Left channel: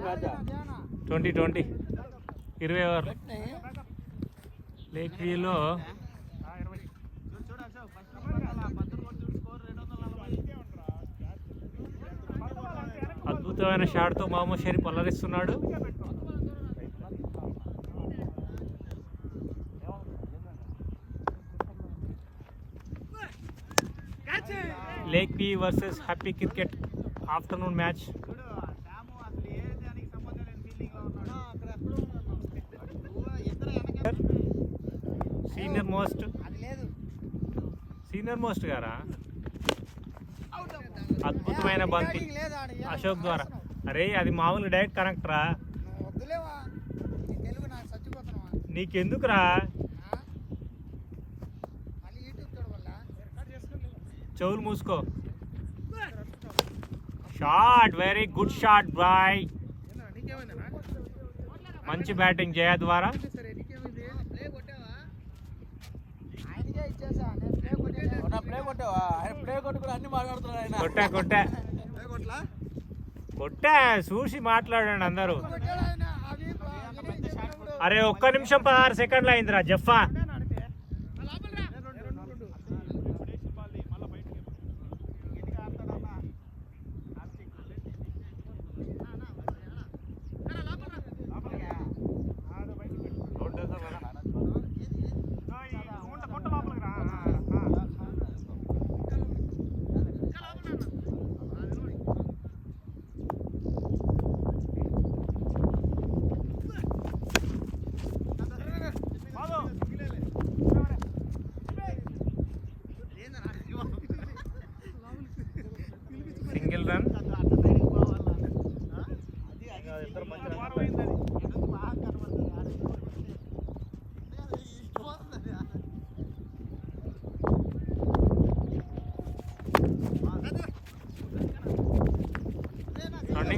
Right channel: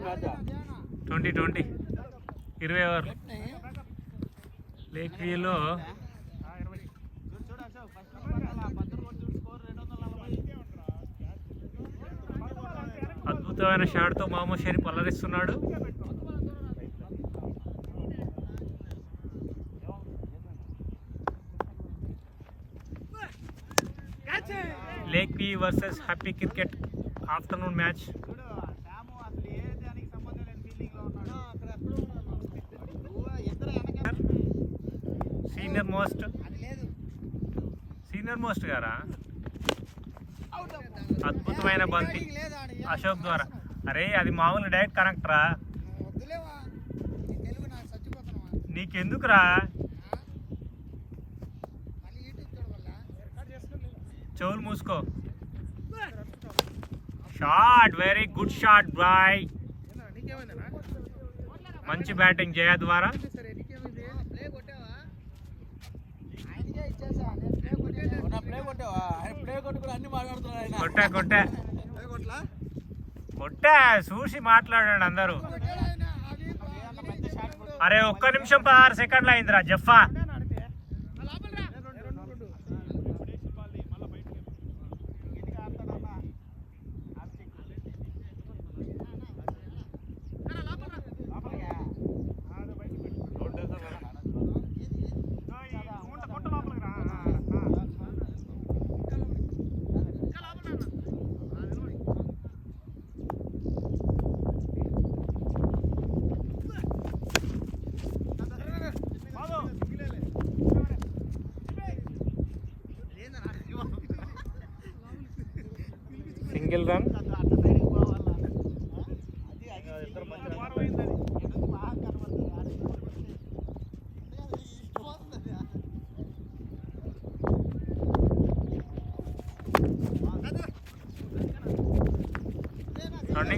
20 20 over lake వ్యూలో అద్భుతమైన షాట్తో మహమ్మద్ షరీఫ్ అల్లరిస్తున్నాడు. Lake view versus happy cricket afternoon match. Senior most గారా అద్భుతమైన బంతి అశోక్ ద్వారా. అరే అది మామూలు డైరెక్ట్ కనెక్ట్ రా, నీకెందుకురా చెవులు మూసుకో. Shot, very good shot boy. మంచి బ్యాటింగ్ జయ ద్వారా. కొట్టా చూసి మాట్లాడండి అందరూ. అరే 1 నిమిషం 16 సెకండ్లు అయిందిరా జఫా. Single run.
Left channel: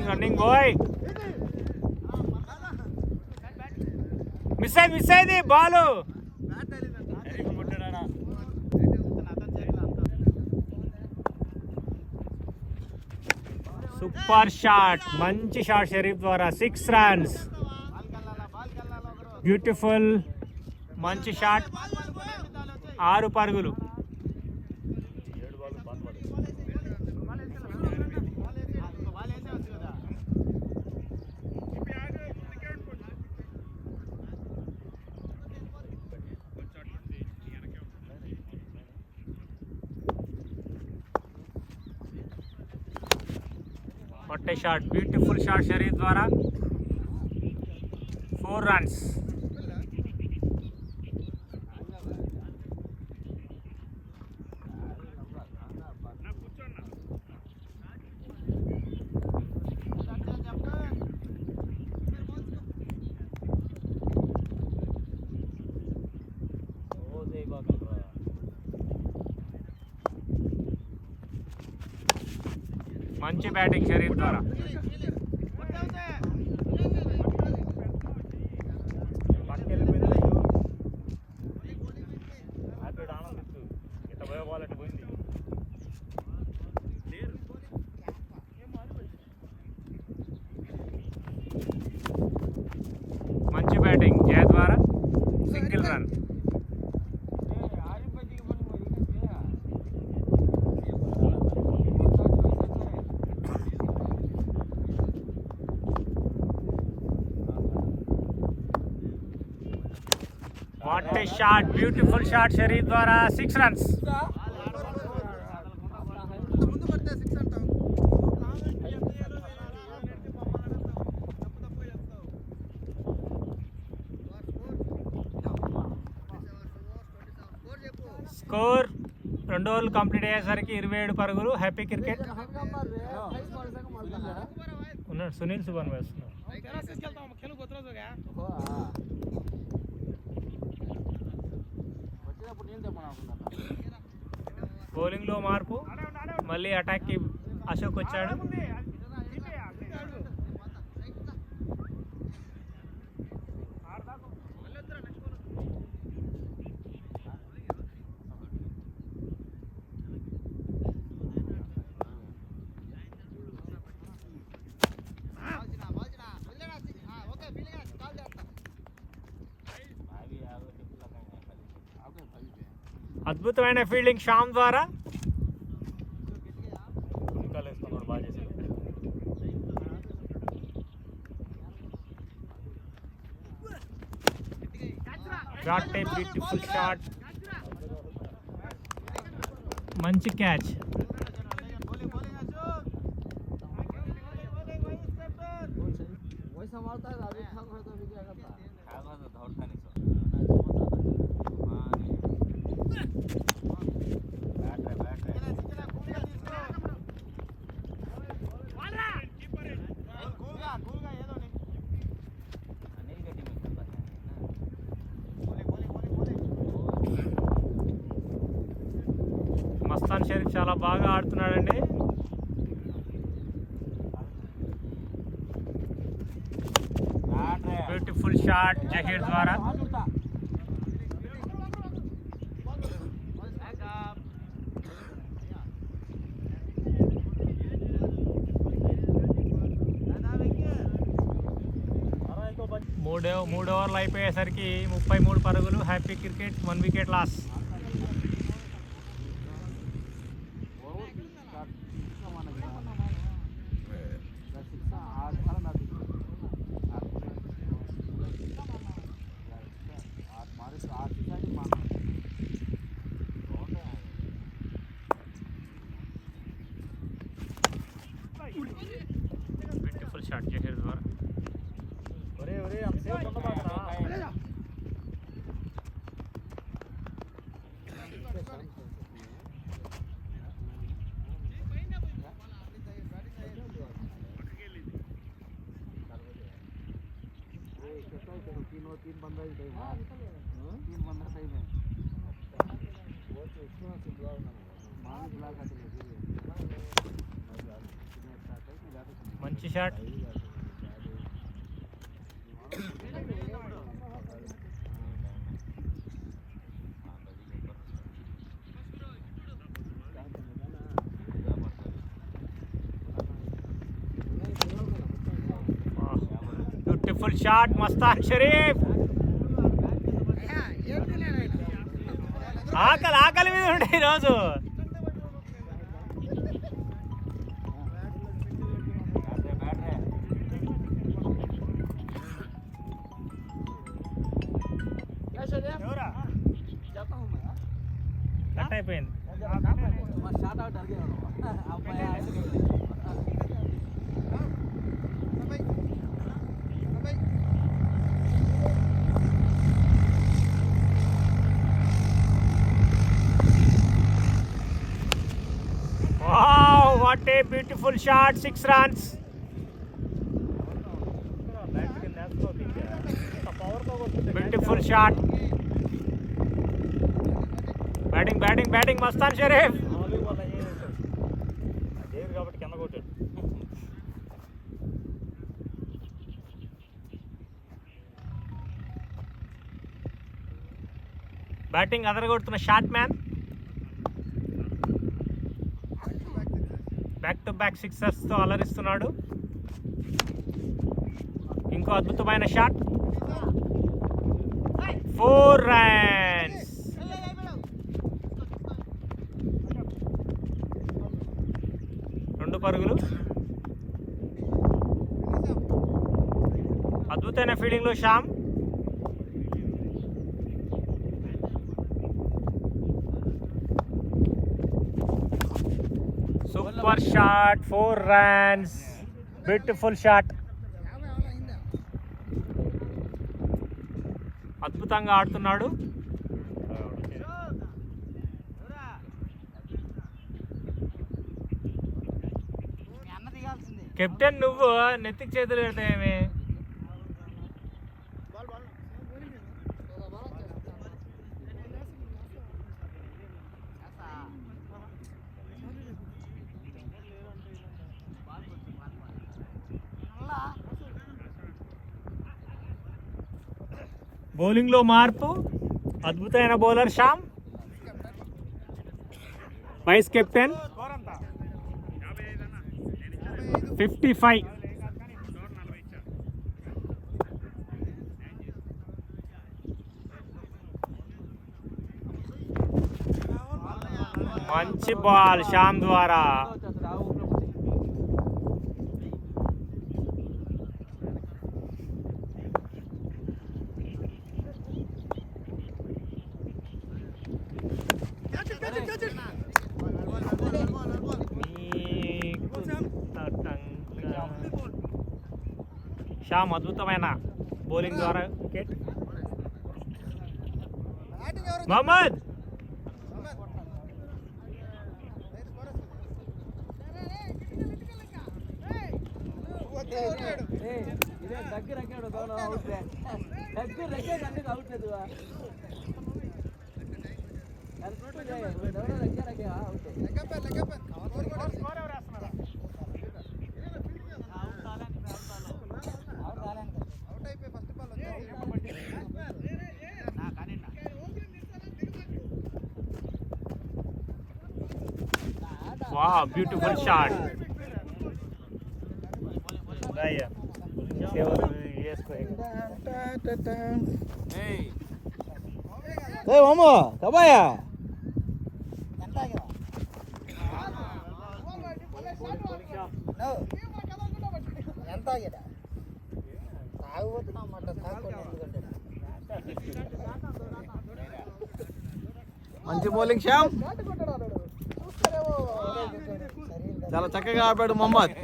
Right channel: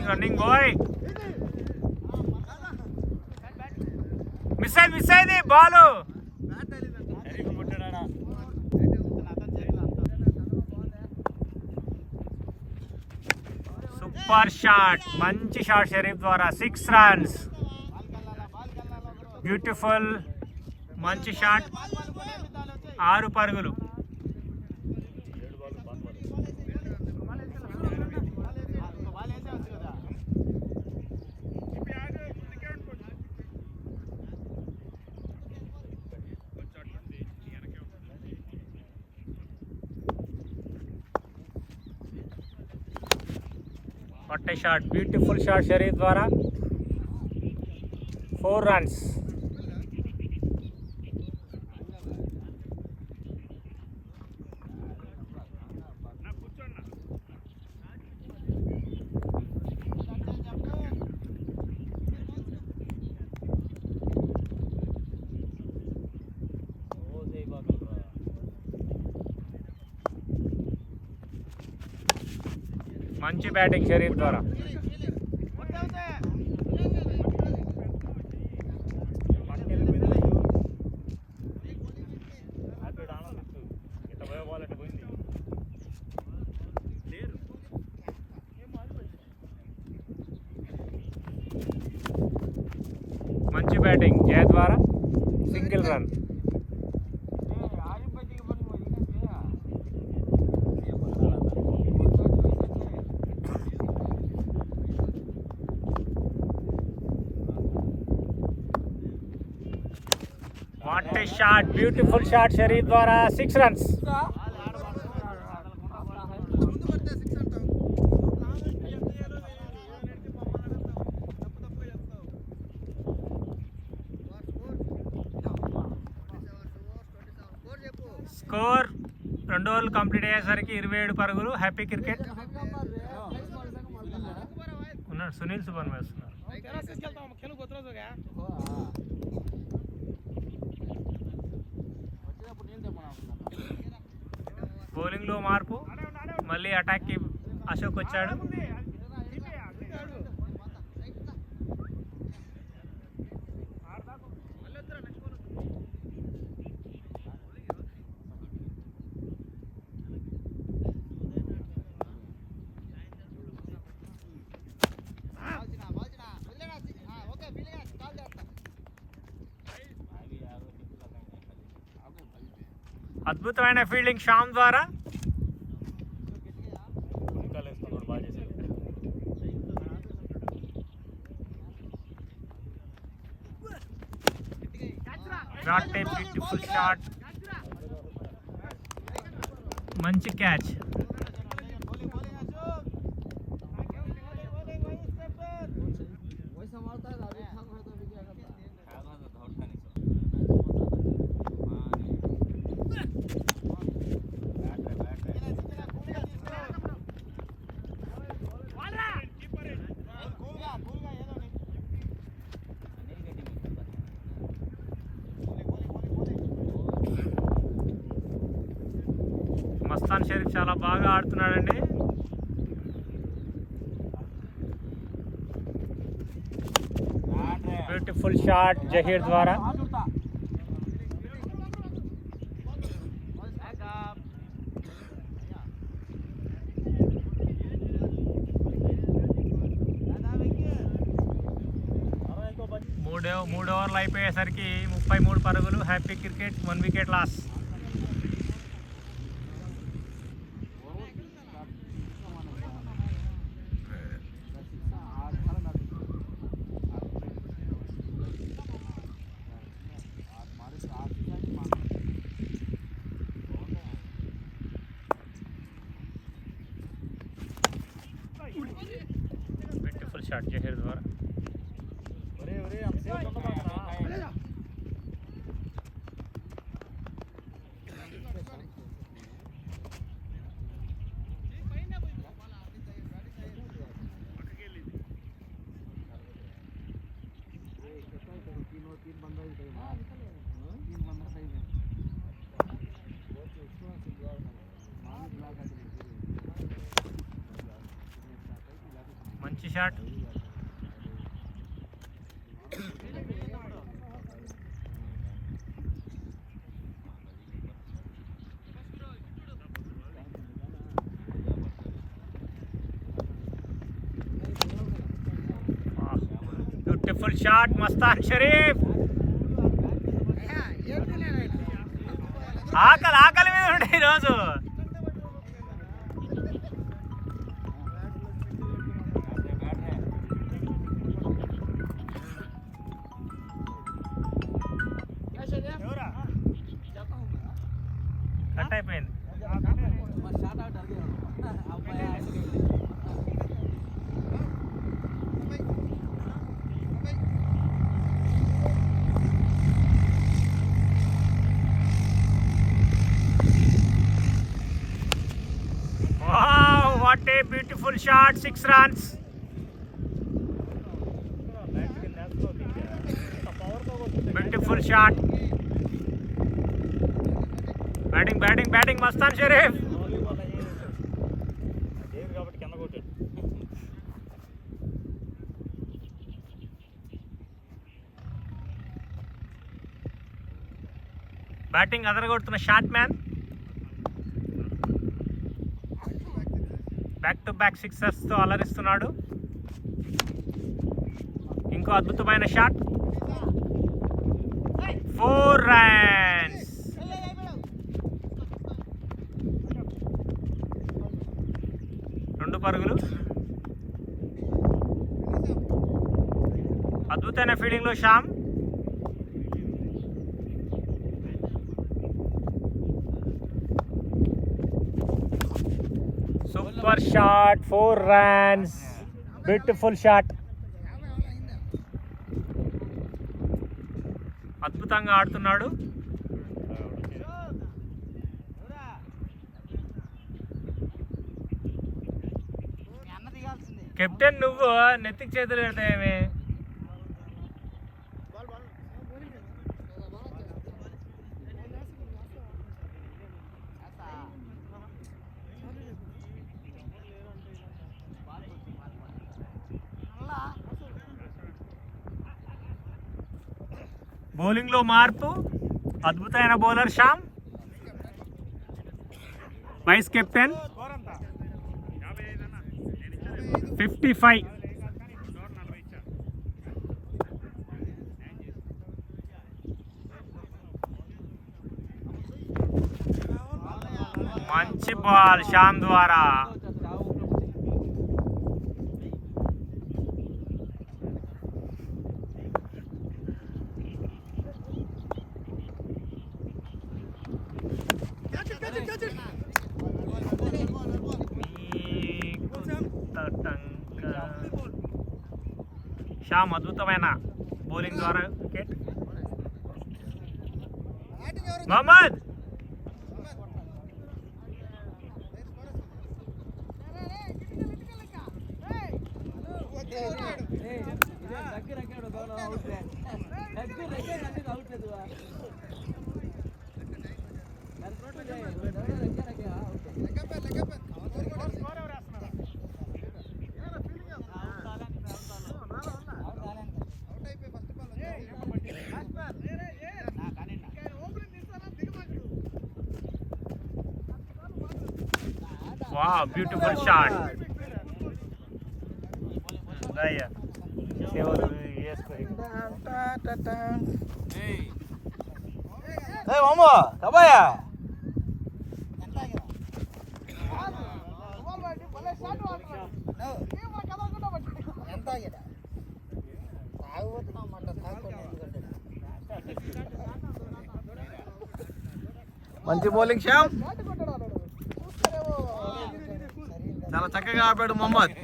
రన్నింగ్ బాయ్. మిస్ అయింది బాల్. సూపర్ షాట్, మంచి షాట్ షరీఫ్ ద్వారా. 6 రన్స్. బ్యూటిఫుల్ మంచి షాట్. 6 పరుగులు. పట్టే షాట్, బ్యూటిఫుల్ షాట్ షరీఫ్ ద్వారా. 4 రన్స్. మంచి బ్యాటింగ్ షరీఫ్ ద్వారా. మంచి బ్యాటింగ్ జయ ద్వారా. Single run. What a shot, beautiful shot Sharif ద్వారా. 6 రన్స్. స్కోర్ 2 ఓవర్లు కంప్లీట్ అయ్యేసరికి 27 పరుగులు. హ్యాపీ క్రికెట్ ఉన్నాడు. సునీల్ సుబన్ వేస్తున్నాడు. బౌలింగ్ లో మార్పు, మళ్ళీ అటాక్ కి అశోక్ వచ్చాడు. అద్భుతమైన ఫీల్డింగ్ శ్యామ్ ద్వారా. Got a beautiful shot. మంచి క్యాచ్. మస్తాన్ షరీఫ్ చాలా బాగా ఆడుతున్నాడండి. బ్యూటిఫుల్ షాట్ జహీర్ ద్వారా. మూడు ఓవర్లు అయిపోయేసరికి 33 పరుగులు. Happy cricket 1 wicket loss. Beautiful shot Zaheer ద్వారా. మంచి shot. Beautiful shot Mastan Sharif. ఆకలి మీద ఉండే ఈరోజు. కట్ అయిపోయింది. What a beautiful shot, 6 runs. Beautiful shot. Batting Mastan Sharif. Batting అదరగొడుతున్న shot man. Back to back సిక్సర్స్తో అలరిస్తున్నాడు. ఇంకో అద్భుతమైన షాట్. 4 runs. రెండు పరుగులు. అద్భుతమైన ఫీల్డింగ్లో Shyam. Super shot, 4 runs. Beautiful shot. అద్భుతంగా ఆడుతున్నాడు. కెప్టెన్ నువ్వు నెత్తికి చేతులు పెడతాయేమి? బౌలింగ్లో మార్పు. అద్భుతమైన bowler Shyam. Vice captain 55. Ball Shyam ద్వారా. శ్యామ్ అద్భుతమైన బౌలింగ్ ద్వారా wicket. Mohammed wow, beautiful shot. Daya. Hey mama, kabaya. మంచి బౌలింగ్ శ్యామ్, చాలా చక్కగా ఆపాడు మొహమ్మద్.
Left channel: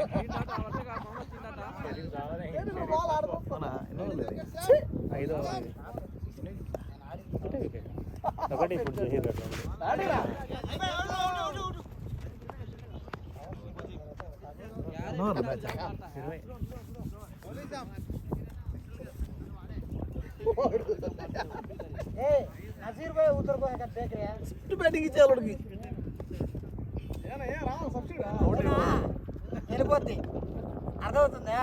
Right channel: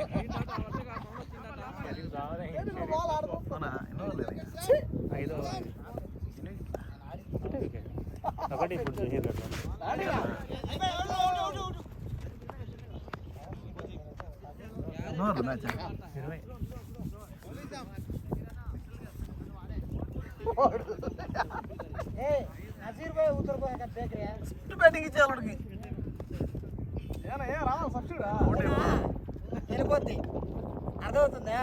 బ్యాటింగ్ ఇచ్చారు వెళ్ళిపోద్ది, అర్థమవుతుందా?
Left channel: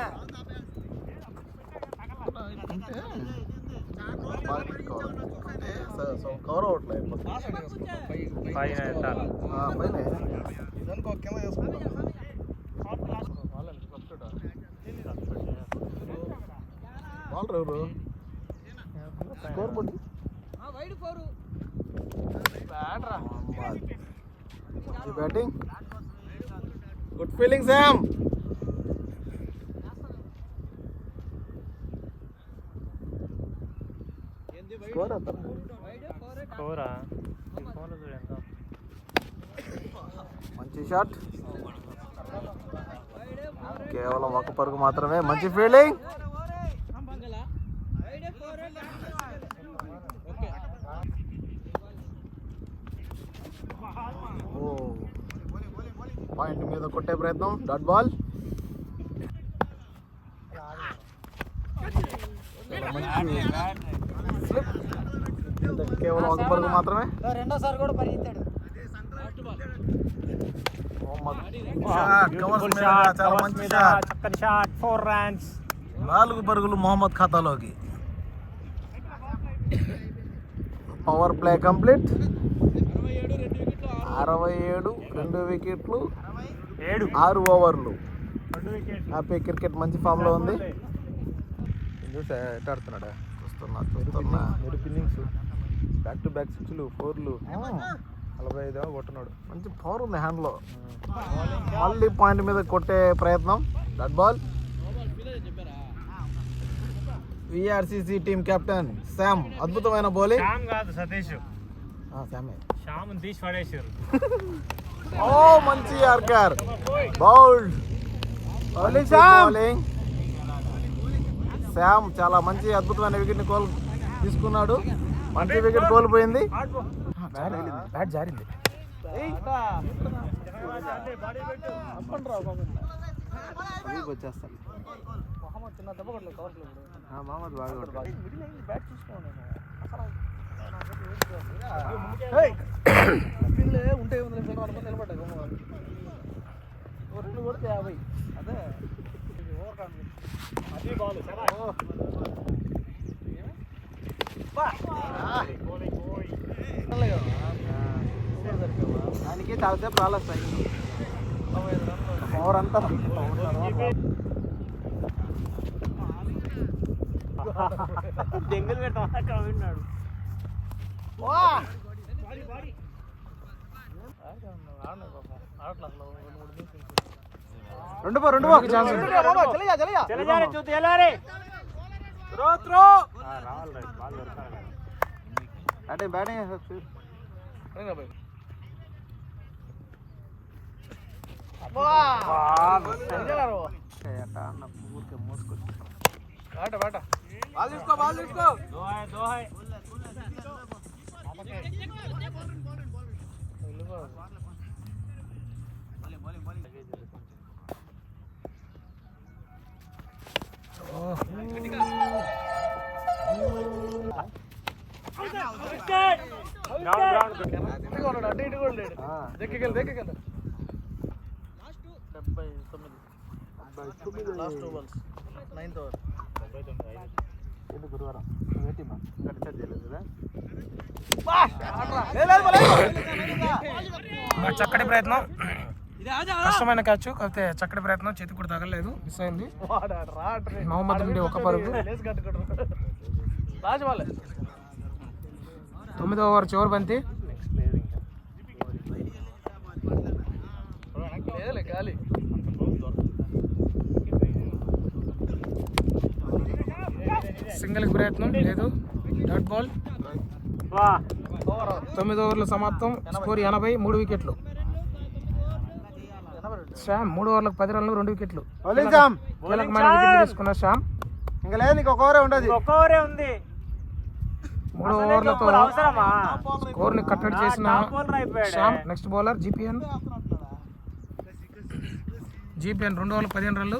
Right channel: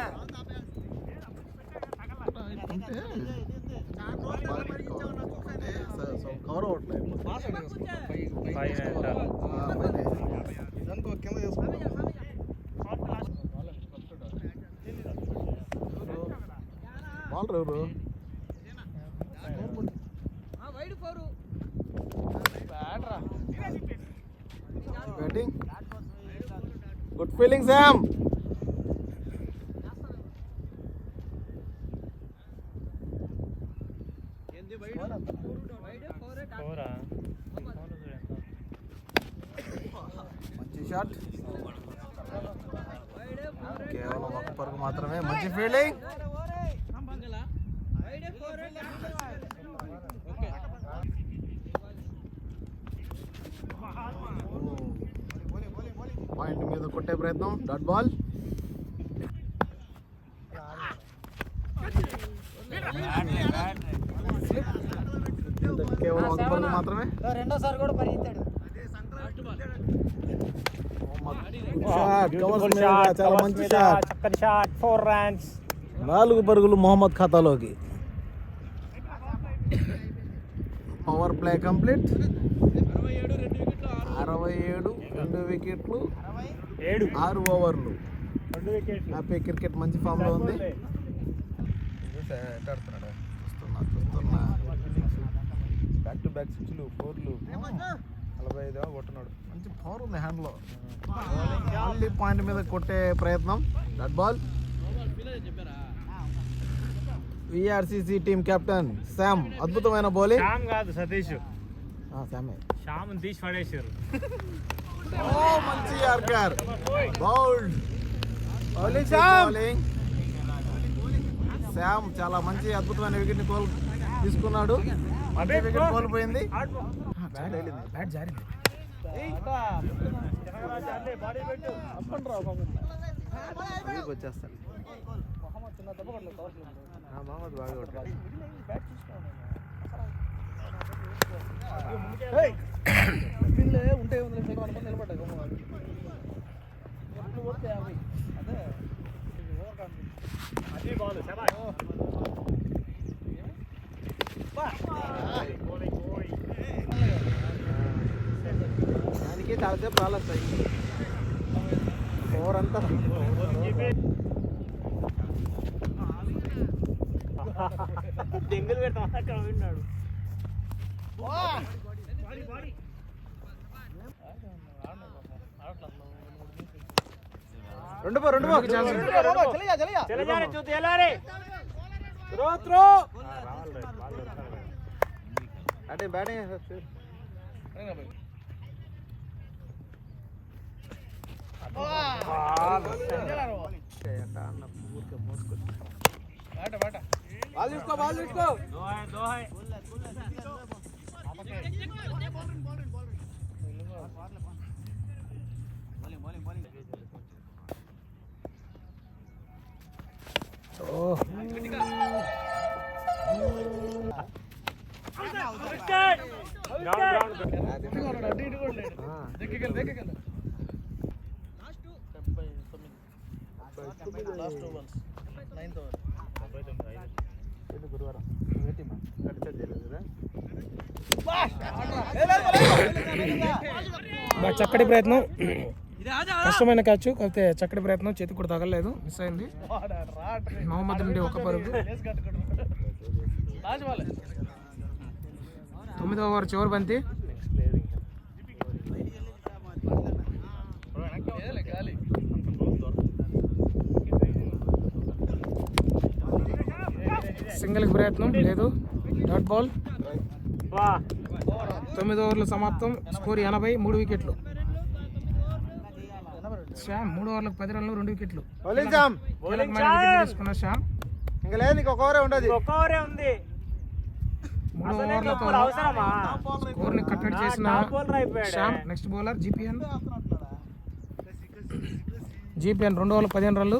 కవర్ అవ్వట్లేదు కింద చేసుకుంటాం. బాల్ ఎవరు బ్యాటింగ్, గుడ్ ఫీలింగ్ శామ్. మంచి షాట్, కేవలం ఒక పరుగు మాత్రమే. మంచి ఫీల్డింగ్. పాయింట్ మీద కొట్టే ప్రయత్నం, డాట్ బాల్. కేవలం ఒక పరుగు మాత్రమే. రెండోసారి కూడా పరిగెత్తాడు. చాలా మంచి షాట్, 4 runs. 4 పరుగులు మొహమ్మద్ ఖాతాలోకి. Power play complete. 67, 2 వికెట్లు, 6 ఓవర్లు. హ్యాపీ క్రికెట్ మంచి ఫామ్ లో ఉంది. చూస్తున్నా బ్యాక్ టు బ్యాక్ 6లు 4లు 45 కొట్టున్నాడు. మంచి పవర్ ఉంది హ్యాండ్ లో. మళ్ళీ పాయింట్ మీద కొట్టే ప్రయత్నం, డట్ బాల్. విఆర్సిసి టీమ్ కెప్టెన్ శామ్, అద్భుతమైన బౌలింగ్. మంచి యార్కర్, బౌల్డ్. బౌలింగ్ శామ్ చాలా మంచి అద్భుతమైన వికెట్ ని తీసుకున్నాడు. మంచి వికెట్ కోల్పోయింది. బ్యాట్ జారింది. వచ్చేస్తాను మహమ్మద్ బాగా కొట్టాడు. ఉంటే దానికి చాలాసేపు రాలొస్తాయి. పవర్ అంతా దెంగులు పెడతాం అక్కడ విన్నాడు. రెండుకి ఛాన్స్ ఉంది. చక్కటి ప్రయత్నం, కష్టమైన క్యాచ్, కాకపోతే చక్కటి ప్రయత్నం, చేతికి కూడా తగలలేదు, మిస్ అయింది. మహమ్మద్ నుండి ఒక పరుగు. 9వ ఓవర్ చివరి బంతి. సింగిల్ ప్రయత్నం లేదు, డాట్ బాల్. 9 ఓవర్లు సమాప్తం. స్కోర్ 80, 3 వికెట్లు. శ్యామ్ 3 ఓవర్లకు 10 రన్లు, 2 వికెట్లు. కీలకమైన వికెట్లు తీసుకున్న శ్యామ్. 3 ఓవర్లతో స్కోర్ ని కట్టడి చేసిన శ్యామ్. Next bowler జీపీఎన్. 2 ఓవర్లు 15 రన్లు.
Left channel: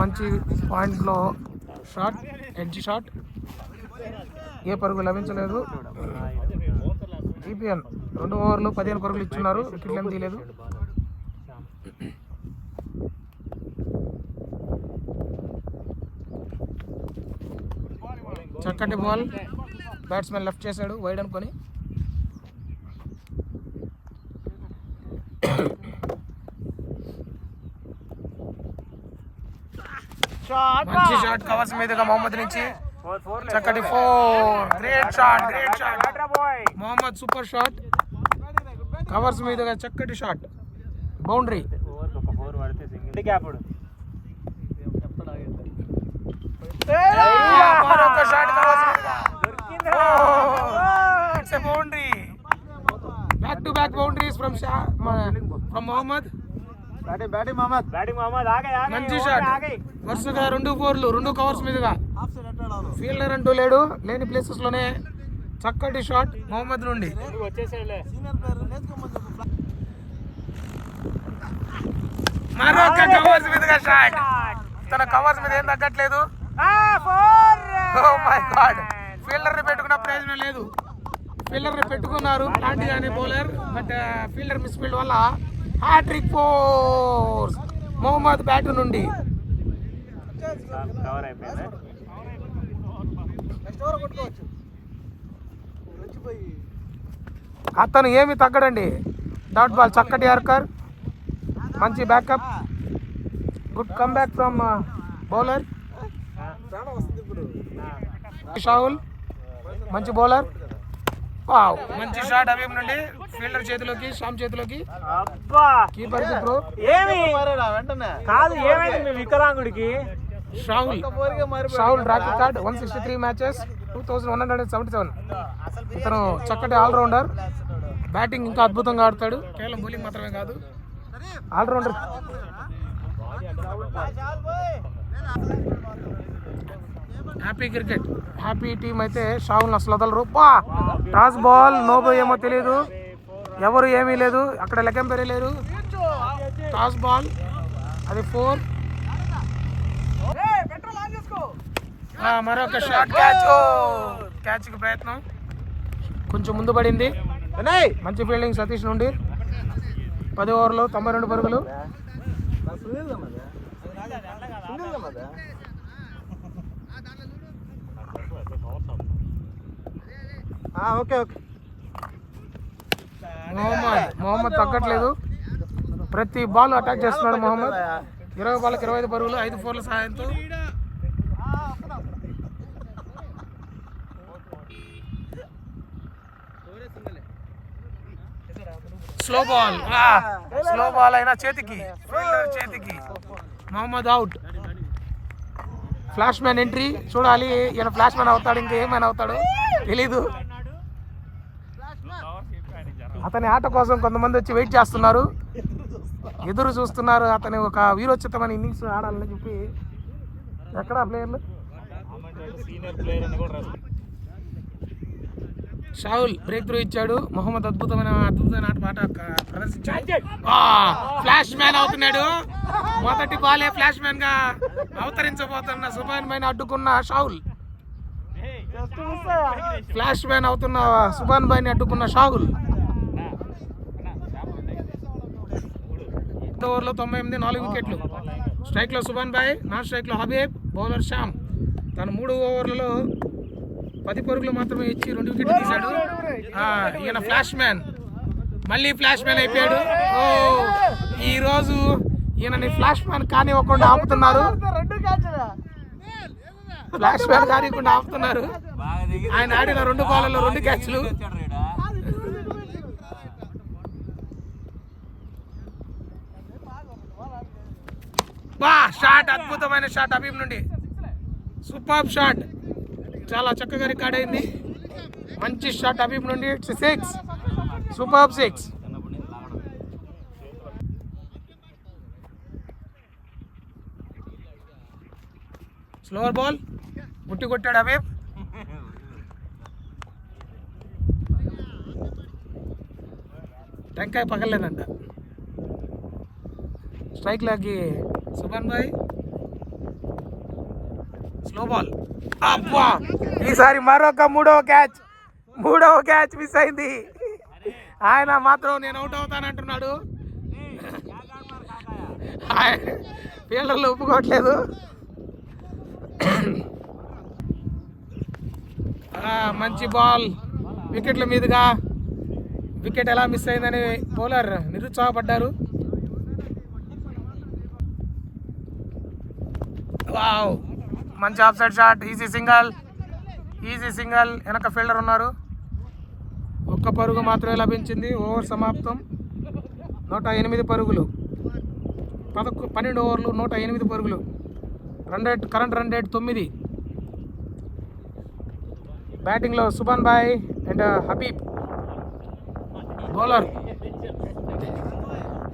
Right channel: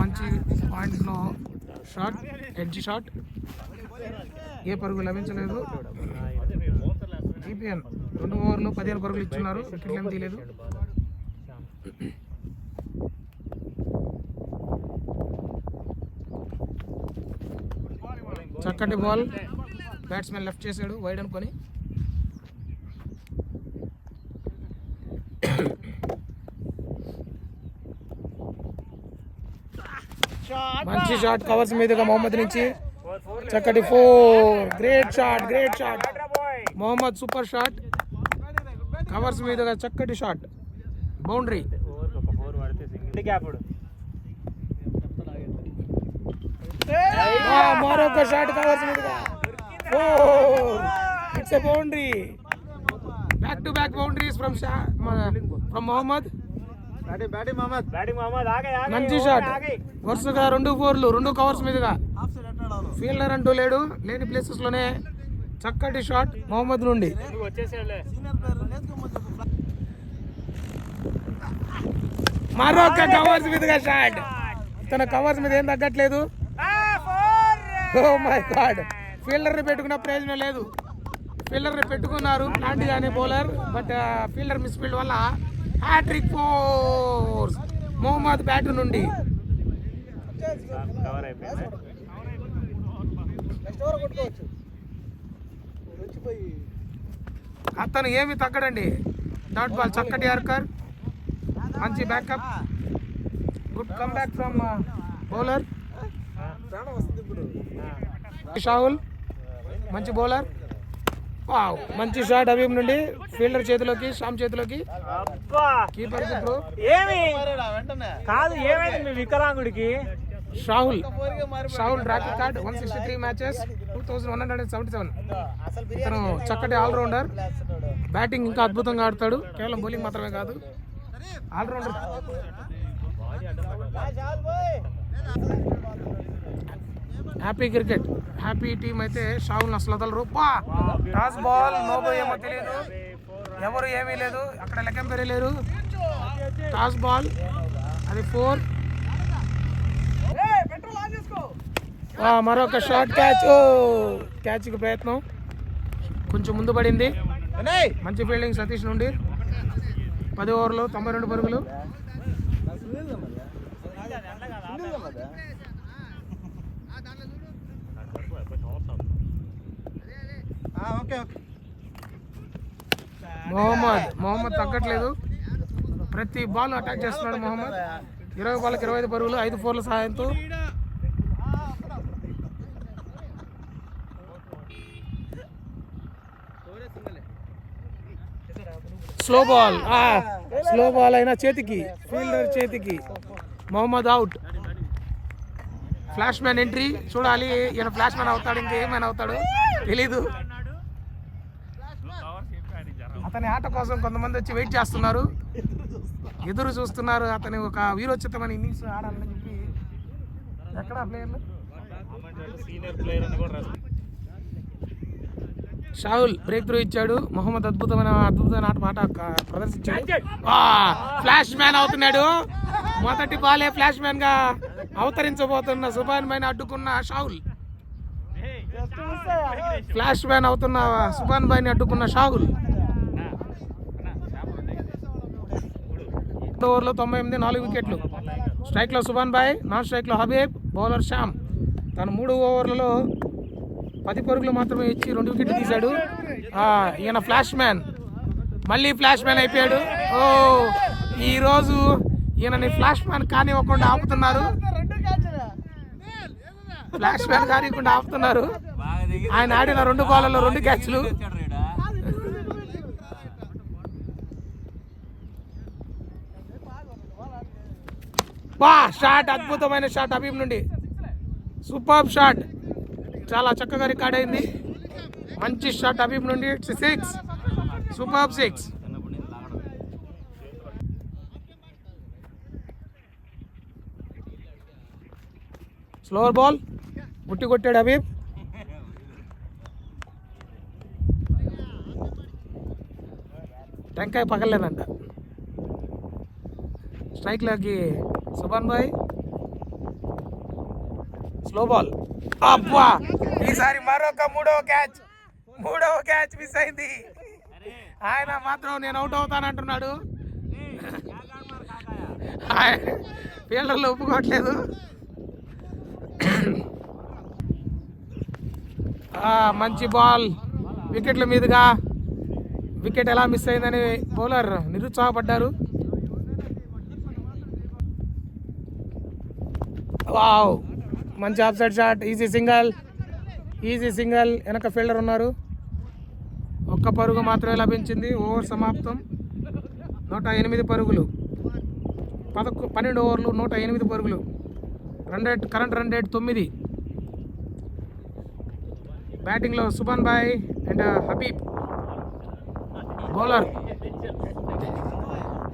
మంచి పాయింట్లో షాట్, ఎడ్జ్ షాట్, ఏ పరుగు లభించలేదు. జీపీఎన్ 2 ఓవర్లు 15 పరుగులు ఇచ్చున్నారు, వికెట్లు ఏం తీయలేదు. చక్కటి బాల్, బ్యాట్స్మెన్ లెఫ్ట్ చేశాడు వైడ్ అనుకొని. మంచి షాట్ కవర్స్ మీదుగా మొహమ్మద్ నుంచి. చక్కటి 4, great shot, great shot. Mohammed super shot, covers మీదుగా చక్కటి షాట్, బౌండరీ. మరొక షాట్ కవర్స్ మీదుగా, it's a boundary. Back to back boundaries from Mohammed. మంచి షాట్, వరుసగా 2 4లు, 2 కవర్స్ మీదుగా. ఫీల్డర్ అంటూ లేడు, లేని ప్లేసెస్ లోనే చక్కటి షాట్ మొహమ్మద్ నుండి. మరొక కవర్స్ మీదుగా షాట్. తన కవర్స్ మీద ఏం తగ్గట్లేదు. ఓ మై గాడ్, ఫీల్డర్ ని పెట్టుకున్న ప్రయోజనం లేదు. ఫీల్డర్ ని పెట్టుకున్నారు ప్లాంటీ అనే బౌలర్, బట్ ఫీల్డర్ మిస్ఫీల్డ్ వల్ల హ్యాట్రిక్ ఫోర్స్ మొహమ్మద్ బ్యాట్ నుండి. అతను ఏమి తగ్గడండి. డాట్ బాల్, చక్కటి యార్కర్, మంచి backup, good come back from bowler Shahul. మంచి బౌలర్, వావ్, మంచి షాట్ హబీబ్ నుండి. ఫీల్డర్ చేతిలోకి, శ్యామ్ చేతిలోకి, కీపర్ కి త్రో. వికలాంగుడికి షాహుల్ ట్రాక్ రికార్డ్ 163 మ్యాచెస్, 2177. ఇతను చక్కటి ఆల్రౌండర్, బ్యాటింగ్ ఇంకా అద్భుతంగా ఆడతాడు, కేవలం బౌలింగ్ మాత్రమే కాదు, allrounder. Happy cricket, happy team అయితే షాహుల్ అసలు వదలరు. టాస్ బాల్, నోబో ఏమో తెలియదు, ఎవరు ఏమీ లేదు అక్కడ, లెక్కంపేరే లేరు. టాస్ బాల్, అది 4. మరొక షార్ట్ క్యాచ్, క్యాచ్కి ప్రయత్నం కొంచెం ముందు పడింది. మంచి ఫీల్డింగ్ సతీష్ నుండి. 10 ఓవర్లో 92 పరుగులు. మొహమ్మద్ తగ్గట్లేదు, ప్రతి బాల్ అటాక్ చేస్తున్నాడు మొహమ్మద్. 20 బాల్కి 25 పరుగులు, 5 4ల సహాయంతో. స్లో బాల్ అయినా చేతికి, ఫీల్డర్ చేతికి. Mohammed out. Flash man entry చూడాలి, ఈయన ఫ్లాష్ మ్యాన్ అవుతాడు ఇంకేమైనా అవుతాడు తెలీదు. అతని ఆట కోసం కొంతమంది వచ్చి వెయిట్ చేస్తున్నారు, ఎదురు చూస్తున్నారు. అతని ఒక వీరోచితమైన ఇన్నింగ్స్ ఆడాలని చెప్పి. ఎక్కడ ప్లేయర్లు? షాహుల్ బ్రేక్ త్రూ ఇచ్చాడు. మొహమ్మద్ అద్భుతమైన ఆట ప్రదర్శించాడు. ఫ్లాష్ మ్యాన్ అవుతున్నాడు. మొదటి బాలే ఫ్లాష్ మ్యాన్ గా అవతరించబోతున్న సుబాన్ భాయ్ అడ్డుకున్న షాహుల్. ఫ్లాష్ మ్యాన్ అవుతున్న సుబాన్ భాయ్ ని అడ్డుకున్న షాహుల్. ఓవర్లో 98, 4 వికెట్లు. స్ట్రైక్ లో సుబాన్ భాయ్, నాన్ స్ట్రైక్ లో హబీబ్, బౌలర్ శ్యామ్. తను 3 ఓవర్లలో 10 పరుగులు మాత్రమే ఇచ్చి 2 వికెట్లు తీశాడు. ఈయన ఫ్లాష్ మ్యాన్, మళ్ళీ ఫ్లాష్ మ్యాన్ అయిపోయాడు. ఈ రోజు ఈయనని ఫ్లాష్ మ్యాన్ కానివ్వకుండా ఆపుతున్నారు. ఫ్లాష్ మ్యాన్ కానివ్వకుండా ఆపుతున్నారు. ఆయన ఆడిన 2 బాల్లలో 2 క్యాచ్లు. షాట్, అద్భుతమైన షాట్ హబీబ్ నుండి. సూపర్ షాట్, చాలా చక్కగా రికార్డ్ అయింది. మంచి షాట్ హబీబ్ నుండి. 6, సూపర్ 6. స్లోవర్ బాల్ గుట్టి కొట్టాడు హబీబ్. టెంకాయ పగలేదంట. స్ట్రైక్ లాగి సుబాన్ భాయ్. Slow ball. అబ్బా, ఈసారి మరొక మూడవ క్యాచ్ మిస్ అయింది. ఆయన మాత్రం నేను అవుట్ అవుతానంటున్నాడు. ఫీల్డర్లు ఒప్పుకోవట్లేదు. మంచి బాల్ వికెట్ల మీదుగా. వికెట్ ఎలా మిస్ అయిందని బౌలర్ నిరుత్సాహపడ్డారు. వావ్, మంచి of side shot. Easy single. వెనక ఫీల్డర్ ఉన్నారు. 1 పరుగు మాత్రమే లభించింది. ఓవర్ సమాప్తం. 108 పరుగులు. 12 ఓవర్లు 108 పరుగులు. Current run rate 9. బ్యాటింగ్లో సుబాన్ భాయ్ అండ్ హబీబ్.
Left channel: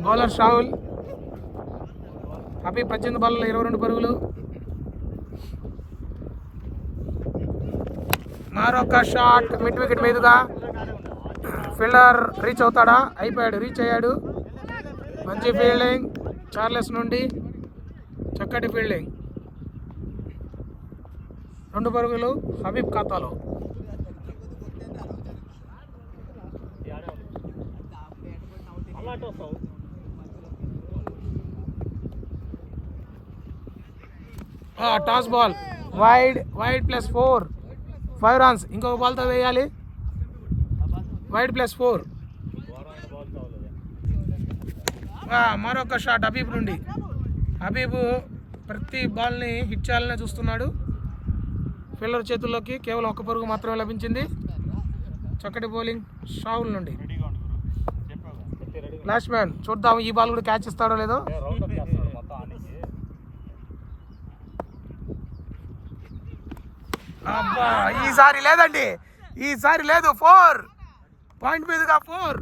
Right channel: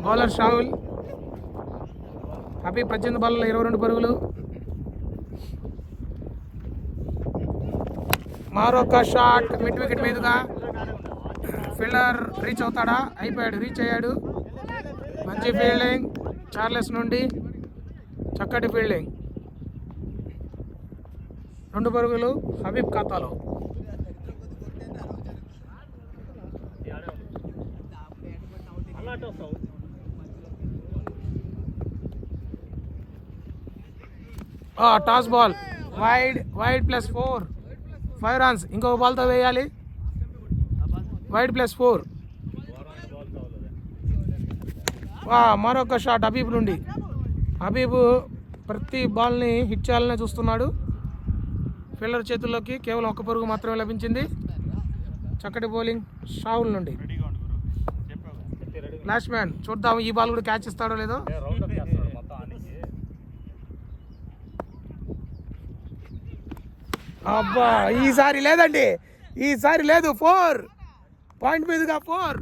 బౌలర్ షాహుల్. హబీబ్ 18 బాల్లో 22 పరుగులు. మరొక షాట్ మిడ్ వికెట్ మీదుగా. ఫీల్డర్ రీచ్ అవుతాడా? రీచ్ అయ్యాడు. మంచి ఫీల్డింగ్ చార్లెస్ నుండి. చక్కటి ఫీల్డింగ్. 2 పరుగులు హబీబ్ ఖాతాలో. Toss ball wide +4, 5 runs. ఇంకొక బాల్తో వేయాలి. వైడ్ +4. మరొక షాట్ హబీబ్ నుండి. హబీబ్ ప్రతి బాల్ని హిట్ చేయాలనే చూస్తున్నాడు. ఫీల్డర్ చేతుల్లోకి కేవలం 1 పరుగు మాత్రమే లభించింది. చక్కటి బౌలింగ్ షాహుల్ నుండి. ఫ్లాష్ మ్యాన్ చూద్దాం ఈ బాల్ కూడా క్యాచ్ ఇస్తాడో లేదో. అబ్బా, ఈసారి లేదండి. ఈసారి లేదు. 4 పాయింట్ మీదుగా. 4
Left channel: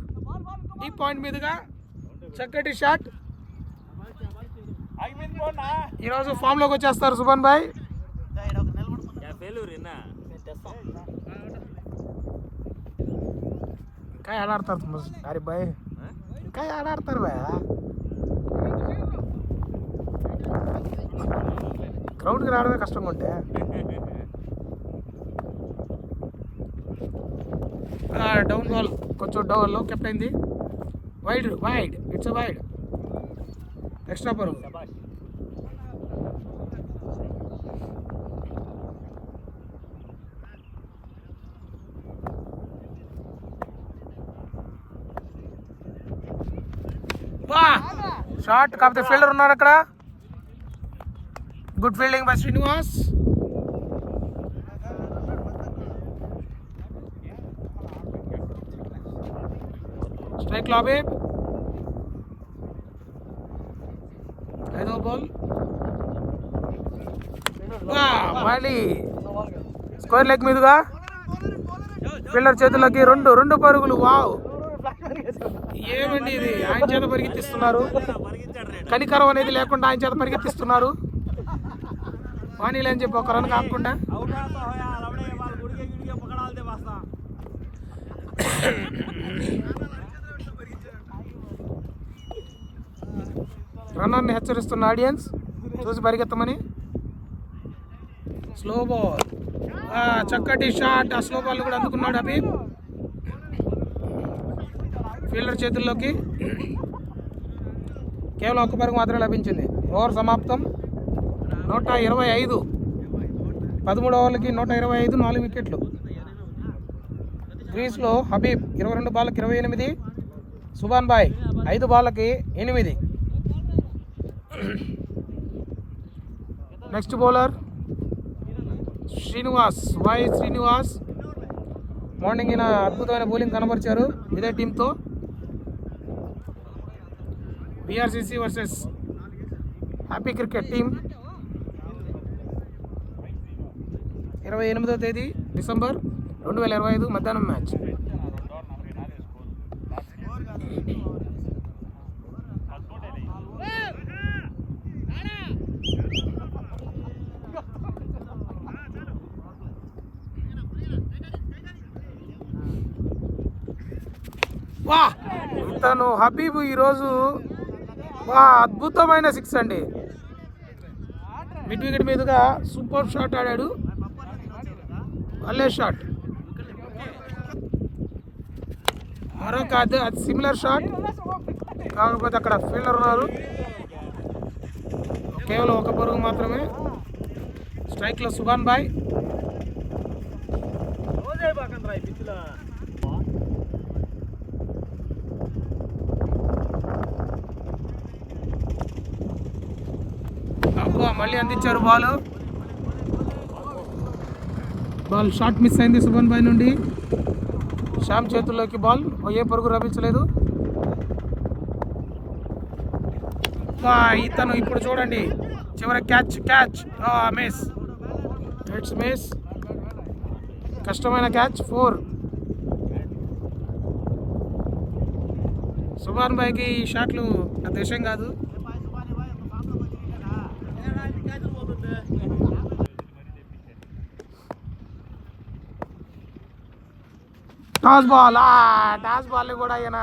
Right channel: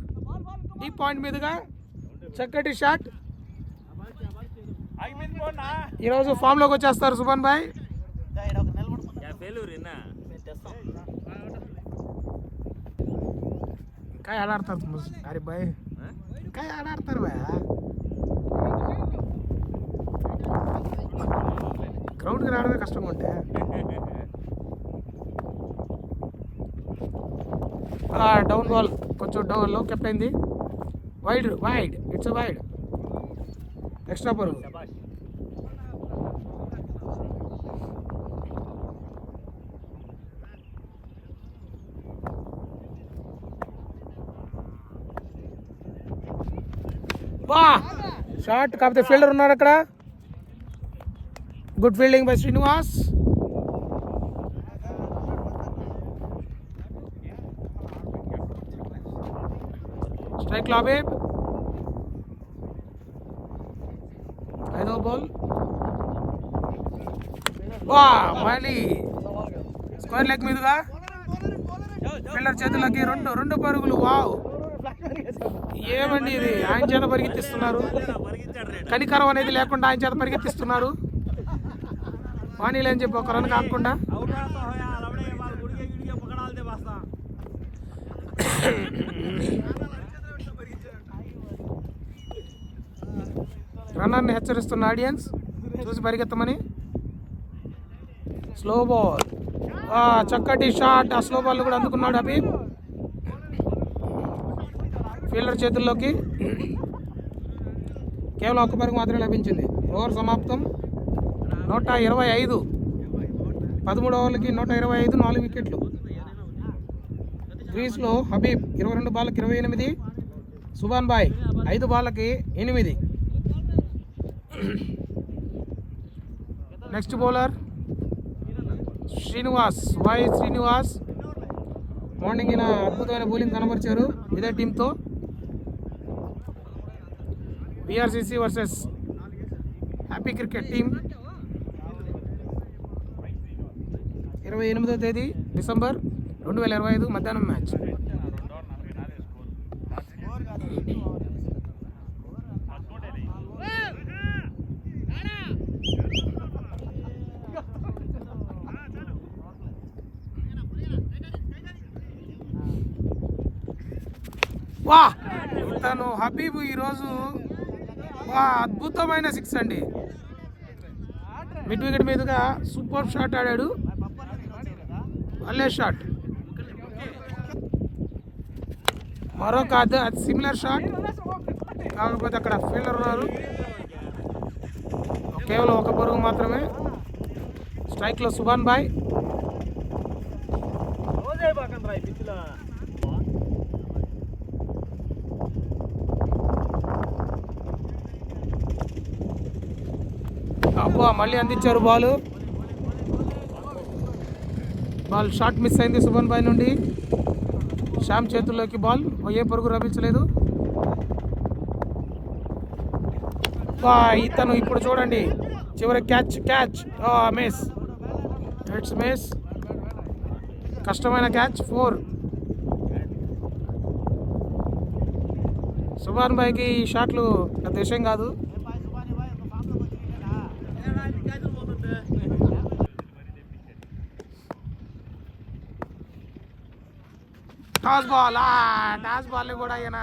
ఈ పాయింట్ మీదుగా చక్కటి షాట్. ఈరోజు ఫామ్ లోకి వచ్చేస్తారు సుబాన్ భాయ్. ఇంకా ఆడాడతారు అరే భాయ్, ఇంకా ఆడాడతారు భాయ్. గ్రౌండ్కి రావడమే కష్టంగా ఉంటే. డౌన్ బాల్ కొంచెం డౌన్ లో కెప్ట్ అయింది. వైడ్. It's wide. ఎక్స్ట్రా పరుగు. షార్ట్ కాకపోతే ఫీల్డర్ ఉన్నారు అక్కడ. Good fielding by Srinivas. Strike లో హబీబ్. బాల్. వా మళ్ళీ స్క్వేర్ లెగ్ మీదుగా ఫీల్డర్ చేతుల్లోకి రెండు పరుగులు. వావ్, ఏమండి ఇది, ఆయన చేత పరిగెత్తిస్తున్నారు. కనికరం అనేది లేకుండా ఆయన చేత పరిగెత్తిస్తున్నారు. వాణీలు అని చెప్పి ఒక రన్ కాకుండా. రన్నర్ని హెచ్చరిస్తున్న ఆడియన్స్ చూసి పరిగెత్తమని. స్లో బాల్, చక్కటి షాట్. ఆ స్లో బాల్ కూడా అందుకున్నాడు హబీబ్ ఫీల్డర్ చేతుల్లోకి. కేవలం ఒక్క పరుగు మాత్రమే లభించింది. ఓవర్ సమాప్తం. 125. 13 ఓవర్లకి 125, 4 వికెట్లు. క్రీజ్లో హబీబ్ 22 బాళ్ళకి 28, సుభాన్ బాయ్ 5 బాళ్ళకి 8. Next bowler Srinivas. మార్నింగ్ ఈయన అద్భుతమైన బౌలింగ్ కనబరిచారు ఇదే టీంతో. VRCC versus happy cricket team. 28వ తేదీ డిసెంబర్ 2025 మధ్యాహ్నం మ్యాచ్. వా, ఇతను హబీబ్ ఈరోజు అద్భుతమైన 6 అండి. మిడ్ వికెట్ మీదుగా సూపర్ షాట్ ఆడాడు. భలే షాట్. మరొక అది సిమిలర్ షాట్, కాకపోతే అక్కడ ఫీల్డర్ ఉన్నారు. కేవలం ఒక పరుగు మాత్రమే. స్ట్రైక్లో సుభాన్ బాయ్. మళ్ళీ అందించారు బాల్ షాట్ మిస్ అయింది సుభాన్ బాయ్ నుండి. శ్యామ్ చేతుల్లోకి బాల్, ఏ పరుగు లభించలేదు. ఇతను ఇప్పుడు చూడండి, చివరి క్యాచ్ మిస్. It's miss. కష్టమైన క్యాచ్, 4. సుభాన్ బాయ్కి ఈ షాట్లు పెద్ద విషయం కాదు. టాస్ బాల్ కూడా ఈయన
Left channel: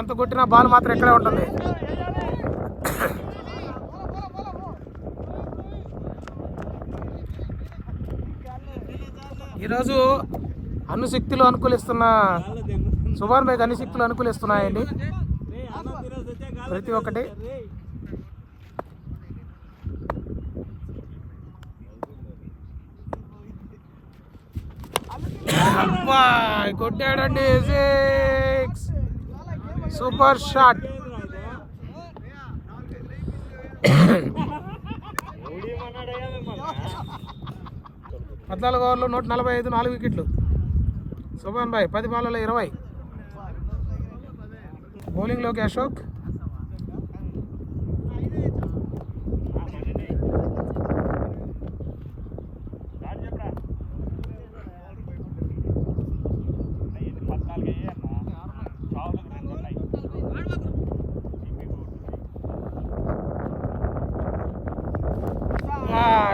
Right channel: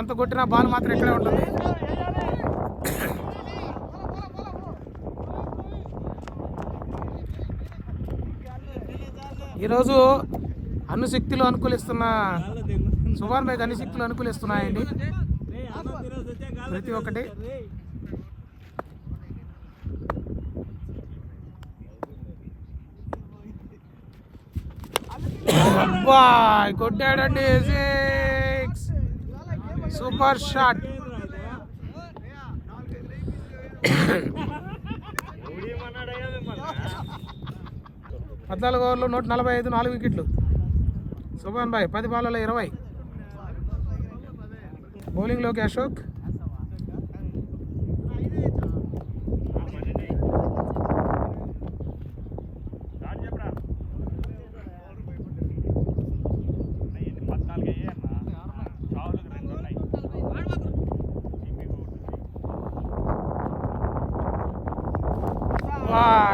ఎంత కొట్టినా బాల్ మాత్రం ఇక్కడే ఉంటుంది. ఈరోజు అన్ని శక్తులు అనుకూలిస్తున్న సుభాన్ బాయ్కి అన్ని శక్తులు అనుకూలిస్తున్నాయండి ప్రతి ఒక్కటి. కొట్టాడండి 6. Super shot. పద్నాలుగు ఓవర్లు 145, 4 వికెట్లు. సుభాన్ బాయ్ 10 బాళ్ళలో 20. బౌలింగ్లోకి Ashok.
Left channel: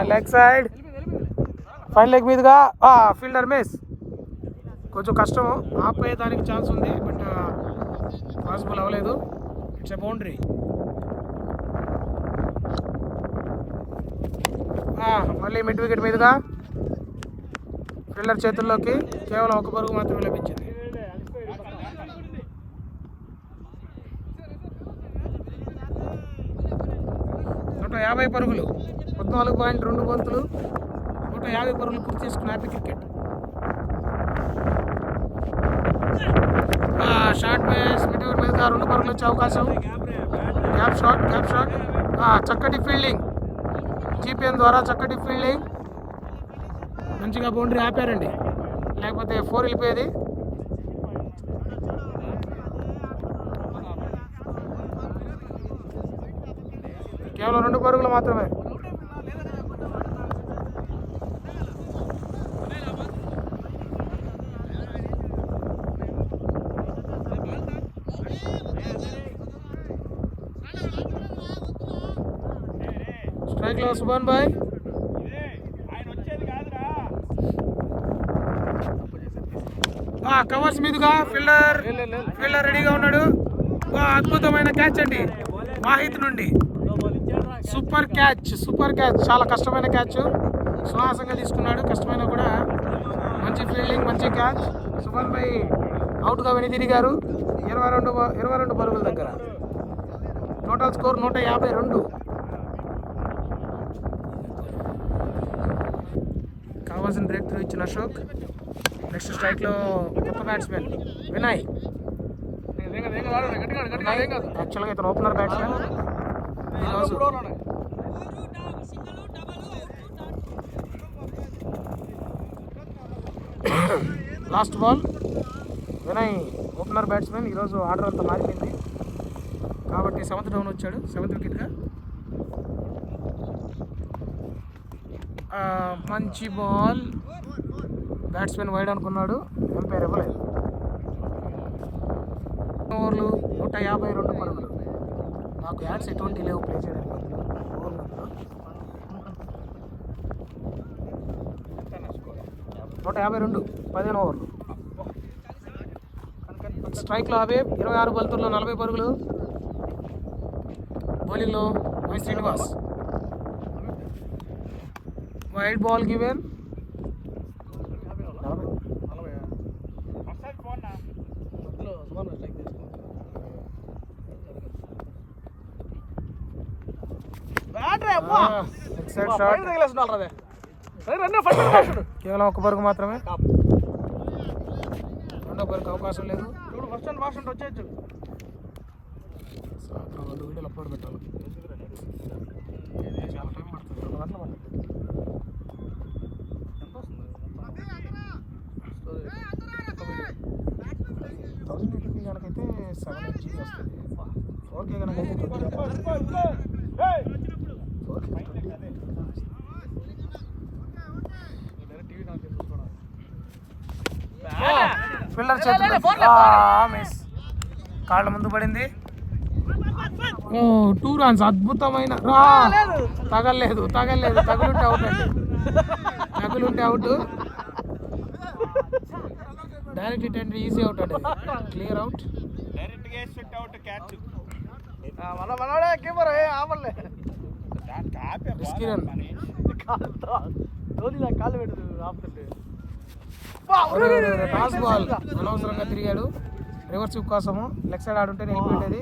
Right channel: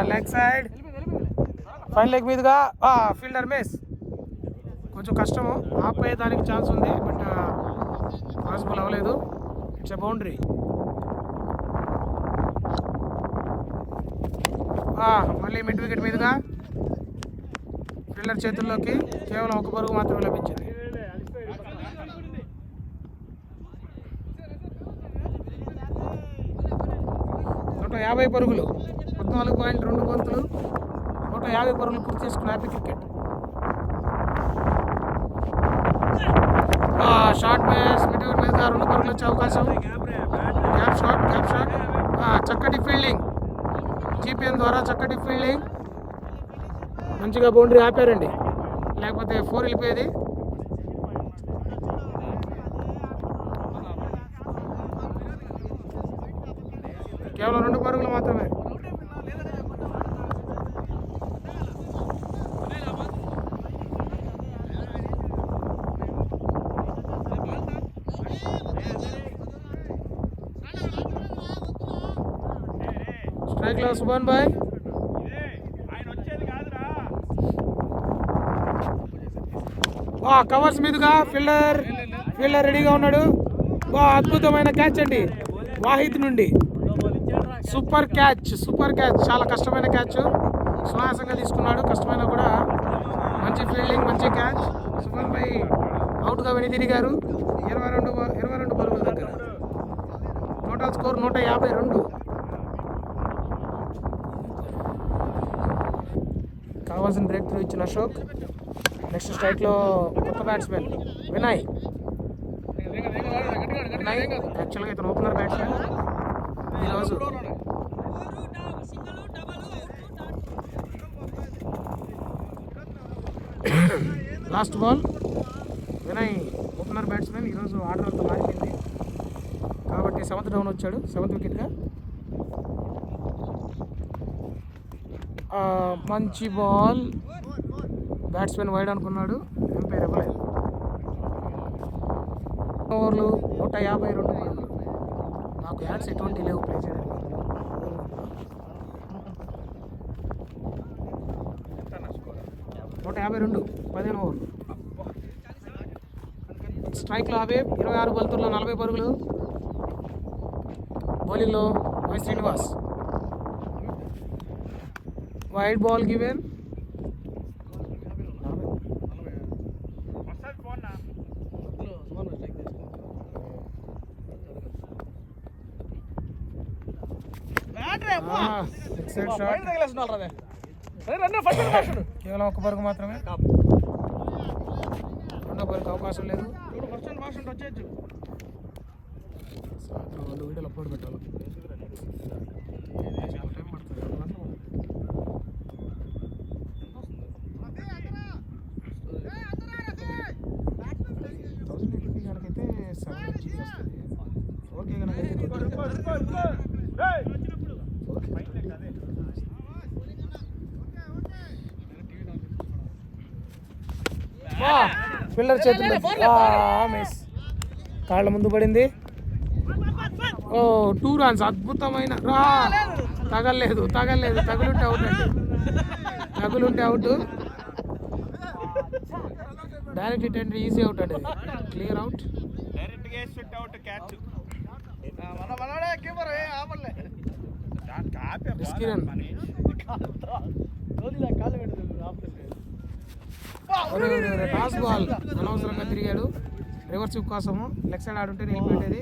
Leg side, fine leg మీదుగా ఫీల్డర్ మిస్. కొంచెం కష్టము, ఆపేయడానికి ఛాన్స్ ఉంది, బట్ పాసిబుల్ అవ్వలేదు. It's a boundary. మళ్ళీ మిడ్ వికెట్ మీదుగా ఫీల్డర్ చేతుల్లోకి కేవలం ఒక పరుగు మాత్రమే లభించింది. నూట 50 పరుగులు, 14.2 బంతులు, 150 పరుగులు పూర్తి చేసుకున్న happy cricket. Short miss. Mid wicket మీదుగా 2 పరుగులు వచ్చే అవకాశం. Gap shot. చక్కటి ఫీల్డింగ్, జీపీఎన్ ద్వారా చక్కటి ఫీల్డింగ్. మంచిగా బౌండరీ ఆపారండి. లేకపోతే 4 వెళ్ళిపోయేది. కేవలం 2 పరుగులు మాత్రమే. స్ట్రైక్ లో సుభాన్ బాయ్. కవర్స్ మీదుగా ఫీల్డర్ రెడీగా ఉన్నాడు. అద్భుతమైన క్యాచ్ అండి వాహిద్ నుండి. సూపర్ క్యాచ్, చాలా కష్టమైన క్యాచ్. సునాయాసంగా తీసుకున్నాడు, కష్టమైన కూడా. మంచి ఫీల్డింగ్, మంచి క్యాచ్. సుభాన్ భాయ్ అవుట్గా వెనుదిరిగారు. 22 పరుగుల దగ్గర. Total score 152. కావాల్సిన బ్రేక్ త్రూ ఇచ్చిన అశోక్. నెక్స్ట్ స్ట్రైక్లో కొత్త బ్యాట్స్మెన్ వినయ్. యాక్చువల్గా ఇతను ఓపెనర్ బ్యాట్స్మెన్. ఈరోజు last ball. Vinay opener batsmen. ఈరోజు ఆర్డర్ అంతా మారిపోయింది కాబట్టి 7th డౌన్ వచ్చాడు, 7th వికెట్గా. మంచి బాల్. బ్యాట్స్మెన్ వైడ్ అనుకున్నాడు, ఎంపైర్ ఇవ్వలేదు. ఓవర్లు 152 పరుగులు. నాకు యాడ్స్ ఎటువంటి లేవు ప్లే చేయడానికి. 152 15 ఓవర్లు. స్ట్రైక్లో హబీబ్ 26 బంతుల్లో 40 పరుగులు. బౌలింగ్లో Y Srinivas. Wide ball given. కేవలం 1 పరుగు మాత్రమే. 2వ పరుగు అవకాశం లేదు. 2 వీడియోలు అప్లోడ్ పెట్టాలి. చాలా టైం పడుతుంది, 2 గంటలు పడుతుంది. కనుకైతే 7 GB వస్తుంది. 4K కనుకైతే 20. ఫీల్డర్ చేతుల్లో మిస్. కాళ్ళ ముందు పడింది. 2 రన్స్. అద్భుతమైన తగలేదు. తగులుంటే అవుట్ అండి. అవుట్. డైరెక్ట్ హిట్ అంటే ఈజీ అవుట్ అండి. Clear out. టాస్ బాల్ అనవసరంగా తిరిగాడు. రివర్స్ స్విప్ కోసము. లెగ్ సైడ్ ఆడుంటే నిలిపిపెట్టేది.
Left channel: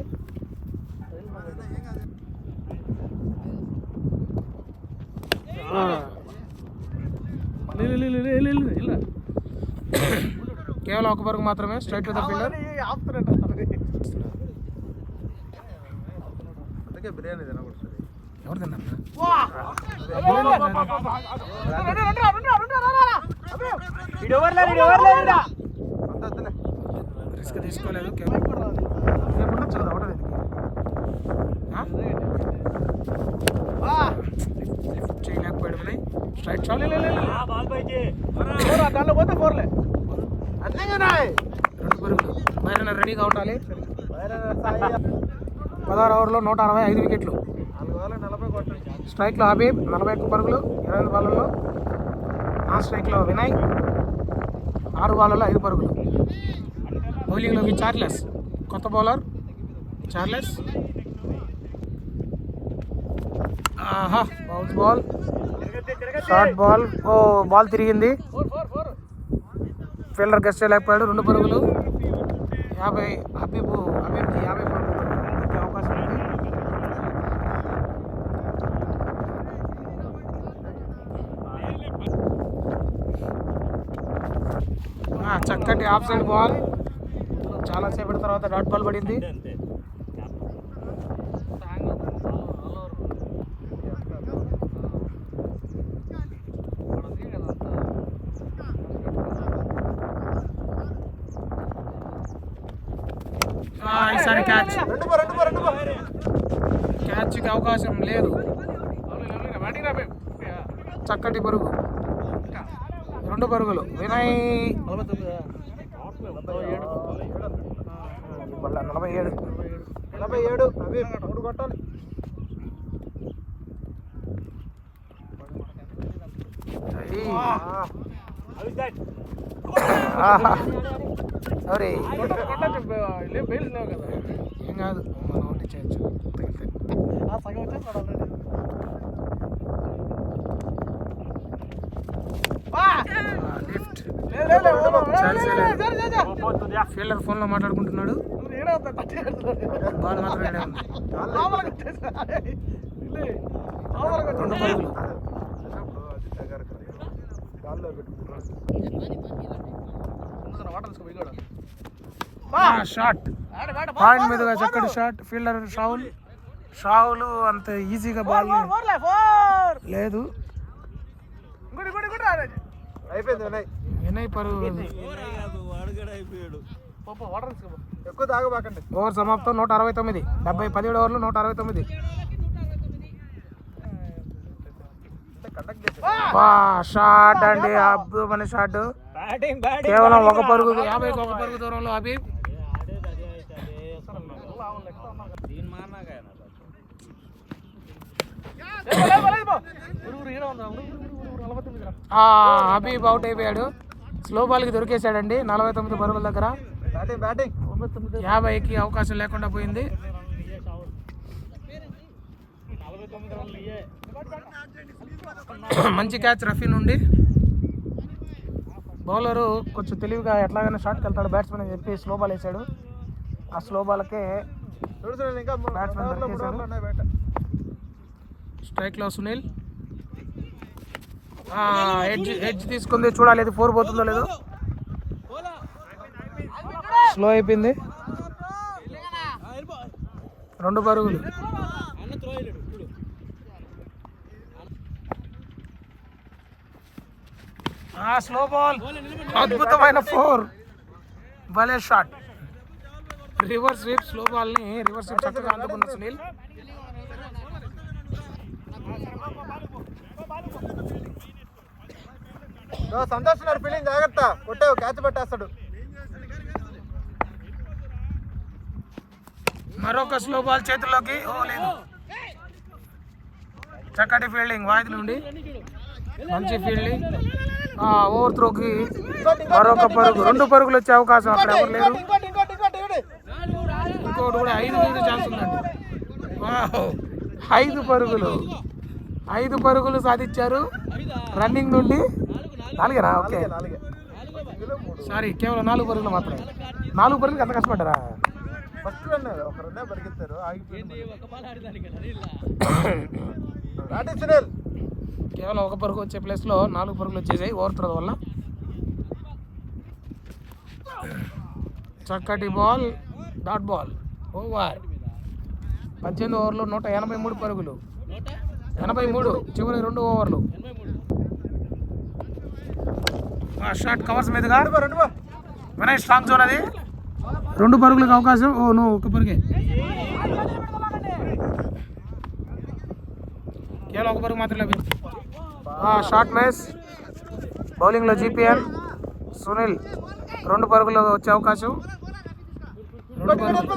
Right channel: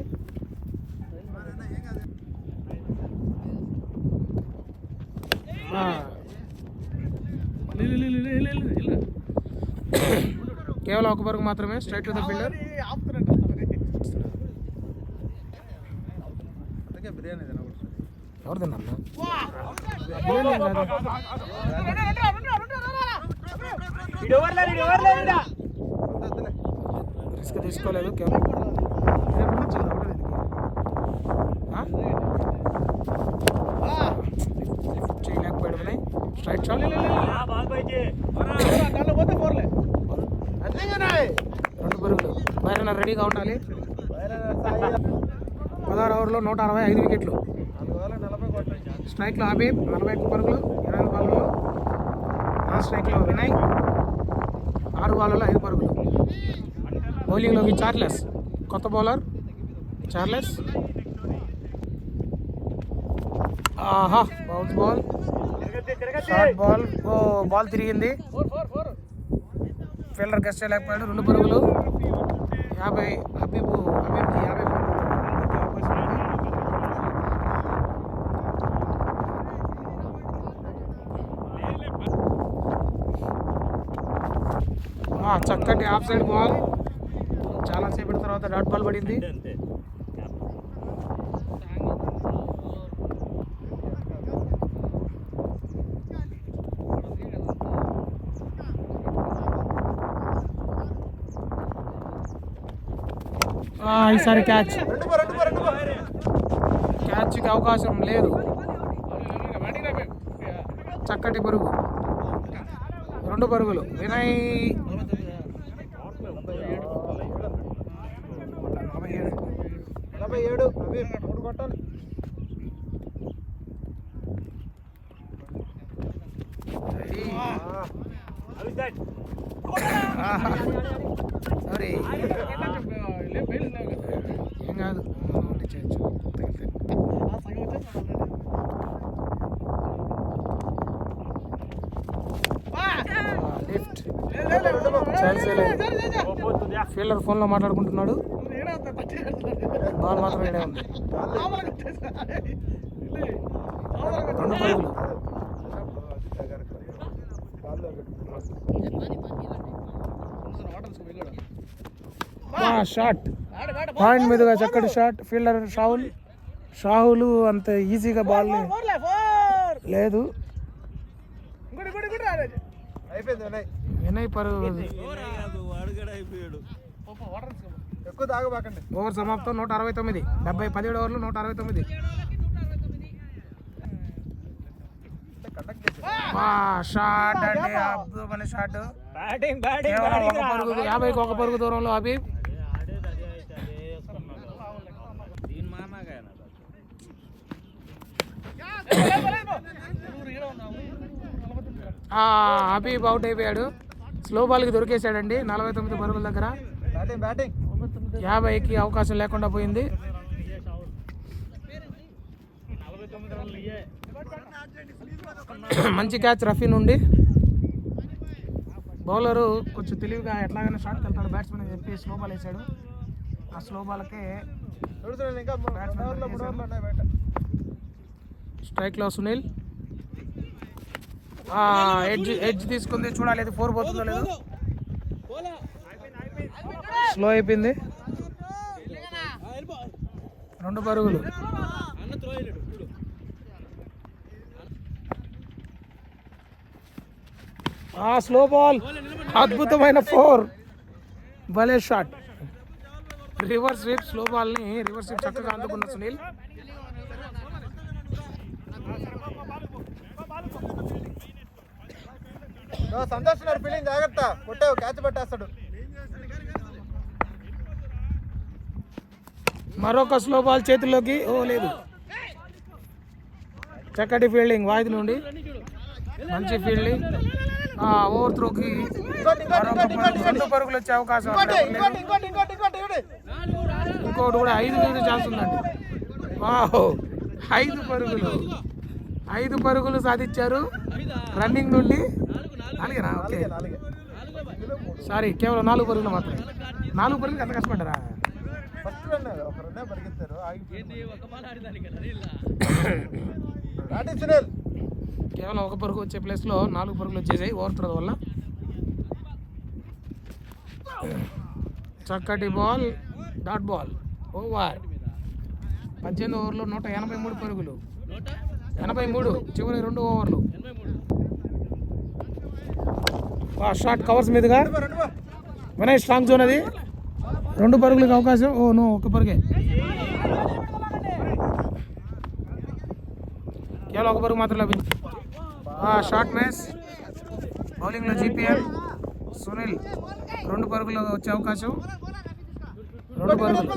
కేవలం 1 పరుగు మాత్రమే. Straight to the fielder. ఎవరు తిన్నా రిస్క్ తీసుకోలేదు. చేయలేకపోయాడు వినయ్. Straight shot. 2 పరుగులు. బయట రెడీగా ఉండాలి. 16 ఓవర్లో 165 వికెట్లు. స్ట్రైక్లో హబీబ్ 41 పరుగులు 22 బాల్లో. నాన్ స్ట్రైక్లో వినయ్ 6 బాల్లో 5 పరుగులు. బౌలింగ్లోకి చార్లెస్. కొత్త bowler Charles. Bounce ball. Short ball. Ball తిరిగింది. ఫీల్డర్ గెస్ట్ చేయలేకపోయాడు. 2 పరుగులు. 50. హబీబ్కి 50 పరుగులు అవకాశం ఉంది. చక్కటి ఆఫ్ సైడ్ బాల్. చాలాసేపటి తర్వాత డాట్ బాల్ పడింది. ఈసారి క్యాచ్కి అవకాశం లేదు. చక్కటి పరుగు, 2 పరుగులు. వినయ్ 47 అరే ఏం కాదు, చేయొచ్చు. ఫీల్డర్ ఫోన్లో మాట్లాడుకుంటున్నాడు, బాల్ మాత్రం ఏడే ఉంది. 2 పరుగులు. షాట్ పాయింట్ మీదుగా చక్కటి షాట్. ఫీల్డర్ షాహుల్ అంత ఈజీగా బాల్ లేదు. వినయ్ పరుగు. ఓవర్ సమాప్తం. 169. 17 ఓవర్లు 169. షాట్ అండి, అద్భుతమైన షాట్. కేవలం 1 పరుగు, 50కి 1 పరుగు దూరంలో హబీబ్. హబీబ్ అవుట్ అయిపోయాడు. స్లో బాల్కి దొరికేశాడండి. 49 పరుగుల దగ్గర 50కి అవకాశం లేకుండా పోయింది. మంచి క్యాచ్ రఫీ నుండి. బౌలరు కొంచెం తెలివిగా ఎట్లాగైనా షాట్కి వెళ్తాడు బ్యాట్స్మెన్ అని చెప్పి స్లో బాల్ వేసాడు. ఆ స్లో బాల్కే బ్యాట్స్మెన్ దొరికేశాడు. స్ట్రైక్లో సునీల్. ఎడ్జ్ తీసుకుంది, చూడాలి అది 4 పోతుందో లేదో. స్లో అయిపోయింది. 2 పరుగులు. స్లో బాల్, అద్భుతమైన 4. భలే షాట్. Reverse sweep. స్లో బాల్ని రివర్స్ స్వీప్ చక్కగా అందుకున్న సునీల్. సంతోష్ ఫీల్డింగ్ జాగ్రత్త, కొట్టావు క్యాచ్ పట్టేస్తాడు. మరొక స్లో బాల్ చేతుల్లోకి. లేదు. చక్కటి ఫీల్డింగ్ వాయిది నుండి. మంచి ఫీల్డింగ్. ఓవర్ త్రోకి మరొక పరుగు. 2 పరుగులు వచ్చే అవకాశం. ఇంకోటి కూడా 5 మీద ఛాన్స్ ఉందండి. 5 పరుగులు. 5 పరుగులు సాధించారు రన్నింగ్ నుండి. 4 ఓకే, సారీ, కేవలం 4 పరుగులు మాత్రమే. 4 పరుగులు ఎంత కష్టపడ్డారా? కేవలం 1 పరుగు వచ్చే ప్లేస్లో 4 పరుగులు వచ్చేసాయి ఓవర్ త్రో వల్ల. చక్కటి బాల్, డాట్ బాల్. ఓవర్. 18 ఓవర్లు 183 పరుగులు. 83 చివరి 2 ఓవర్లు. షాట్ కవర్స్ మీదుగా. వినయ్ స్ట్రాంగ్ జోన్ అది. 2 పరుగులకు అవకాశం. నువ్వు 1 పరుగే. కేవలం 1 పరుగు మాత్రం లభించింది. Short match. బౌలింగ్లో జీపీఎల్ సునీల్. 2 పరుగులు వచ్చే అవకాశం. 2 పరుగులు.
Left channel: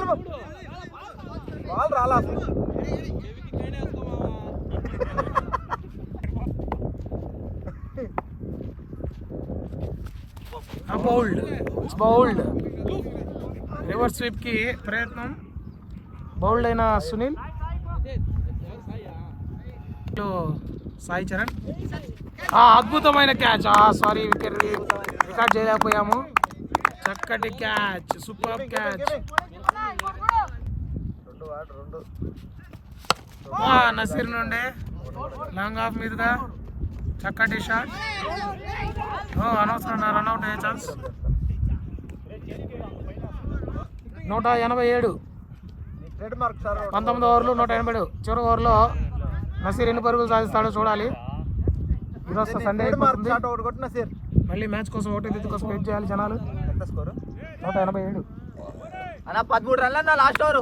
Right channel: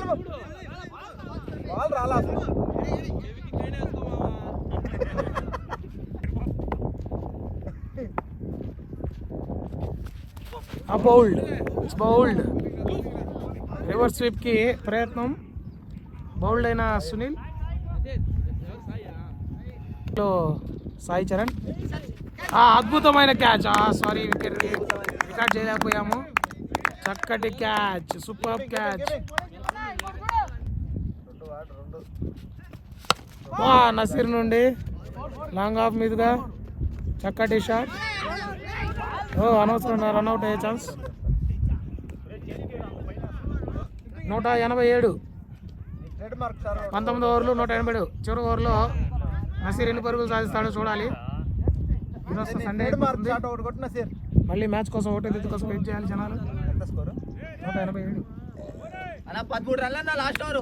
బౌల్డ్. It's bowled. రివర్స్ స్వీప్కి ప్రయత్నం. బౌల్డ్ అయిన సునీల్. సాయి చరణ్. అద్భుతమైన క్యాచ్. Sorry, record చేయలేకపోయాము. చక్కటి క్యాచ్, సూపర్ క్యాచ్. నసీర్ నుండి లాంగ్ ఆఫ్ మీదుగా చక్కటి షాట్. అనవసరంగా రన్అట్ అయ్యే ఛాన్స్. 187. 19 ఓవర్లు 187. చివరి ఓవర్లో నసీర్ ఎన్ని పరుగులు సాధిస్తాడో చూడాలి. ఈరోజు సండే అయిపోతుంది. మళ్ళీ మ్యాచ్ కోసం ఓటు కోసం వెయిట్ చేయాలి జనాలు. 187. అన్న 13 రన్లు అన్న last over.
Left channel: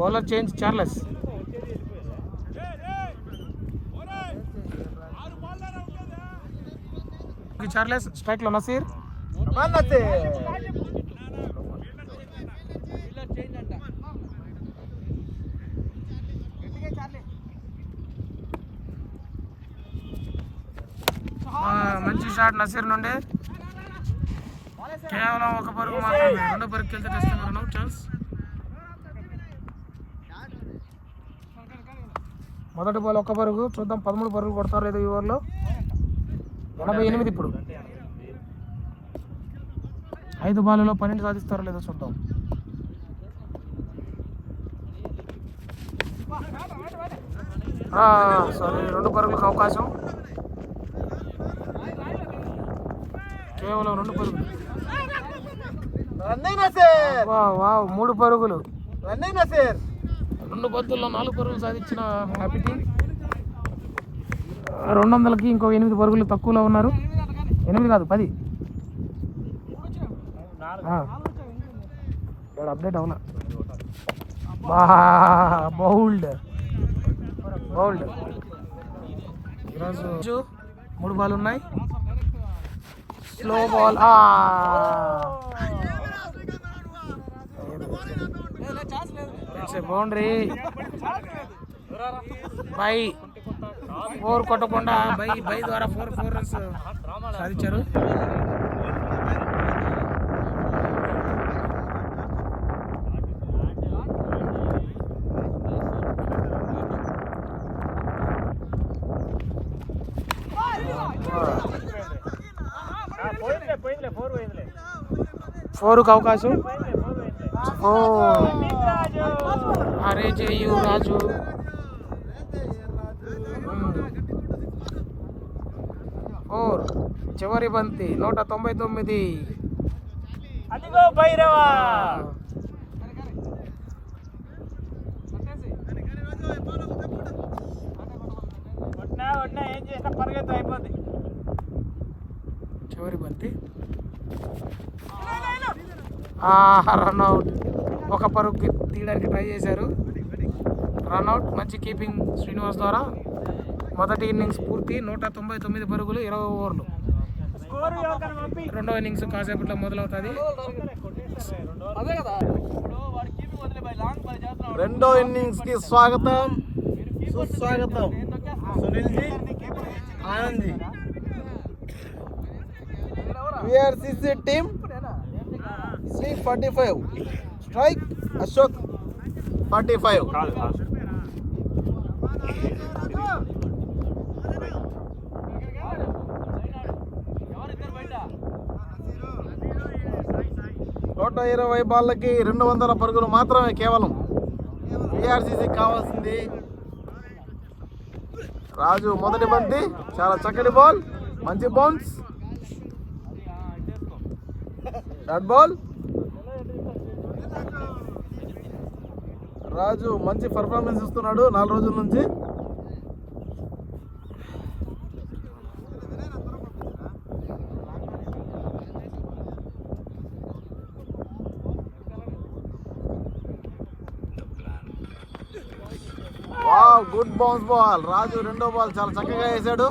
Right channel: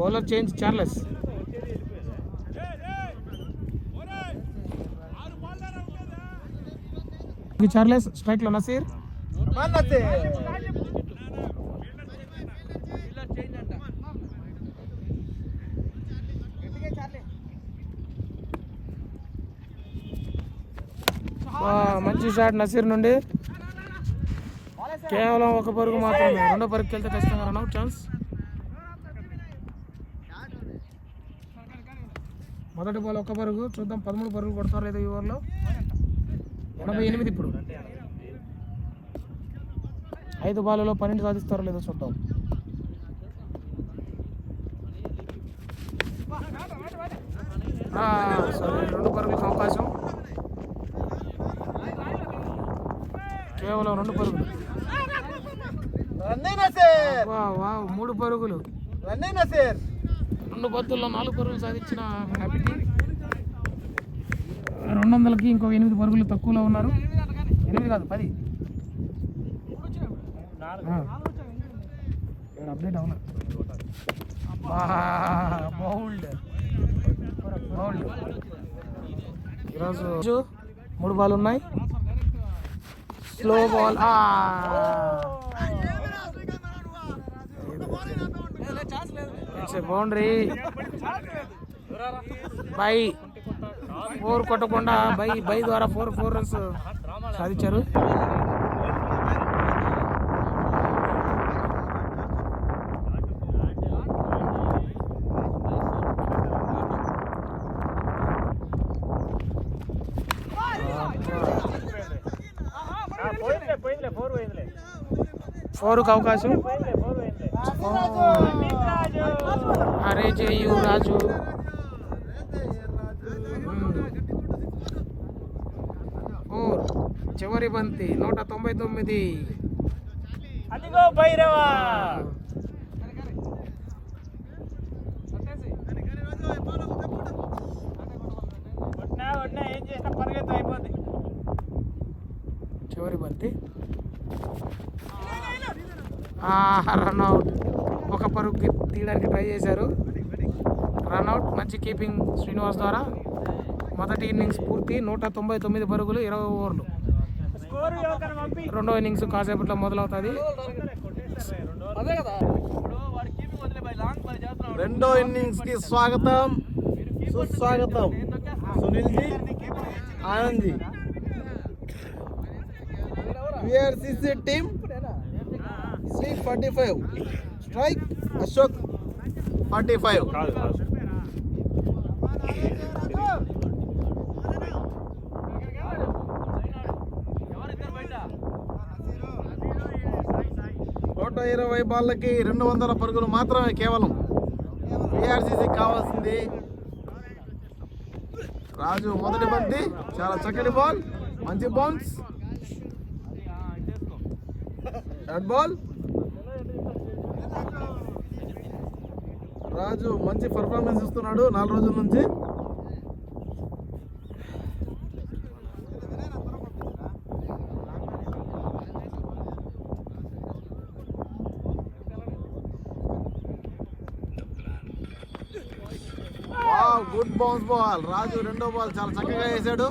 Bowler change Charles. Charles strike లో నసీర్. మంచి షాట్ నసీర్ నుండి. కేవలం ఒక పరుగు మాత్రమే. రెండో పరుగుకి వెళ్తే ఖచ్చితంగా రన్అట్ ఛాన్స్. మొదటి బాల్ ఒక్క పరుగు. చూద్దాం 13 పరుగులు కొడతారు లేదో ఈ ఓవర్లో. 88 ఇప్పుడు. 5 బాల్లో 12 సాధిస్తారో లేదో చూద్దాం. సారీ, 2 పరుగులకు అవకాశం. కేవలం 2 పరుగులు. 3 పరుగులు. 2 బంతుల్లో 4 పరుగులు సాధించిన హ్యాపీ టీమ్. 200కి ఇంకో 8 పరుగులు తక్కువలో ఉన్నారు. 8 కాదు 10. అప్డేట్ అవునా? బౌల్డ్ ఈరోజు 3 బాల్ ఉన్నాయి. Slow ball. బౌండరీ బై 4 కొట్టకుండా బై ద్వారా 4 రన్స్ సాధించారు. ఫోర్కి అవకాశం. అరే చెయ్యు రాజు. చివరి బంతి 199. చివరి బంతి. రన్అట్. ఒక పరుగు తీయడానికి ట్రై చేశారు. రన్అట్. మంచి కీపింగ్ శ్రీనివాస్ ద్వారా. మొదటి ఇన్నింగ్స్ పూర్తి. 199 పరుగులు 20 ఓవర్లు. రెండో ఇన్నింగ్స్ కాసేపట్లో మొదలవుతుంది. రెండో ఇన్నింగ్స్ కి స్వాగతం సుస్వాగతం. Sunil ji, Anand ji. VRCC team C45 strike. Ashok 45. నూట 20 బాళ్ళకి 200 పరుగులు మాత్రమే కేవలం. VRCC కావాల్సింది. రాజు మొదటి బంతి చాలా చక్కటి బాల్. మంచి బౌన్స్. Dot ball. రాజు మంచి పర్ఫార్మెన్స్ ఇస్తున్నాడు 4 రోజుల నుంచి. Good bounce ball. రాజు రెండో బాల్ చాలా చక్కగా వేసాడు.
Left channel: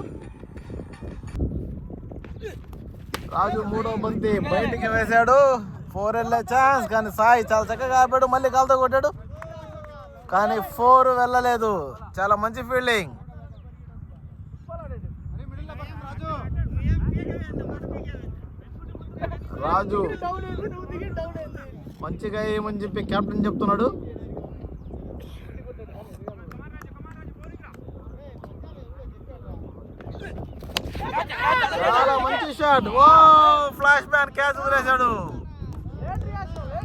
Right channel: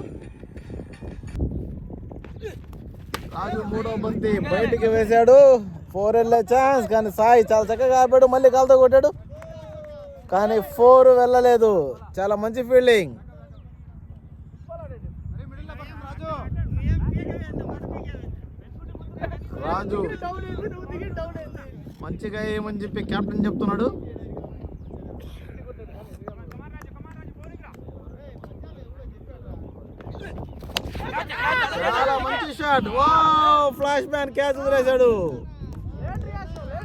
రాజు మూడో బంతి బయటికి వేశాడు. 4 వెళ్ళే ఛాన్స్. కానీ సాయి చాలా చక్కగా ఆపాడు. మళ్ళీ కాలుతో కొట్టాడు కానీ 4 వెళ్ళలేదు. చాలా మంచి ఫీల్డింగ్. రాజు మంచిగా ఏమని చెప్పి కెప్టెన్ చెప్తున్నాడు. చాలా మంచి షాట్. ఫ్లాష్ బ్యాన్ క్యాచ్ వదిలేశాడు.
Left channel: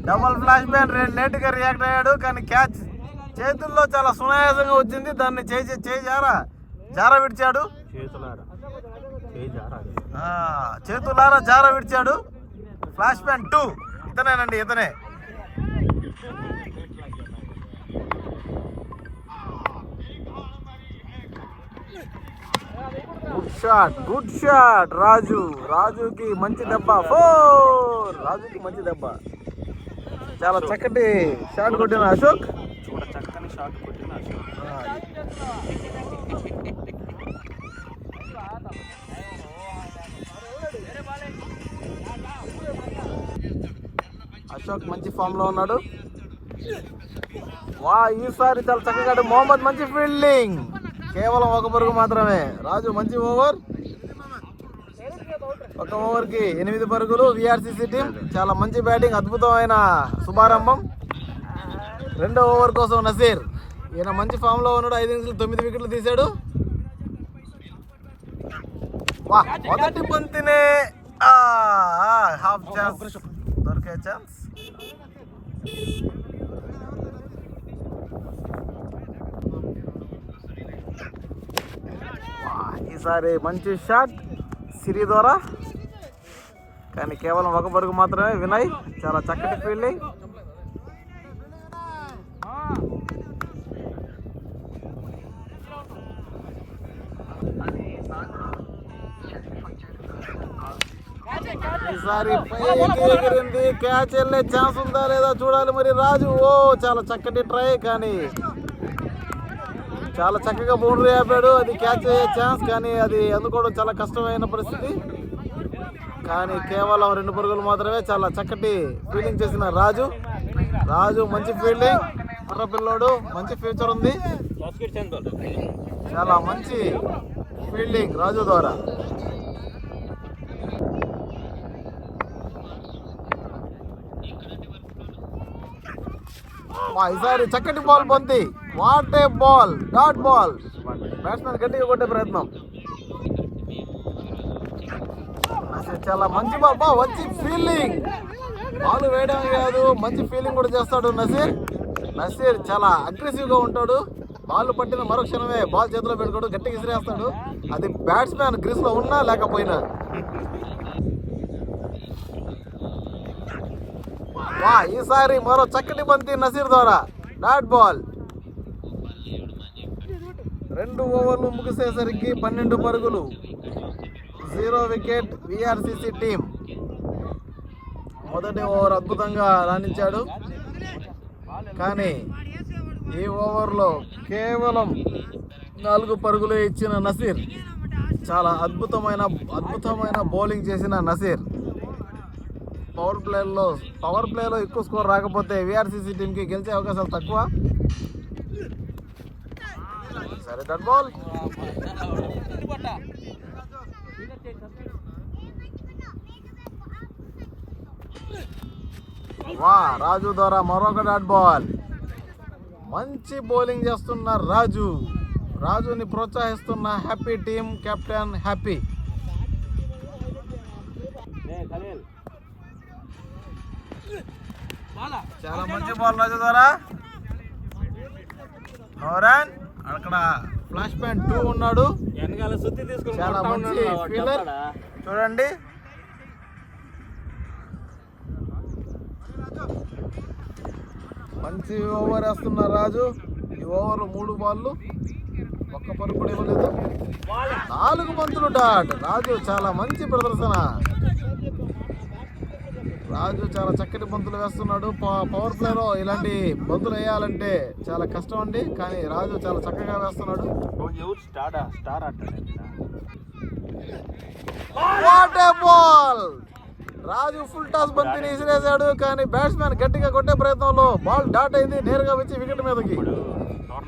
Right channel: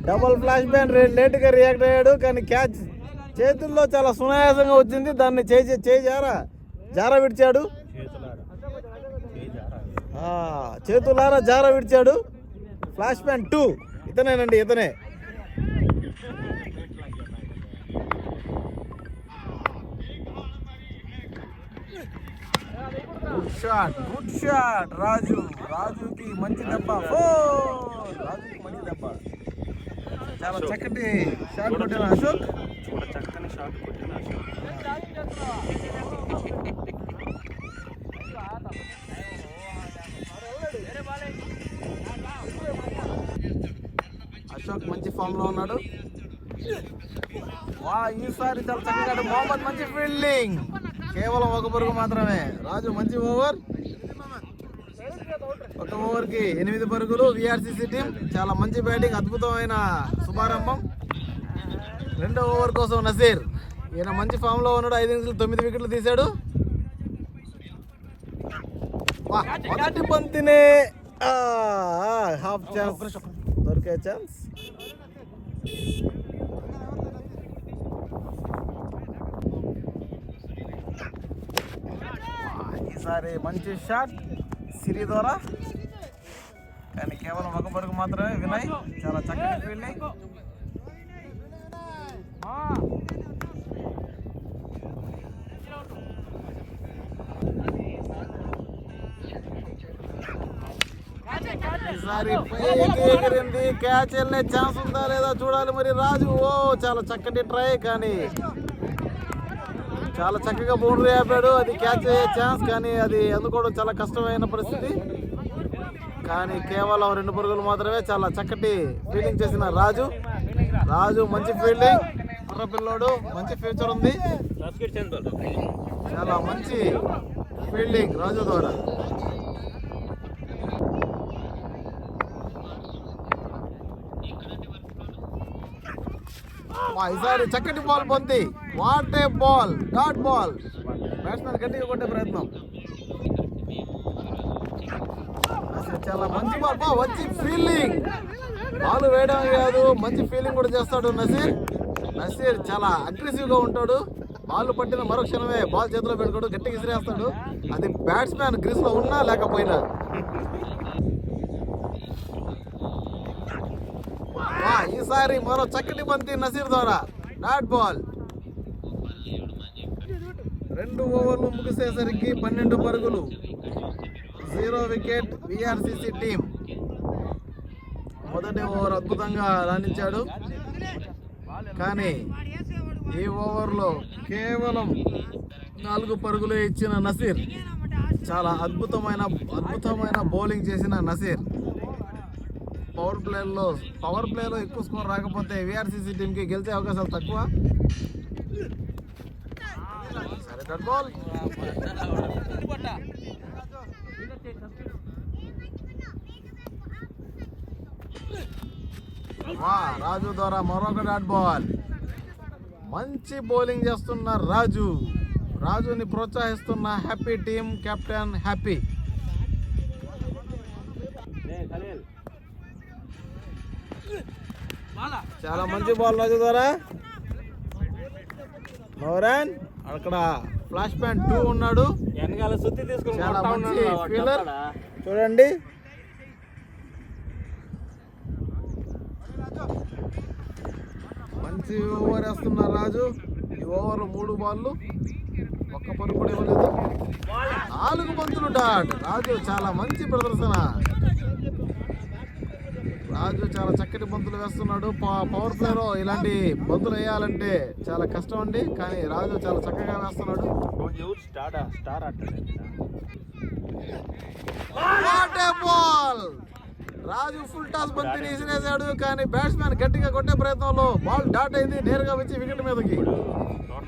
Double flash ban. లేట్గా రియాక్ట్ అయ్యాడు కానీ క్యాచ్ చేతుల్లో చాలా సునాయాసంగా వచ్చింది. దాన్ని జార విడిచాడు. చేతులారా జార విడిచాడు. Flash ban 2. ఇతనేనండి, ఇతనే. Good shot. రాజుకి మంచి దెబ్బ. 4. రాజుకి మంచి దెబ్బ. చాలా చక్కటి షాట్ కొట్టిన అశోక్. చక్కని షాట్ కొట్టిన అశోక్. అశోక్ మంచి ఫామ్ లో ఉన్నాడు. వా ఈసారి చాలా చక్కగా మొహమ్మద్ మంచి ఫీల్డింగ్. కేవలం ఒక పరుగు మాత్రమే. రాజు మంచి ఓవర్. ఒక ఓవర్కి 8 పరుగులు. విఆర్సిసి టీం చాలా మంచి బ్యాటింగ్, అద్భుతమైన శుభారంభం. రెండో ఓవర్ కోసం నసీర్, ఈయన మంచి ఫామ్ లో ఉన్నాడు. 5 innings 9 వికెట్లు తీశాడు. మొదటి బంతినే హాఫ్ ఛాన్స్ దొరికే ఛాన్స్. ఈసారి మంచి షాట్ సిరి ద్వారా, కానీ కేవలం ఒక పరుగు మాత్రమే. వినయ్ చాలా చక్కటి ఫీల్డింగ్. ఈసారి పైకి ఎగిరింది. క్యాచ్ వెళ్ళే ఛాన్స్ ఉందా లేదా చూడాలి మరి. రాజు చాలా చక్కటి ట్రై, కానీ చాలా చక్కగా బౌండరీ ఆపాడు. అది క్యాచ్ అయ్యే ఛాన్స్, కానీ అది అందుకోవడం చాలా కష్టమైన పరిస్థితి. కానీ కేవలం 2 పరుగులు మాత్రమే. చాలా చక్కటి ఫీల్డింగ్ చేసిన రాజు. మంచి ఫీల్డింగ్. కుర్ర పిల్లోడు, మంచి ఫ్యూచర్ ఉంది. చాలా మంచి ఫీల్డింగ్ రాజు ద్వారా. ఈసారి చక్కటి బాల్ బంతి. What a ball, dot ball. Batsmen గట్టిగా కొట్టే ప్రయత్నం. చాలా మంచి బాల్, మంచి ఫీల్డింగ్. బాల్ వేయడం కాదు, మంచి ఫీల్డింగ్ కూడా చేస్తాడు నసీర్. చాలా అగ్రెసివ్ గా ఉంటాడు. బాల్ పట్టిన మరుక్షణమే బాల్ చేతిలో పెట్టుకోడు, గట్టిగా విసిరేస్తాడు. అది బ్యాట్స్మెన్ గ్రీస్ లో ఉన్నా లేకపోయినా. ఈసారి మరో చక్కటి బంతి నసీర్ ద్వారా, డాట్ బాల్. 2 ఓవర్లు ముగిసేసరికి 12 పరుగులు, 0 వికెట్. విఆర్సిసి టీం మొదటి ఓవర్ అద్భుతంగా రాణించాడు, కానీ ఈ ఓవర్లో కేవలం 4 పరుగులే ఇచ్చిన నసీర్. చాలా అద్భుతమైన బౌలింగ్ చేసిన నసీర్. పవర్ ప్లేలో ఎక్కువ స్కోర్ రాకపోతే విఆర్సిసి టీంకి గెలిచే అవకాశాలు తక్కువ. సరే, డాట్ బాల్. రాజు ద్వారా మరొక డాట్ బాల్. మంచి బౌలింగ్ చేస్తున్న రాజుని ప్రోత్సహిస్తున్న హ్యాపీ టీం కెప్టెన్ హ్యాపీ. చాలా మంచి బాల్ రాజు ద్వారా. నోరాన్ అక్కడ ఫ్లాష్ ప్యాంట్ 2 ఉన్నాడు. చాలా మంచి ఫీల్డర్ చూడండి. మంచి ఓవర్ వేస్తున్న రాజు. ఈ ఓవర్ 3 బాళ్ళు, 1 పరుగు కూడా ఇవ్వలేదు. 4 బంతులు డాట్. రాజు చాలా మంచి ప్రదర్శన. రాజు చాలా చక్కటి బంతులు వేస్తున్నాడు. పవర్ ప్లేలో ఇలాంటి బంతులు వేయాలంటే చాలా కష్టం అండి, కానీ రాజు చాలా చక్కగా వేస్తున్నాడు. What a ball. Raju full toss బంతిని విసిరేశాడు, కానీ బ్యాట్స్మెన్ గట్టిగా కొట్టే ప్రయత్నంలో బాల్ డాట్ అయింది. నేరుగా వచ్చి వికెట్ మీదకి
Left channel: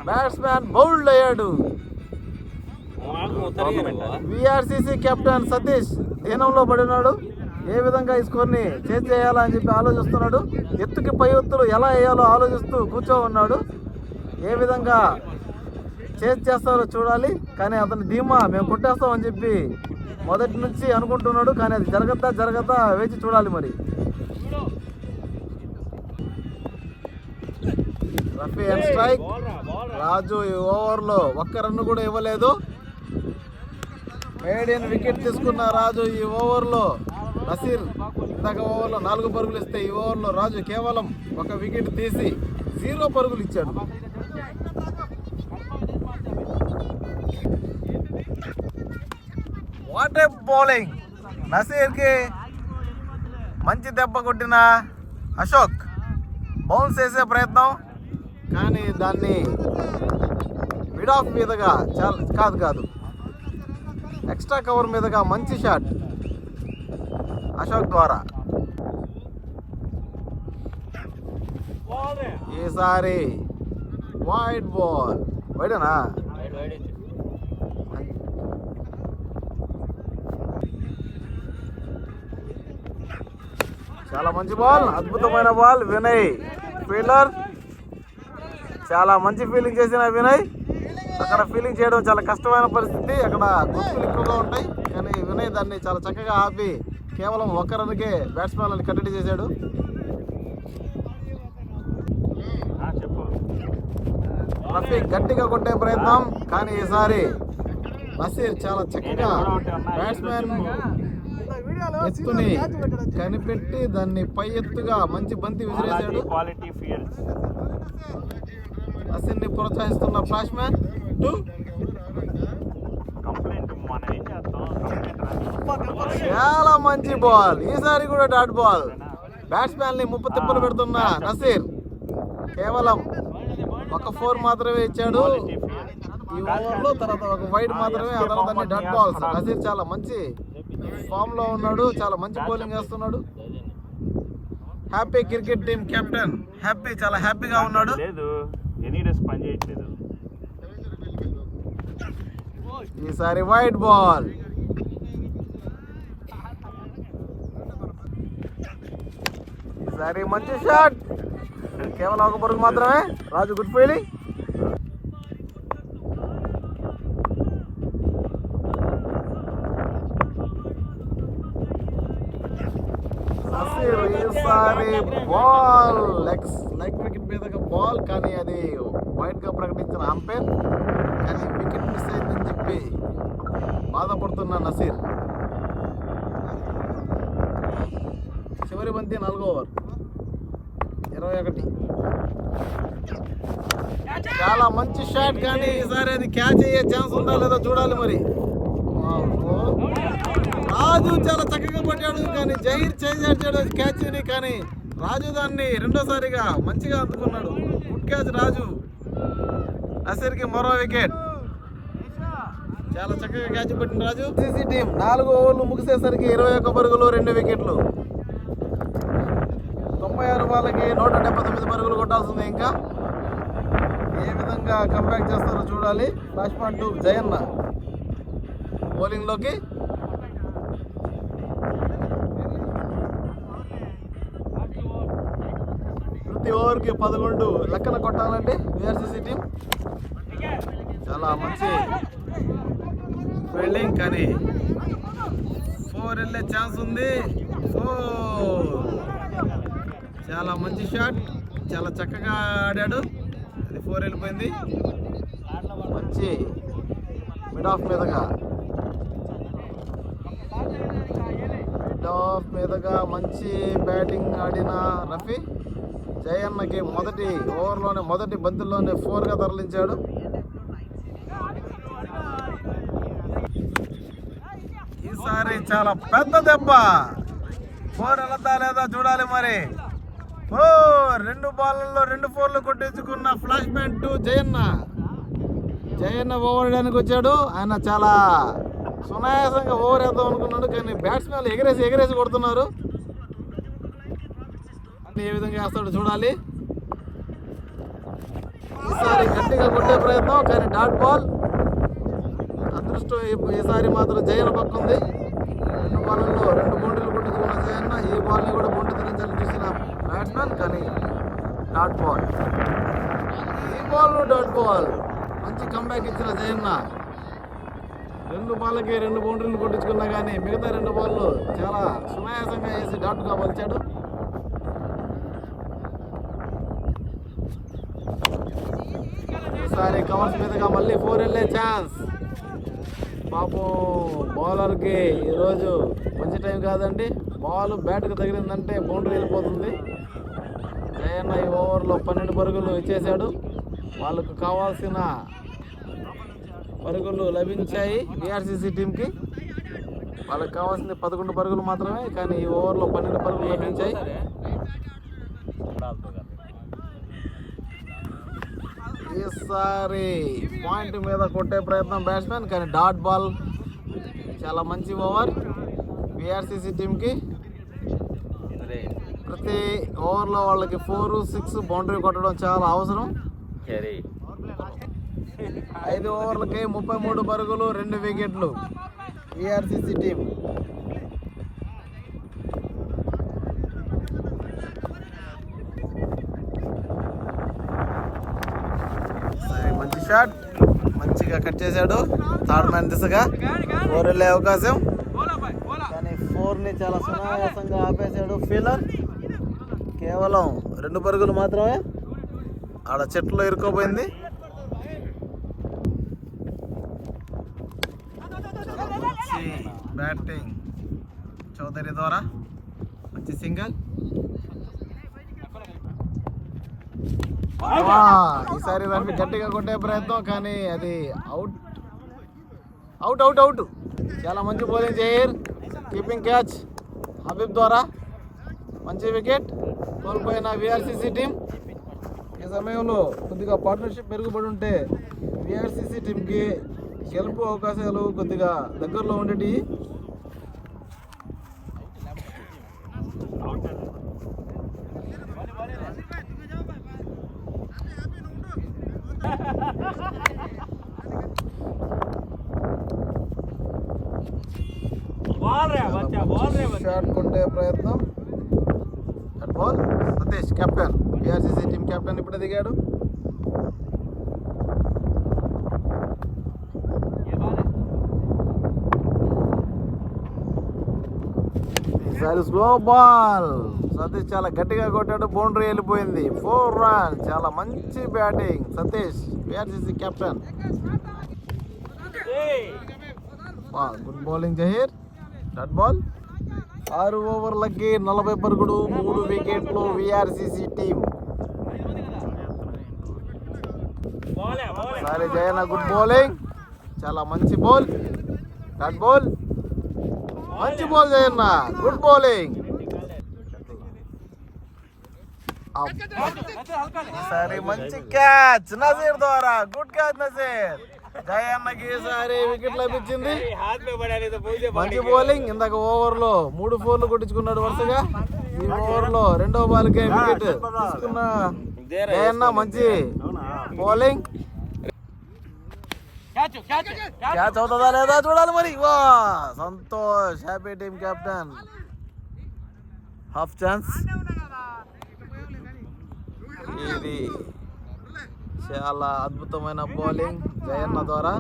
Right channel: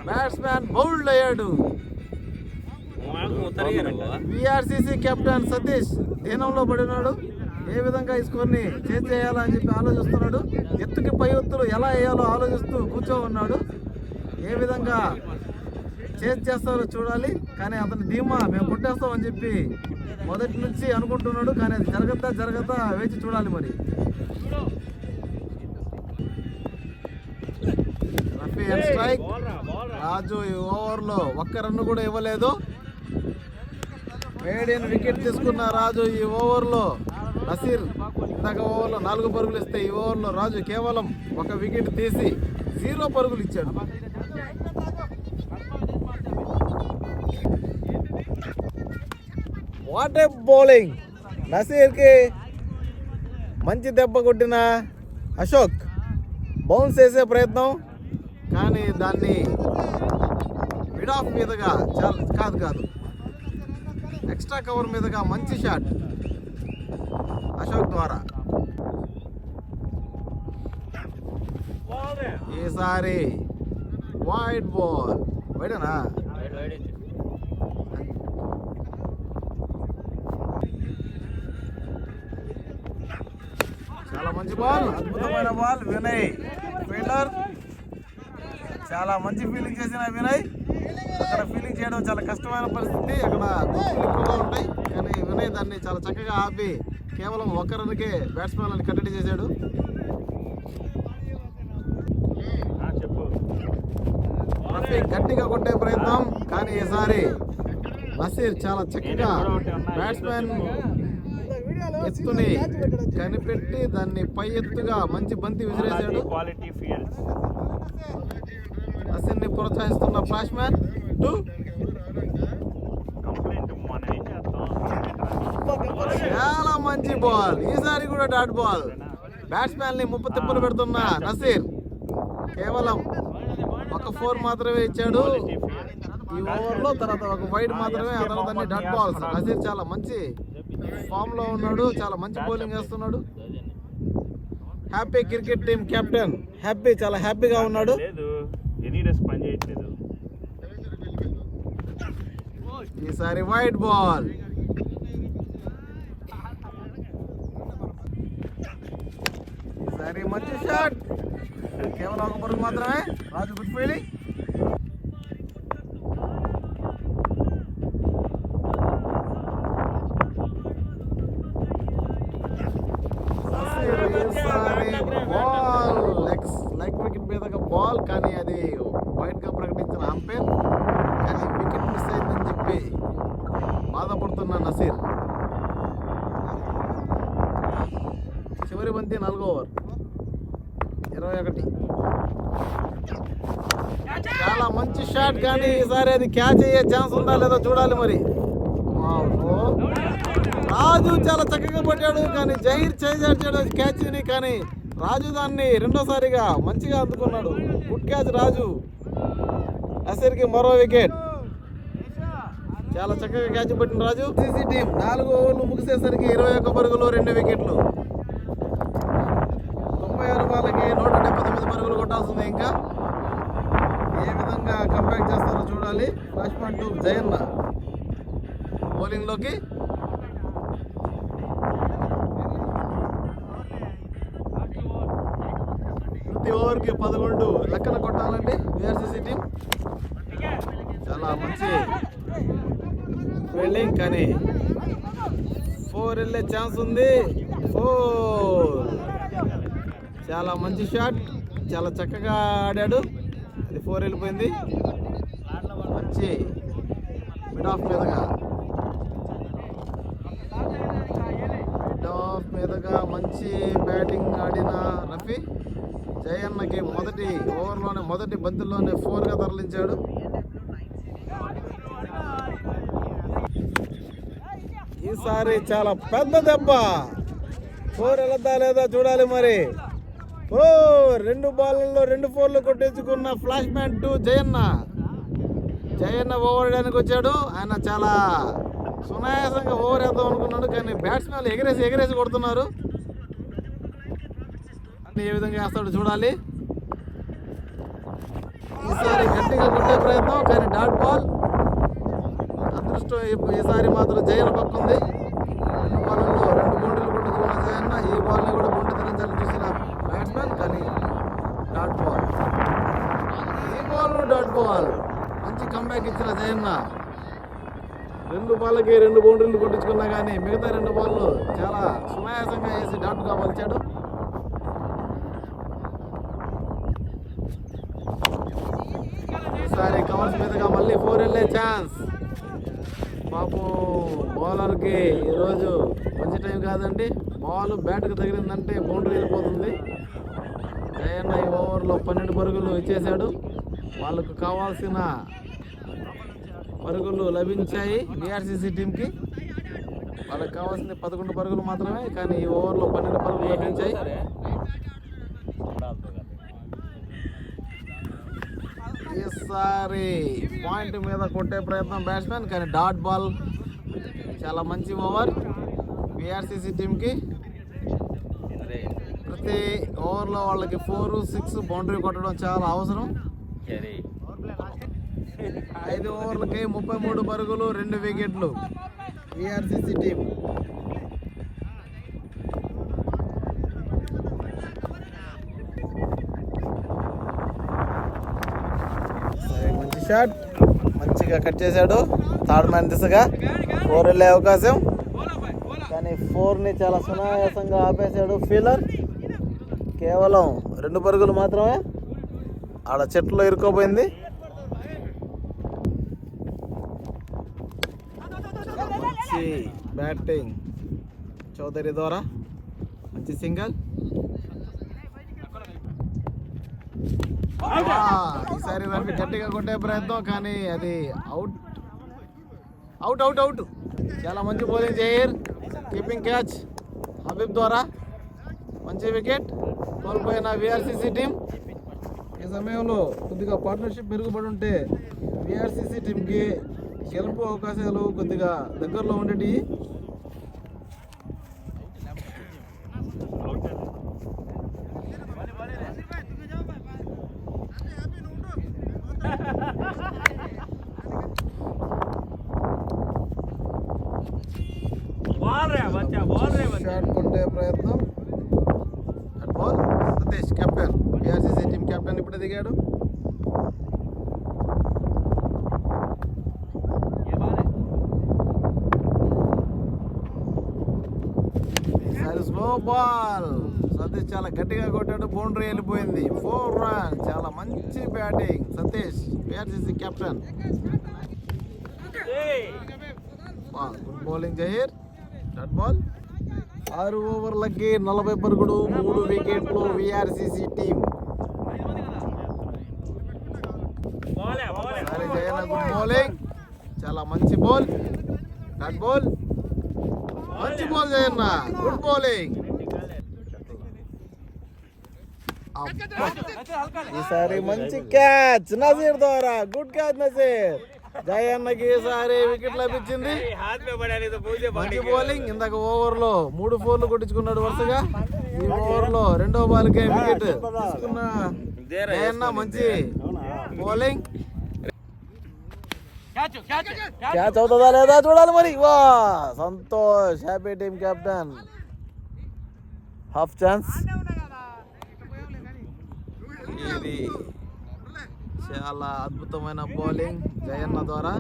బ్యాట్స్మెన్ బౌల్డ్ అయ్యాడు. విఆర్సిసి కెప్టెన్ సతీష్ దీనంలో పడినాడు. ఏ విధంగా ఈ స్కోర్ని చేజ్ చేయాలా అని చెప్పి ఆలోచిస్తున్నాడు. ఎత్తుకి పై ఎత్తులు ఎలా వేయాలో ఆలోచిస్తూ కూర్చో ఉన్నాడు. ఏ విధంగా చేజ్ చేస్తారో చూడాలి, కానీ అతని ధీమా మేము కొట్టేస్తామని చెప్పి మొదటి నుంచి అనుకుంటున్నాడు, కానీ అది జరగద్దా వేచి చూడాలి. మరి రఫీ అండ్ స్ట్రైక్. రాజు ఈ ఓవర్లో 1 రన్ కూడా ఇవ్వలేదు. మేడియన్ వికెట్ తీసుకున్న రాజు ఈ ఓవర్లో. నసీర్ ఇందాక ఓవర్లో 4 పరుగులు ఇస్తే ఈ ఓవర్లో రాజు కేవలం 1 వికెట్ తీసి 0 పరుగులు ఇచ్చాడు. What a bowling. నసీర్కి మంచి దెబ్బ కొట్టిన అశోక్. బౌన్స్ చేసే ప్రయత్నం, కానీ దాన్ని మిడ్ ఆఫ్ మీదుగా కాదు ఎక్స్ట్రా కవర్ మీదుగా మంచి షాట్ అశోక్ ద్వారా. ఈసారి వైడ్ బాల్, వైడేనా? చాలా మంచి బాల్, అద్భుతమైన బాల్. వినయ్ ఫీల్డర్ చాలా మంచి ఫీల్డింగ్ చేసిన వినయ్. అక్కడ ఫీల్డింగ్ చేయడం చాలా కష్టమైన పరిస్థితి, అక్కడ గుర్తులు ఎక్కువగా ఉంటాయి, కానీ వినయ్ దాన్ని చాలా చక్కగా ఆపి కేవలం ఒక్క రన్కే బ్యాట్స్మెన్ కట్టడి చేశాడు. రఫీ గట్టిగా కొట్టే ప్రయత్నం, కానీ ఈసారి నసీర్ చాలా చక్కగా బ్యాట్స్మెన్ ఎత్తుని కనిపెట్టి దాన్ని పై ఎత్తుగా మంచి బంతి విసిరేశాడు. నసీర్ని ప్రోత్సహిస్తున్న ఫ్లాష్మ్యాన్ 2. చాలా మంచి బాల్, ఈసారి కూడా డాట్ బాల్. బ్యాట్స్మెన్ ని ముప్పు తిప్పలు పెడుతున్న నసీర్ కేవలం ఒక 4 మాత్రమే ఇచ్చాడు ఈ ఓవర్లో. తర్వాత ఒక వైడ్ మాత్రమే, ఆ తర్వాత అన్ని డాట్ బాల్స్. నసీర్ చాలా మంచి ఫామ్ లో ఉన్నాడు, చాలా మంచి బౌలింగ్ వేస్తున్నాడు. Happy cricket team captain happy, చాలా హ్యాపీగా ఉన్నాడు. ఈసారి వైడ్ బాల్, ఈసారి మంచి షాట్, కేవలం ఒక పరుగు మాత్రమే. రాజు గుడ్ ఫీల్డింగ్. ఈసారి బాల్ లెగ్ వికెట్ మీదగా బాల్, కానీ అది వైడ్ గా ప్రకటించిన అంపైర్, కానీ వికెట్ మిస్ అయిందని చెప్పి బాధపడుతున్న నసీర్. చివరి బంతి 4వ ఓవర్ 21. చాలా మంచి షాట్, కానీ ఈసారి అది క్యాచ్ అయ్యే ఛాన్స్ ఉందా లేదో చూడాలి మరి. రాజు చాలా చక్కగా పట్టాడు, కానీ జహీర్ చేసాడు క్యాచ్ ని, కానీ రాజు దాన్ని రెండోసారిగా మంచిగా అందుకున్నాడు. గుడ్ క్యాచ్ రాజు. నసీర్కి మరో వికెట్. చాలా చక్కగా క్యాచ్ పట్టిన రాజు. సిసి టీం 4 ఓవర్లు ముగిసేసరికి 21 పరుగులు 2 వికెట్లు. 96 బాల్కి 179 పరుగులు కొట్టాల్సింది. ఇంకా ఏ విధంగా కంబ్యాక్ చేస్తారో చూడాలి. ఫ్లాష్మ్యాన్ 2 జయన్న బౌలింగ్ లోకి. ప్రతి ఓవర్కి 11 లెక్కన కొట్టాలండి విఆర్సీసీ టీం. చాలా మంచి ఫీల్డింగ్, కానీ 4 వెళ్ళే ఛాన్స్ ఉంది. 4 చాలా మంచి షాట్, చాలా చక్కగా ఆడాడు. అది 4 వెళ్ళిపోయింది. మంచి మిడ్ ఆఫ్ మీదగా మంచి బ్యాటింగ్ ఆడిన రఫీ జయన్నకి మొదటి ఓవర్లోనే మొదటి బంతుల్లోనే 4గా తరలించాడు. ఈసారి చాలా పెద్ద దెబ్బ. 4 వెళ్తా లేదా చూడాలి మరి. 2 బాళ్ళల్లో 2 4లు కొట్టించుకున్న ఫ్లాష్మ్యాన్ 2 జయన్న ఓవర్ వేయడానికి వచ్చాడు. ఆయన చాలా సునాయాసంగా ఓవర్ వేద్దాం అనుకున్నాడు, కానీ బ్యాట్స్మెన్ ఎగరేసి కొడుతున్నారు. ఏ విధంగా వేస్తాడు చూడాలి. ఈసారి గట్టిగా కొట్టే ప్రయత్నం, కానీ డాట్ బాల్. అదృష్టం ఈసారి మాత్రం జయన్న పక్కుంది. 2 బాళ్ళల్లో 2 బౌండరీలు కొట్టించుకున్న జయన్న ఈ బాల్ని కూడా బౌండరీ తిరించాలని చూసిన బ్యాట్స్మెన్, కానీ డాట్ బాల్. ఈ బాల్ డాట్ బాల్. మంచి కంబ్యాక్ ఇచ్చిన జయన్న. 2 బాళ్ళకి 2 బౌండరీలు కొట్టించుకున్నా కానీ మిగతా 2 బాళ్ళు చాలా సునాయాసంగా వేసి డాట్గా మలిచాడు. ఈసారి కవర్స్ మీదుగా మళ్ళీ 4 వెళ్ళే ఛాన్స్. పాపం బౌలర్కి ఈరోజు మంచి టైం కాదండి. బాల్ బ్యాట్కి తగిలిందంటే బౌండరీ వెళ్ళిపోతుంది. జయన్న ఈ ఓవర్లో 12 పరుగులు ఇచ్చేశాడు. వాళ్ళకు కావాల్సిన పరుగులు లభించాయి విఆర్సీసీ టీంకి. వాళ్ళకి కావాల్సింది 11 పరుగులు మాత్రమే, కానీ ఈ ఓవర్లో 12 పరుగులు లభించాయి. ఈసారి పాయింట్ మీద కొట్టే ప్రయత్నం బ్యాట్స్మెన్, కానీ డాట్ బాల్. చాలా మంచి ఓవర్ విఆర్సీసీ టీంకి. ప్రతి ఓవర్లో వాళ్ళకి 4, 6 బౌండరీ కొట్టడం చాలా అవసరం. 5 ఓవర్లకి 33 పరుగులు, 2 వికెట్లు విఆర్సీసీ టీం. మంచి షాట్, మంచిగా కట్ చేశాడు. థర్డ్ మ్యాన్ దిశగా 4 వెళ్ళే అవకాశం, కానీ 4ని చాలా సునాయాసంగా ఆపేశాడు ఫీలర్. కేవలం 2 పరుగులు మాత్రమే, ఆడ చెట్లో ఇరుక్కోపోయింది. మంచి బ్యాటింగ్ చౌదరి ద్వారా, మంచి సింగల్. ఈసారి దాన్ని గట్టిగా కొట్టే ప్రయత్నం, కానీ అది అవుట్ అవుట్ అవుట్ అవుట్. చాలా మంచి bowling Zaheer, keeping catch Habib ద్వారా, మంచి వికెట్. కోల్పోయిన విఆర్సీసీ టీం. ఈ సమయంలో కొద్దిగా పార్ట్నర్షిప్ మెరుగుపడి ఉంటే విఆర్సీసీ టీంకి గెలుపు అవకాశాలు కొద్దిగా దగ్గరలో ఉండేవి. షాట్ కొట్టే ప్రయత్నం, ball. Satish captain, VRCC team captain ఇప్పుడే దిగాడు. ఈసారి స్లో బాల్, సతీష్ చాలా గట్టిగా కొట్టాడు, బౌండరీ వెళ్ళిపోయింది. 4 రన్. చాలా మంచి batting Satish, VRCC captain. Good bowling Zaheer, dot ball. 6 ఓవర్లకి 40 పరుగులు, 3 వికెట్లు VRCC team. Sorry Jayanna, good bowling, చాలా మంచి బాల్, డాట్ బాల్. మంచి బాల్ జయన్న, గుడ్ బౌలింగ్. ఈసారి మంచి క్యాచ్ నజీర్ ద్వారా, గుడ్ క్యాచ్ నజీర్. జయన్నకి ఈసారి వికెట్ లభించింది. మంచి బౌలింగ్. ఇందాక ఓవర్లో 3 4లు కొట్టించుకున్నాడు వరుసగా. ఈ ఓవర్లో 2వ బాల్కే వికెట్ తీసుకున్న జయన్న, మంచి బౌలింగ్. క్యాచ్ అవుతుందా లేదా చూడాలి మరి. వా, Santosh happy team captain. Half chance. ఇది చాలా అద్భుతమైన బౌలింగ్ జయన్న ద్వారా.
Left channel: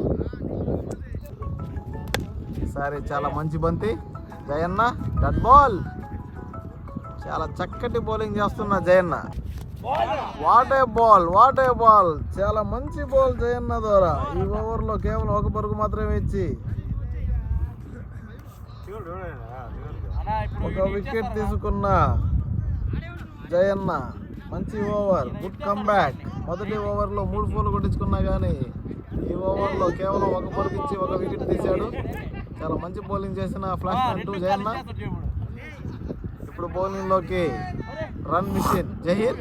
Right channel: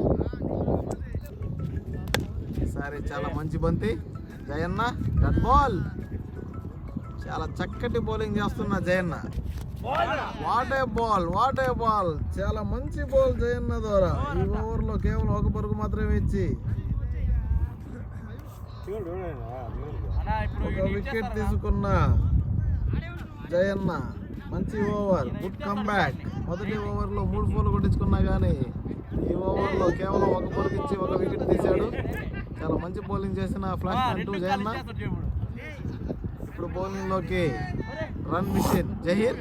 ఈసారి చాలా మంచి బంతి జయన్న, డట్ బాల్. చాలా చక్కటి బౌలింగ్ చేస్తున్న Jayanna. What a ball, what a ball. చాలా మంచి బాల్ జయన్న ద్వారా. ఈ ఓవర్లో కేవలం 1 పరుగు మాత్రమే ఇచ్చి 1 వికెట్ తీసుకున్న జయన్న. మంచి ఓవర్, గుడ్ కమ్బ్యాక్. మొదటి ఓవర్లో 3 4లు కొట్టించుకున్నా కానీ ఈ ఓవర్లో కేవలం 1 పరుగు ఇచ్చి 1 వికెట్ తీశాడు. చాలా మంచి బౌలింగ్ చేసిన ఫ్లాష్ అంటూ జయన్న. ఇప్పుడు బౌలింగ్లోకి రన్ మిషన్ జహీర్.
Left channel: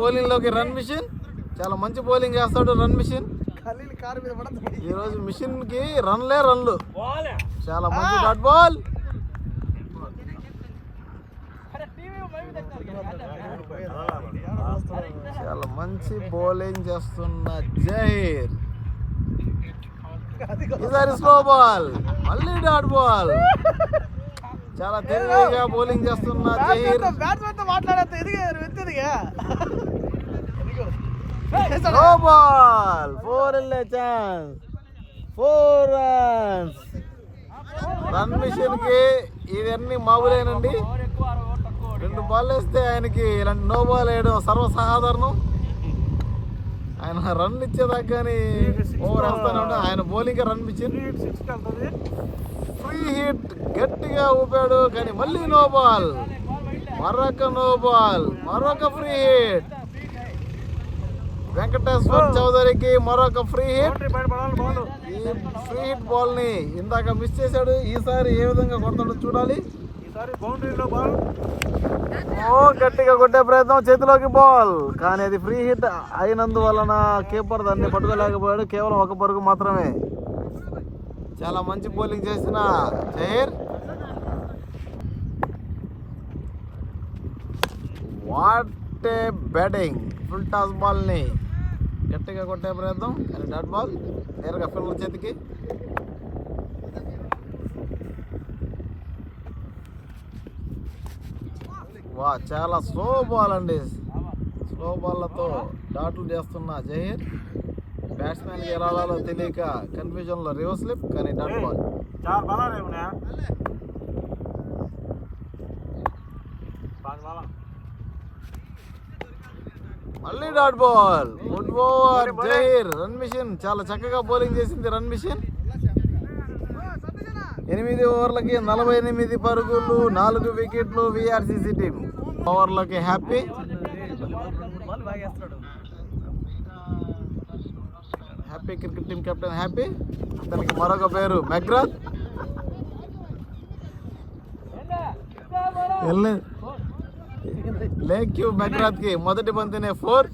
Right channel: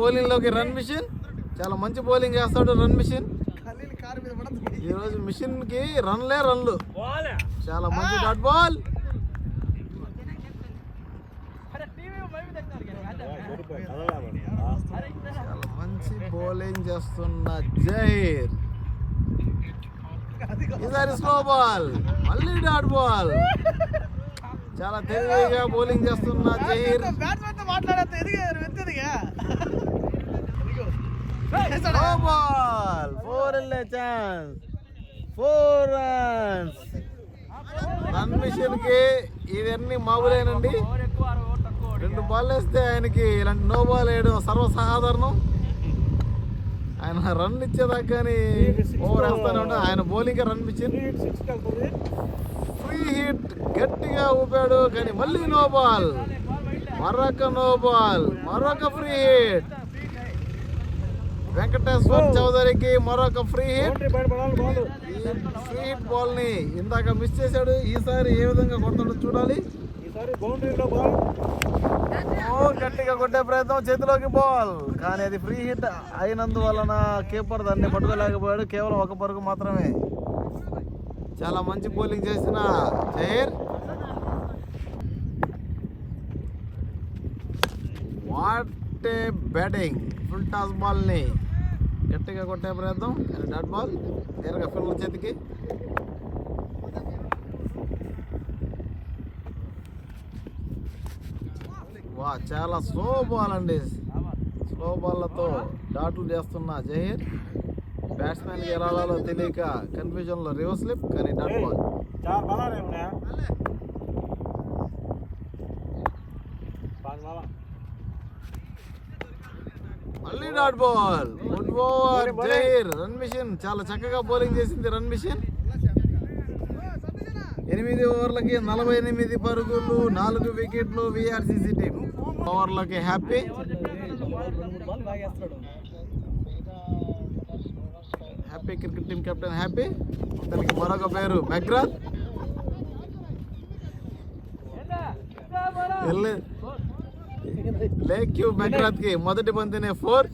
బౌలింగ్లోకి రన్ మిషన్, చాలా మంచి బౌలింగ్ చేస్తాడు రన్ మిషన్. ఈరోజు మిషన్కి రన్లే రన్లు. చాలా మంచి డాట్ బాల్. చాలా మంచి బౌలింగ్ చేస్తున్న జహీర్. ఈసారి స్లో బాల్, మళ్ళీ డాట్ బాల్. చాలా తెలివిగా బౌలింగ్ చేస్తున్న జహీర్. స్లో బాల్, 4 వెళ్ళే ఛాన్స్, 4 రన్స్. రన్ మిషన్ కి ఇవన్నీ మామూలేనండి. 2 బాల్ వేస్తే ఆయనకి ఇలాంటి నో బాల్ వేయడం సర్వసాధారణం. ఆయన రన్ ఇచ్చేదాకా కానీ ఓవర్ వేస్తానే ఉంటాడు. ఆయన bowling run machine. Free hit గట్టిగా ఊపాడు, కానీ మళ్ళీ నో బాల్. మరొక నో బాల్, మరొక ఫ్రీ హిట్. వెంకటేశ్వర్ చౌదరికి మరొక ఫ్రీ హిట్. ఈ ఫ్రీ హిట్ బాల్ ని ఇందాక మిస్ చేశాడు. ఈసారి ఏ విధంగా కొడతాడో చూడాలి. ఓ గట్టిగా కొట్టే ప్రయత్నం, చేతిలోకి బాల్, కానీ అది ఫ్రీ హిట్ అయినందువలన కీపర్ దాన్ని పట్టుకోలేకపోయాడు. కేవలం ఒక పరుగు మాత్రమే. చాలా మంచి బౌలింగ్ చేసిన Zaheer. What a batting! Full toss బాల్ని గట్టిగా కొట్టే ప్రయత్నం, కానీ డాట్ బాల్ నేరుగా ఫీల్డర్ చేతికి. వా, చాలా స్లో బాల్ అండి. స్లో బాల్లతో డాట్లు చేస్తున్న జహీర్. బ్యాట్స్మెన్కి ఎలా ఆడాలో తెలియక కన్ఫ్యూజన్లో రివర్స్ స్లిప్, కానీ డాట్ బాల్. మళ్ళీ dot ball. Good over Zaheer. Run machine చాలా చక్కగా బౌలింగ్ చేసింది. రన్ మిషన్ 8 ఓవర్లకి 48 పరుగులు, 4 వికెట్లు. విఆర్సీసీ టీం ఓవర్లకి happy. Happy cricket team captain happy. అతనికి మరొక పేరు మెగ్రాత్. లేక్యూ మెగ్రాత్ కి మొదటి బంతినే 4.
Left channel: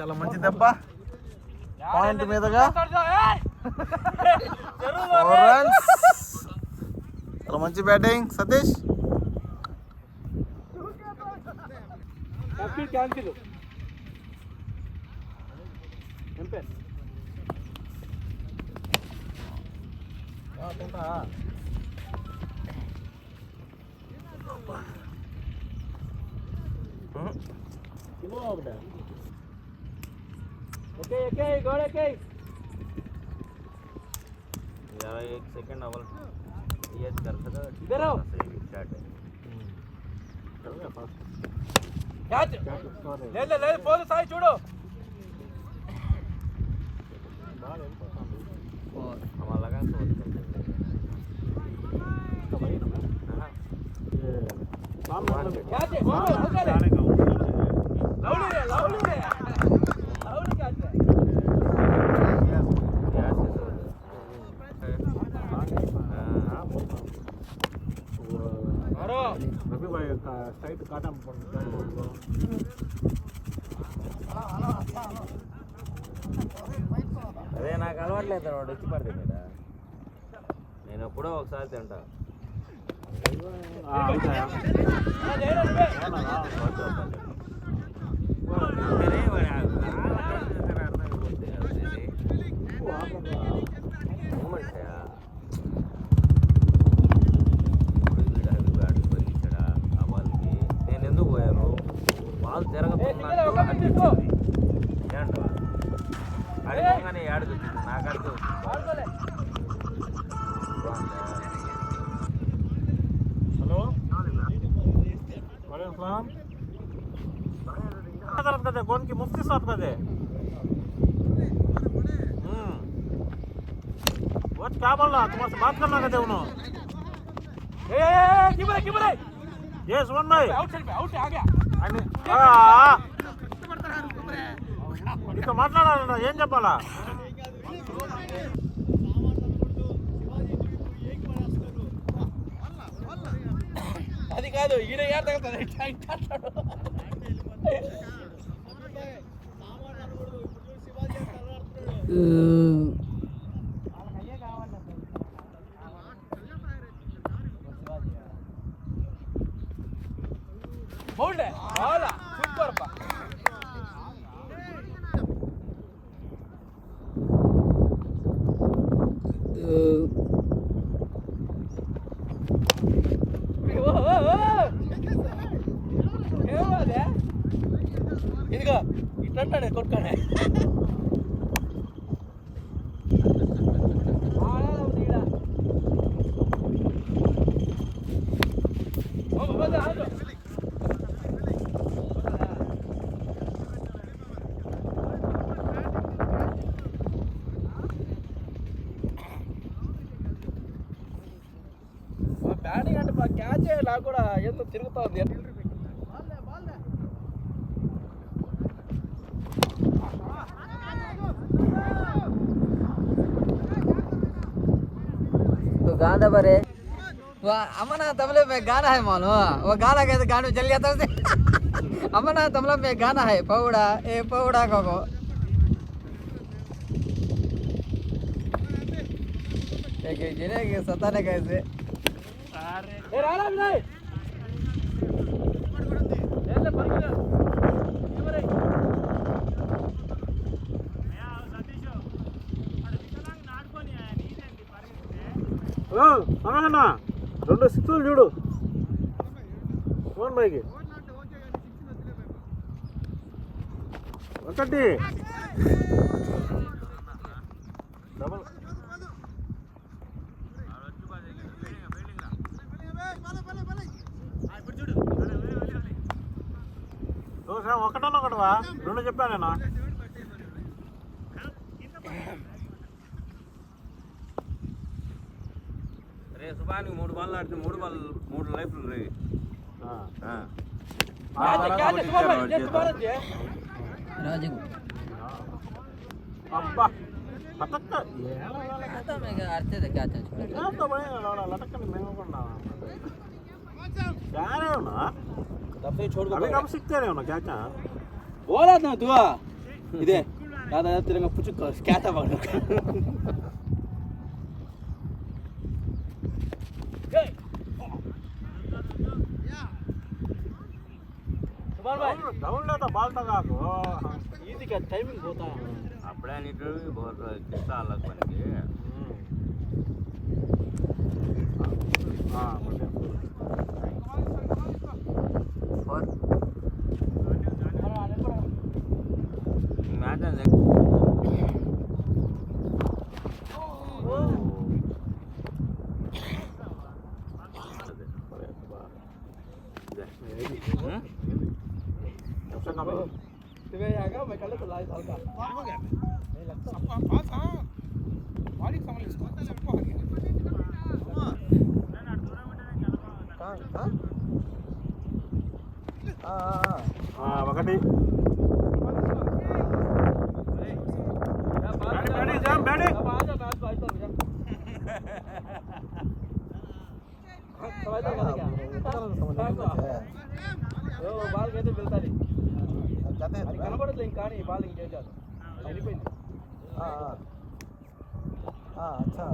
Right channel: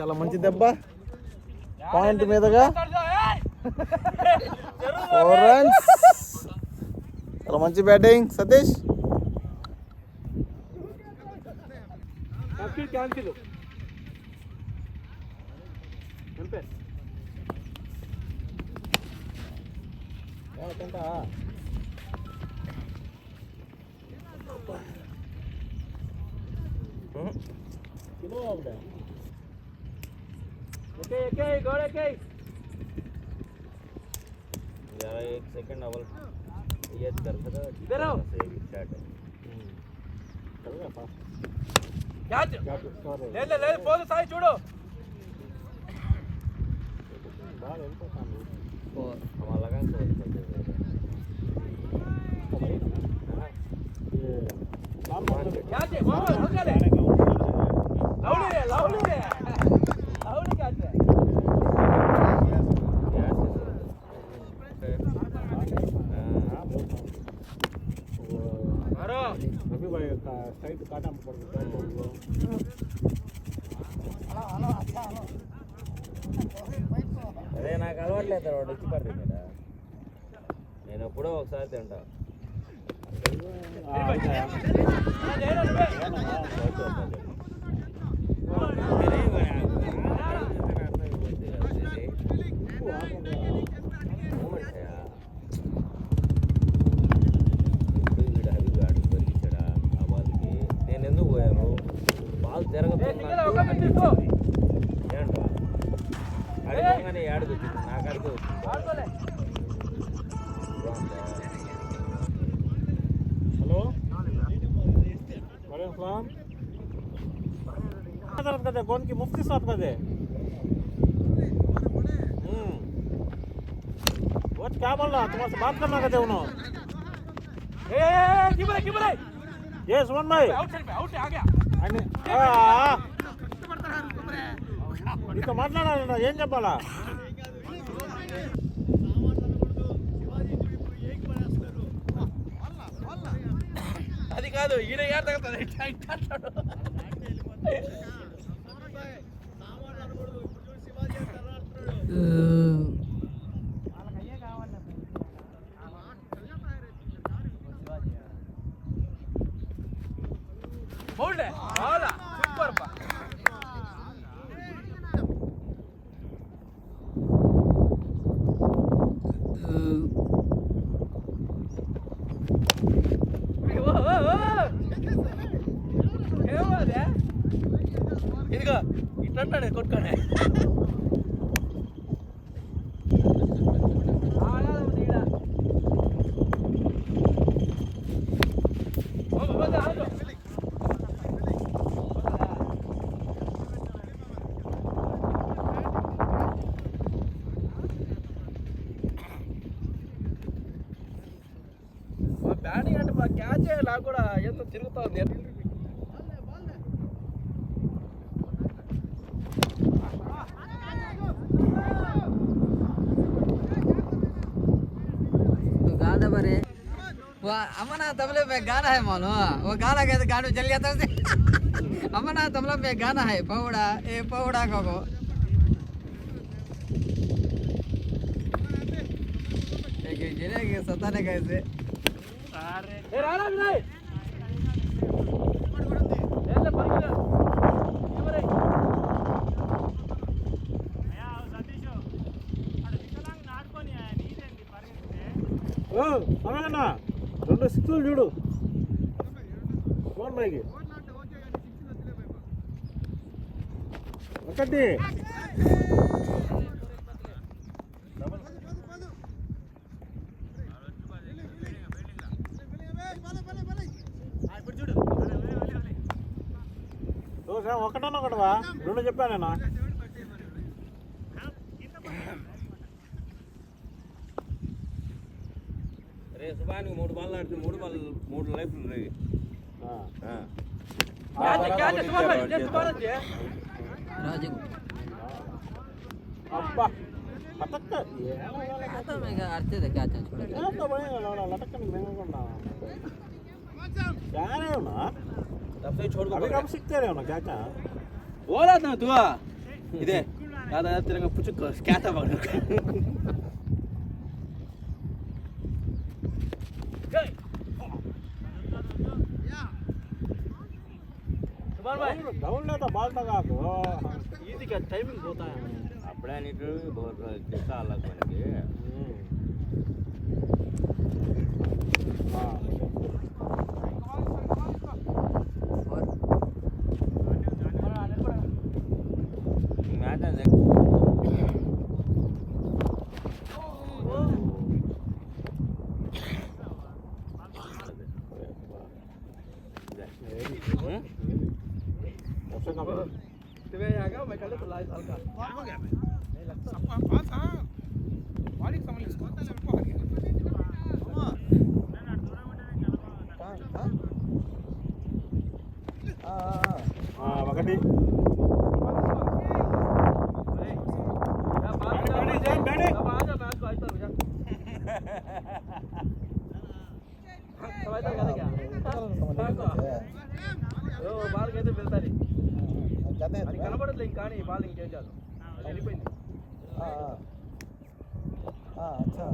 చాలా మంచి దెబ్బ. పాయింట్ మీదగా 4 రన్స్. చాలా మంచి బ్యాటింగ్ సతీష్. एक सेकंड अवल ये करता था इधर आओ स्टार्ट कैच ले ले ले बोल साई छोड़ो हमारा लगा कैच बोल हो गया लाउडी कैच है అదే నాకు అలవాట్లేదు వాడు వచ్చి పడతాడు కదా నేను ఎప్పుడో ఒకసారి తింటా నేను ఎందుకు పోయాను బాల్ జరగదు ఆడుకు నాకు అడుగు हेलो कौन की मुफ्ती साहब का दे वो क्या बोल रहा तुम्हारे से बात करना कहते उन्होंने ये सुमन भाई आ गया इतो మాట్లాడాలన్నా ఏం చెప్పాలా అది కాదు ఈడ యార్ తగలతది బౌల్డ్ బాల్ సూపర్ బా ఇదిగో ఇట్లంటాడే కొట్టుకోనే బ్యాటింగ్ అంటే బాగా క్యాచ్ నాకు కూడా ఏదో తిరుగుతా ఉంది. तो गाना बरे वो अमना तबले में गाना है मानो वो गाना कहते गाने चल जाता है अमना तबला में गाना है पौड़ा ए पौड़ा को एक जिने के सताने कैसे ఏ రారా వినయ్ ఏలే పరిగె ఎవరే సమయన్నా 2 సిక్స్లు చూడు సుమన్ భాయ్కి ఒకటి ఒకటన్నా ఒకటివా 2 చెప్పాను నేను. సుబానికి 3 బాల్ ఆడితే 3 లైఫ్లు రే राजू అబ్బా పతక్క आता मैं क्या करते थे क्या चल ఎంత భయం లటక్కని మేమకుండా क्या रहे हो ना दफे छोड़ को अभी कब सीखते रहे हो ना क्या बोला था दुआ इधे याद आया तेरे में कुछ क्या था बोल सुभान भाई डाउन लेता बाल तक आको इजी का टाइमिंग होता है అప్పుడే నీకు किस्सा अलग बन गए तुम्हें आएगा मैं कल तो लाइव हल्का नहीं लगता सबको हम पास हां बॉडी संभाल इसको सबको आ गया ఒకటి बैठी जा बैठी अब आ जा मैच भाई चल जा समझ तो क्या वो बाल कैसे मिलता नहीं అది కనబడట్లే ఇంకా కానీ బాల్ ఇంకేం చేద్దాం అయిపోయింది अच्छा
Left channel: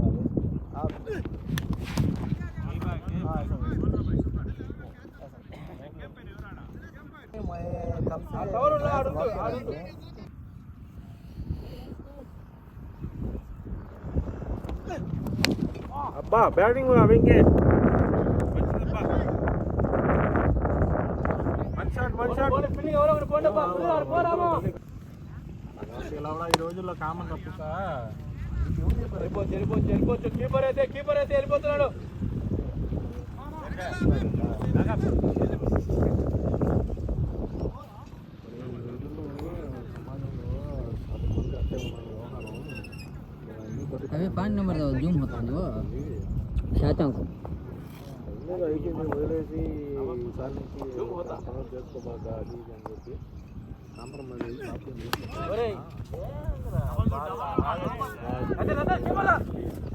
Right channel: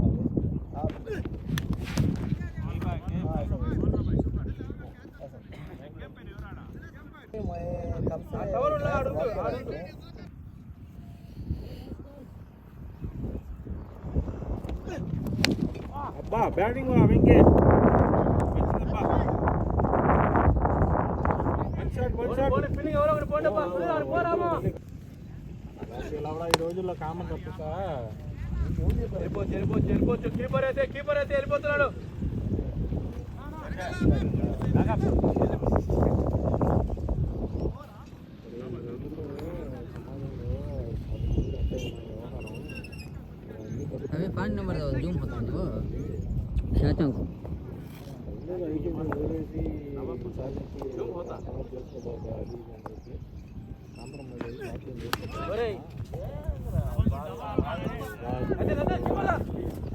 అబ్బా బ్యాటింగ్ వెంకీ ఫీలింగ్ ఎవరో ఒకటి పోండి పోరామో ఇలా ఈ రోజుల్లో కామన్ తప్ప వెళ్ళిపోవచ్చు కీపర్ అయితే వెళ్ళిపోతున్నాడు अभी 5 नंबर का जूम होता है वो शायद को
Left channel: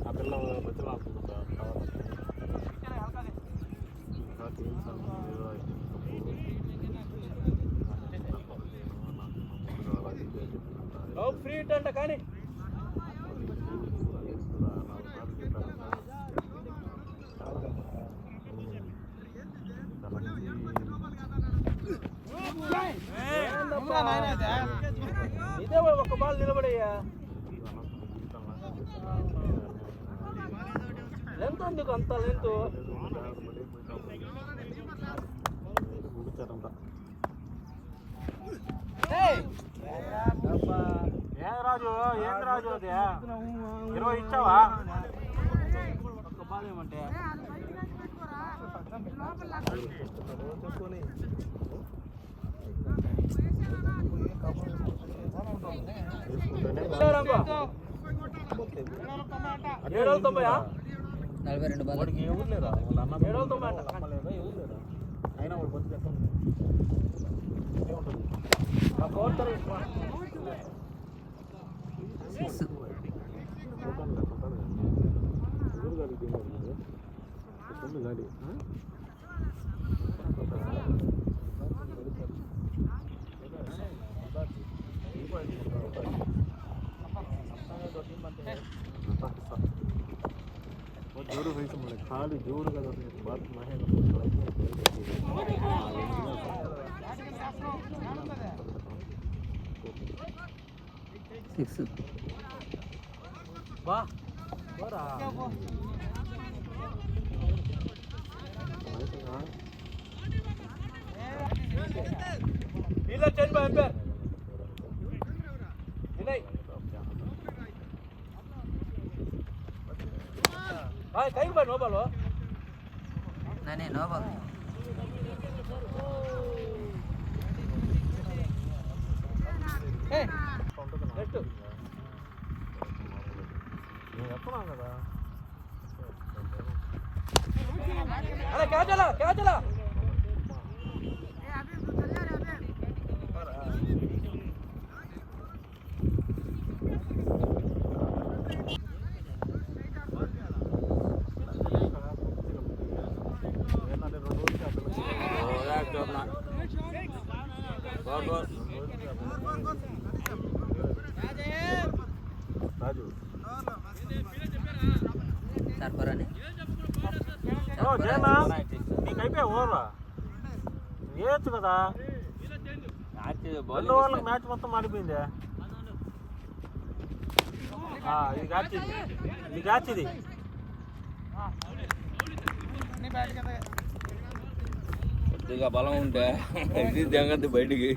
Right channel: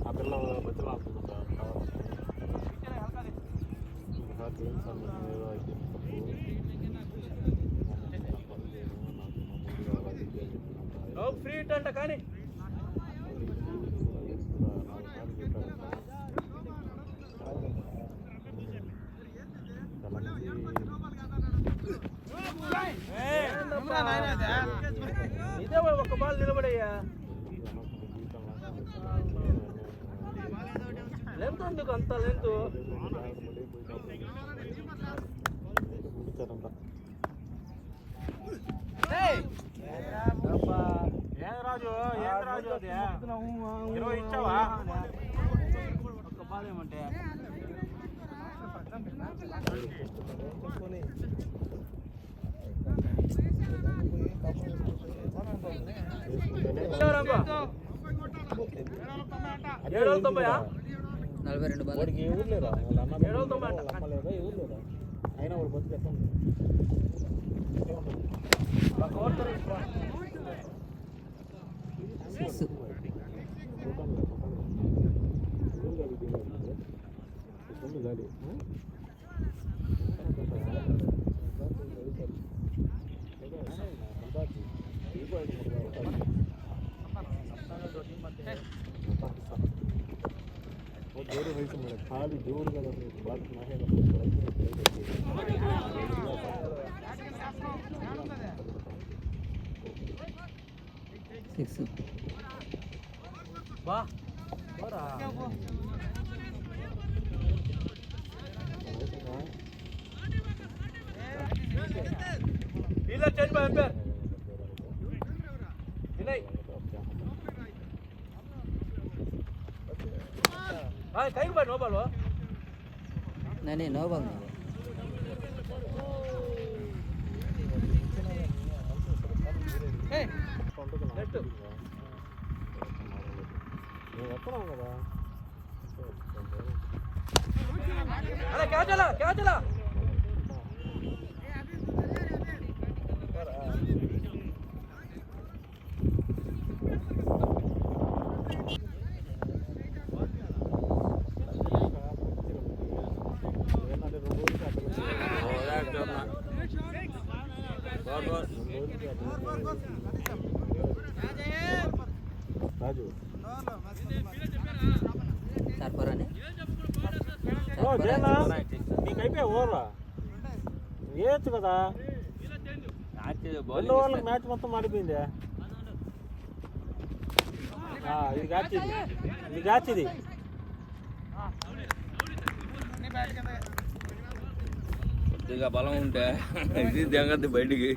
ఆ పిల్ల బచ్చలు ఆడుతుందా ఫ్రీ అంట కానీ ఇదే ఒక బాల్ నిలబడయ్యా లెంత్ ఎందుకు అంత లెంత్ ఏం రాజు అది 20 ఇచ్చావా ఒక బాల్ ఏమంటే 42 బాల్. వాడికి ఎవరు లేదా వాళ్ళ అన్న ఏడవతో మాట లేదా ఎవరు లేదా అయినా వాడు బతుకు ఎక్కడ సిక్స్. జోరు వేసి మరి కాలు జోరుగా బాత్ మహేంద్ర 6. డీలర్ చేంజ్ బై అంపైర్ వినయ్ भाई कहीं पर नो बालो नहीं नो बॉल नेक्स्ट अरे क्या चला चार पर आने జయనా నీకు అయిపోయా ఓవర్లా వేయచ్చు కదా రెండు ఓవర్లకు మ్యాచ్ మొత్తం మారిపోయింది ఇది క్యాచ్ ఇది కొద్దిగా బలం ఉంటే ఇది దిగద్దు బయటికి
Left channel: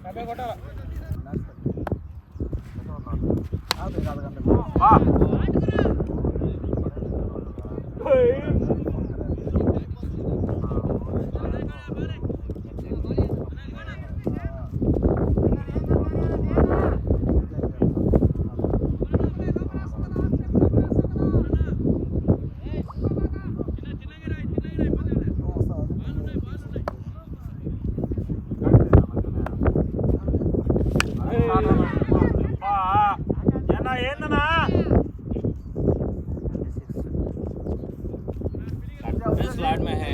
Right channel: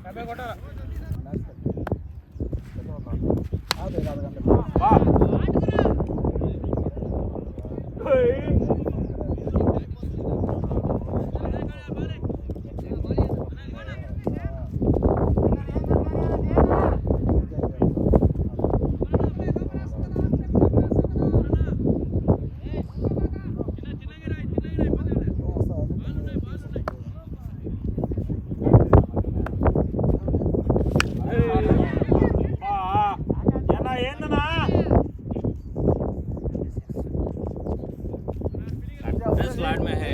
स्लाइड में है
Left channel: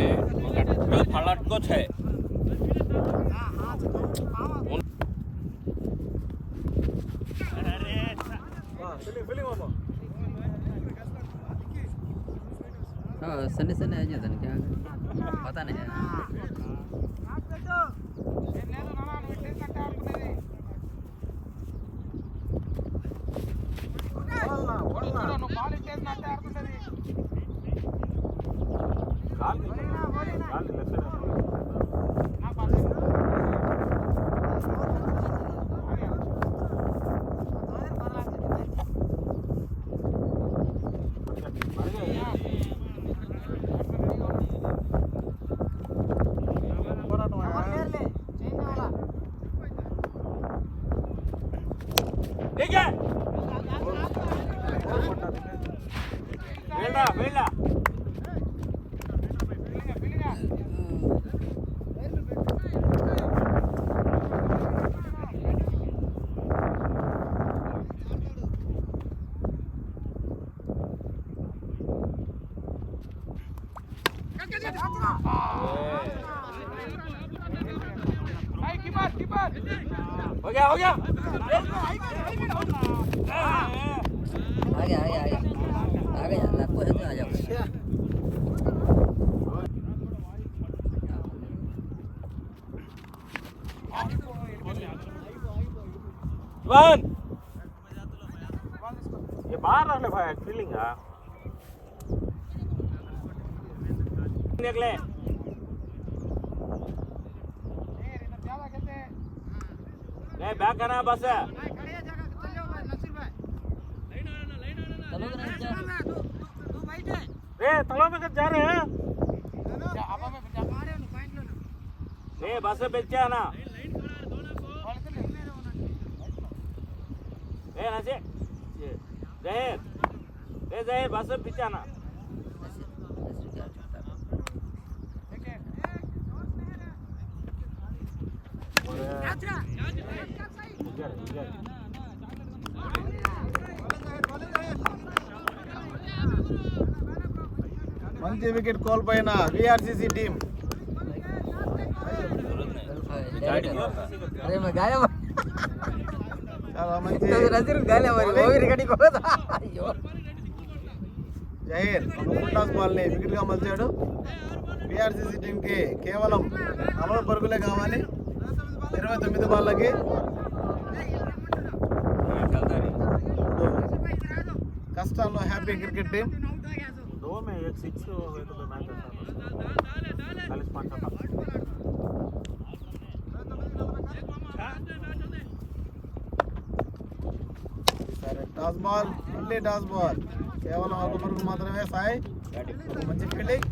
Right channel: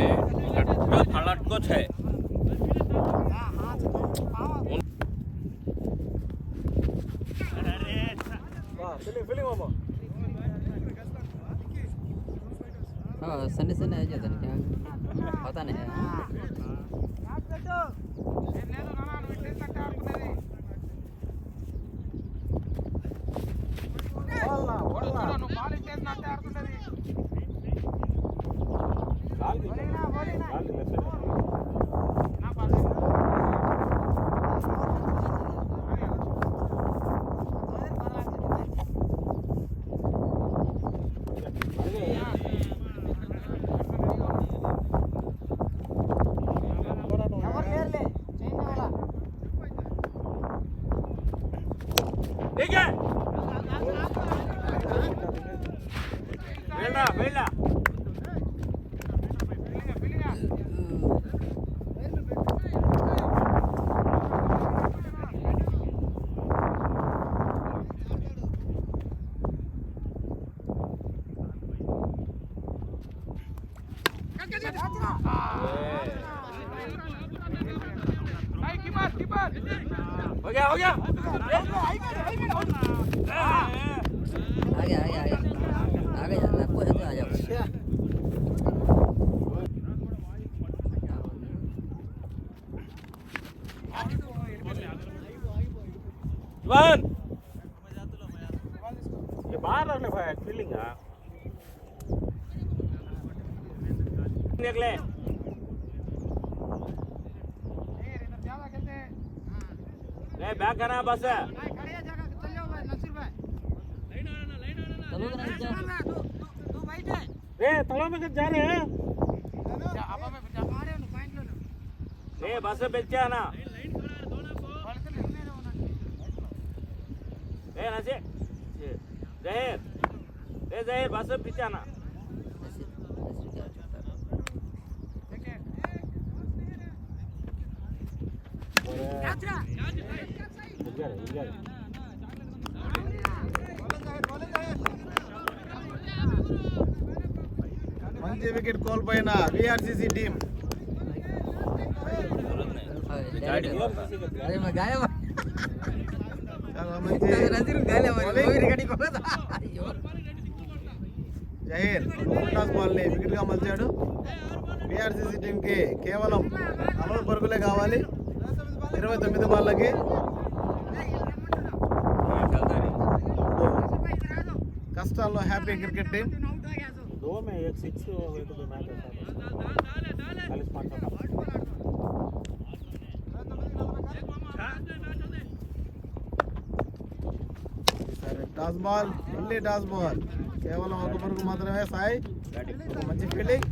जो पलट कुछ है हाँ सन्ने सन्ने आ जाता नहीं क्या पता नहीं है ठीक है वेला हो गया आ गया आपको है तो आ जाओ वन ये बाहर रखने भाई फीलिंग है निकले ले बैक करना बस है रे तलाव में जा रहे हैं ले बस बेच ना ए नसे जहेर बस पिचाना మంచి వికెట్ కోల్పోయిన విఆర్సీసీ టీం. अरे मैं गाया చాలా మంచి नजर गाया మరి ఓవర్ రికార్డింగ్ పోదా అయ్యో జహీర్ ఫుల్ టాస్ బాల్ ని వికెట్ గా మలిచాడు. విఆర్సీసీ టీం కి కేవలం 40 పరుగులే కావాలి 29 బాళ్ళకి. కష్టాల్లో హ్యాపీ క్రికెట్ టీం. 2 में एक 6 एक तो मैच 40 సరే టాస్ బాల్, మళ్ళీ టాస్ బాల్. కేవలం ఒక పరుగు మాత్రమే సాయి. మంచి ఫీల్డింగ్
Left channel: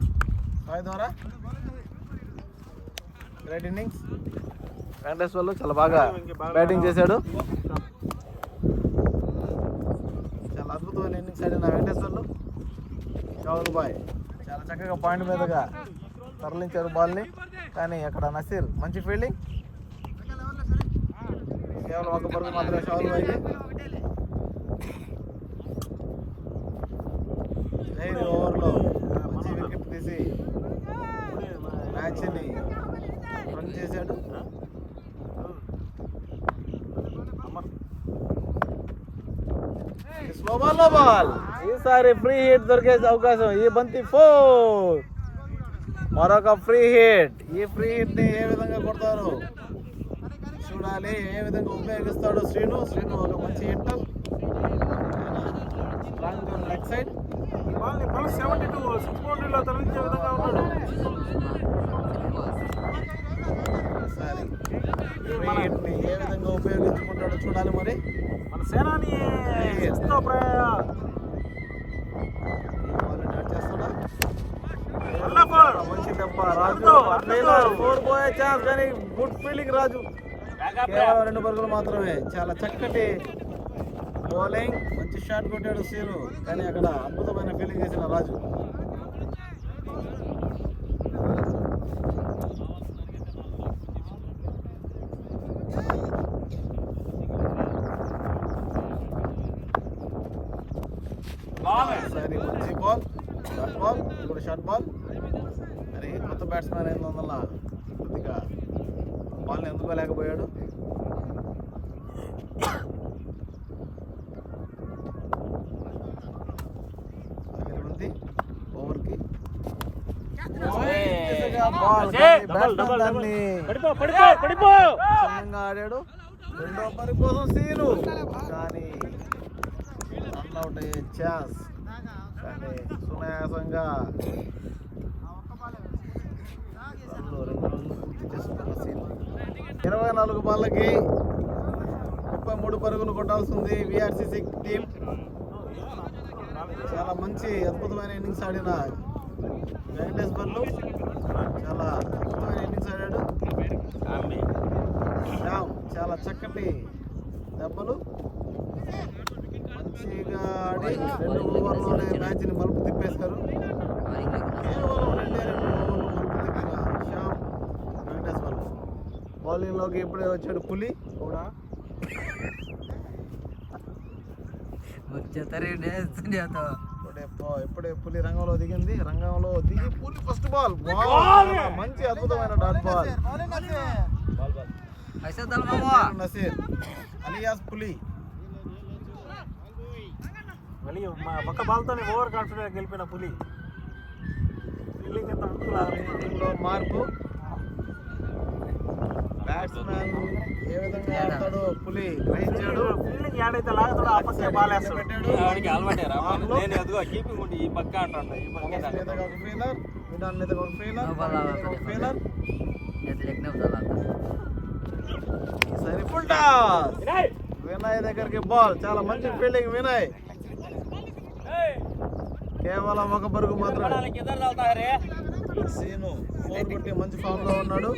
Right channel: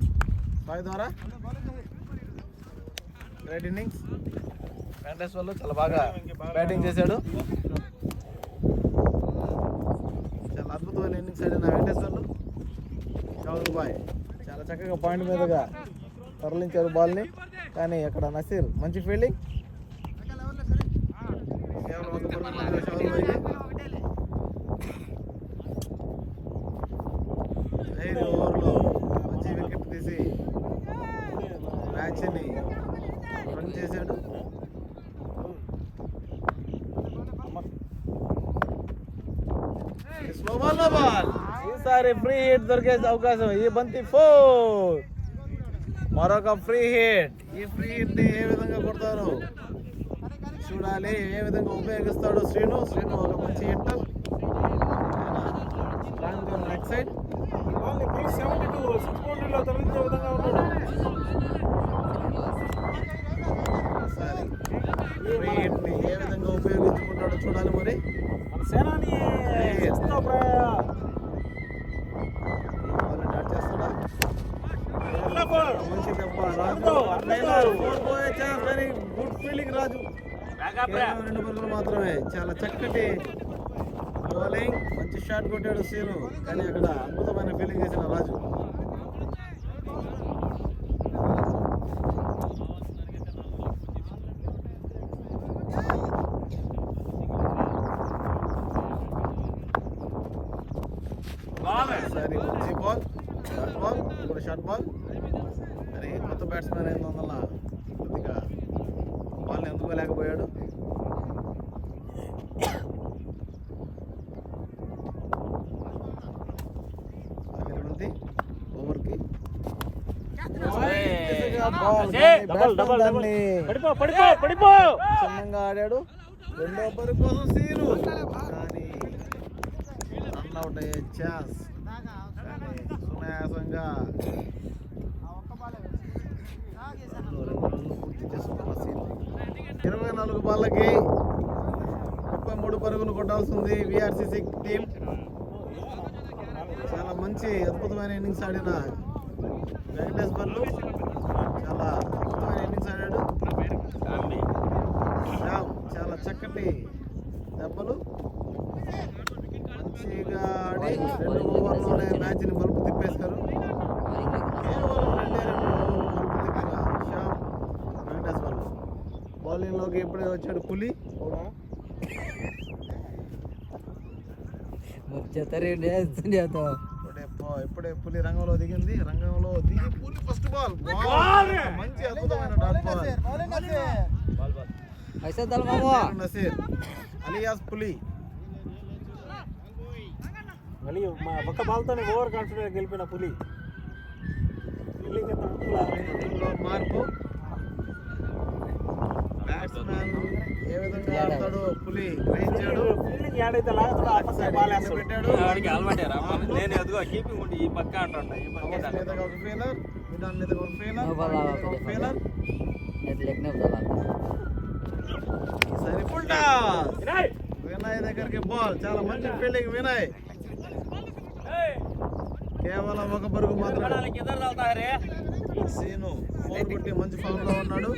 సాయి ద్వారా. Great innings. వెంకటేశ్వర్లు చాలా బాగా బ్యాటింగ్ చేశాడు. చాలా అద్భుతమైన ఇన్నింగ్స్ ఆడిన వెంకటేశ్వర్లు. షావుల్ బాయ్ చాలా చక్కగా పాయింట్ మీదగా తరలించారు బాల్ని. కానీ అక్కడ నసీర్ మంచి ఫీల్డింగ్. కేవలం ఒక పరుగు మాత్రమే షావుల్ బాయ్కి. 5 ఓవర్లో మంచి వికెట్ తీసి మ్యాచ్ని రన్ చేశాడు. స్లో బాల్, లో బాల్. ఈసారి ఫ్రీ హిట్ దొరికే అవకాశం. ఈ బంతి 4. మరొక ఫ్రీ హిట్. ఈ ఫ్రీ హిట్ ని ఏ విధంగా కొడతారు చూడాలి. ఏ విధంగా ఉపయోగిస్తాడు శ్రీను. ఒక మంచి హిట్ లెగ్ సైడ్. 72 6 బౌండరీలో తరలించే విధంగా ఉన్నాడు. సరే ఫ్రీ హిట్ ని ఏ విధంగా ఉపయోగించుకుంటాడో చూడాలి. మరి మన సేనాని చేస్తా మంచి దెబ్బ రాజు. 4 పోయే ఛాన్స్ కానీ గుడ్ ఫీల్డింగ్ రాజు. కేవలం 2 పరుగులు మాత్రమే. చాలా చక్కటి బౌలింగ్. మంచి షాట్ కొట్టాడు సీను. కానీ అక్కడ అద్భుతమైన ఫీల్డింగ్ చేసిన రాజు. సరే మంచి బాల్, షార్ట్ బాల్. ఇది కూడా షార్ట్ బాల్. మరి కొత్త బ్యాట్స్మెన్ అయినందువల్ల కొద్దిగా బాల్ని అందుకోలేకపోయాడు. ఓవర్కి చిన్నంగా ఆడాడు. 2వ పరుగు కోసం సీను. కానీ రన్అట్ అయ్యే ఛాన్స్. కానీ సునాయాసంగా 2 రన్లు పూర్తి చేసుకున్న సీను. 24 బాళ్ళకి 33 పరుగులు కొట్టాల్సింది విఆర్సీసీ టీం. చాలా మంచి అద్భుతమైన ఇన్నింగ్స్ ఆడిన వెంకటేశ్వర్లు చాలా అద్భుతమైన ఇన్నింగ్స్ ఆడాడు. శ్యామ్ చాలా చక్కటి దెబ్బలు. మంచిగా ఆడి 2 ఓవర్లోనే మ్యాచ్ని మలుపు తిప్పేశారు. కేవలం 2 ఓవర్లు మలుపు తిప్పిన శ్యామ్ వెంకటేశ్వర్లు. బౌలింగ్లోకి ఇప్పుడే వచ్చాడు పులి కూడా. ఇప్పుడే పులి రంగంలో దిగింది. రంగంలో దిగి పులి ఫస్ట్ బాల్ మంచి అద్భుతమైన డాట్ బాల్. నసీర్ అలియాస్ పులి. మళ్ళీ ఒక్క బాల్తోనే ఓవర్ కాన్ఫిడెంట్ గెలిపిన పులి. మార్పు. బ్యాట్స్మెన్ ఏ విధంగా ఆడతాడో పులి గ్రహించాడు. ఫీల్డింగ్ యాడైతే లాగుతాడో ఆ పక్క బాల్ వేస్తాడు. మీదగా ఒక ఫీలర్. సరే ఫుల్ టాస్. వినయ్ దగ్గరికి బాల్. చాలా మంచి ఫీల్డింగ్ వినయ్. కేవలం 1 పరుగు మాత్రమే. సీను 4 కొట్టి మంచి ఫామ్ లో ఉన్నాడు.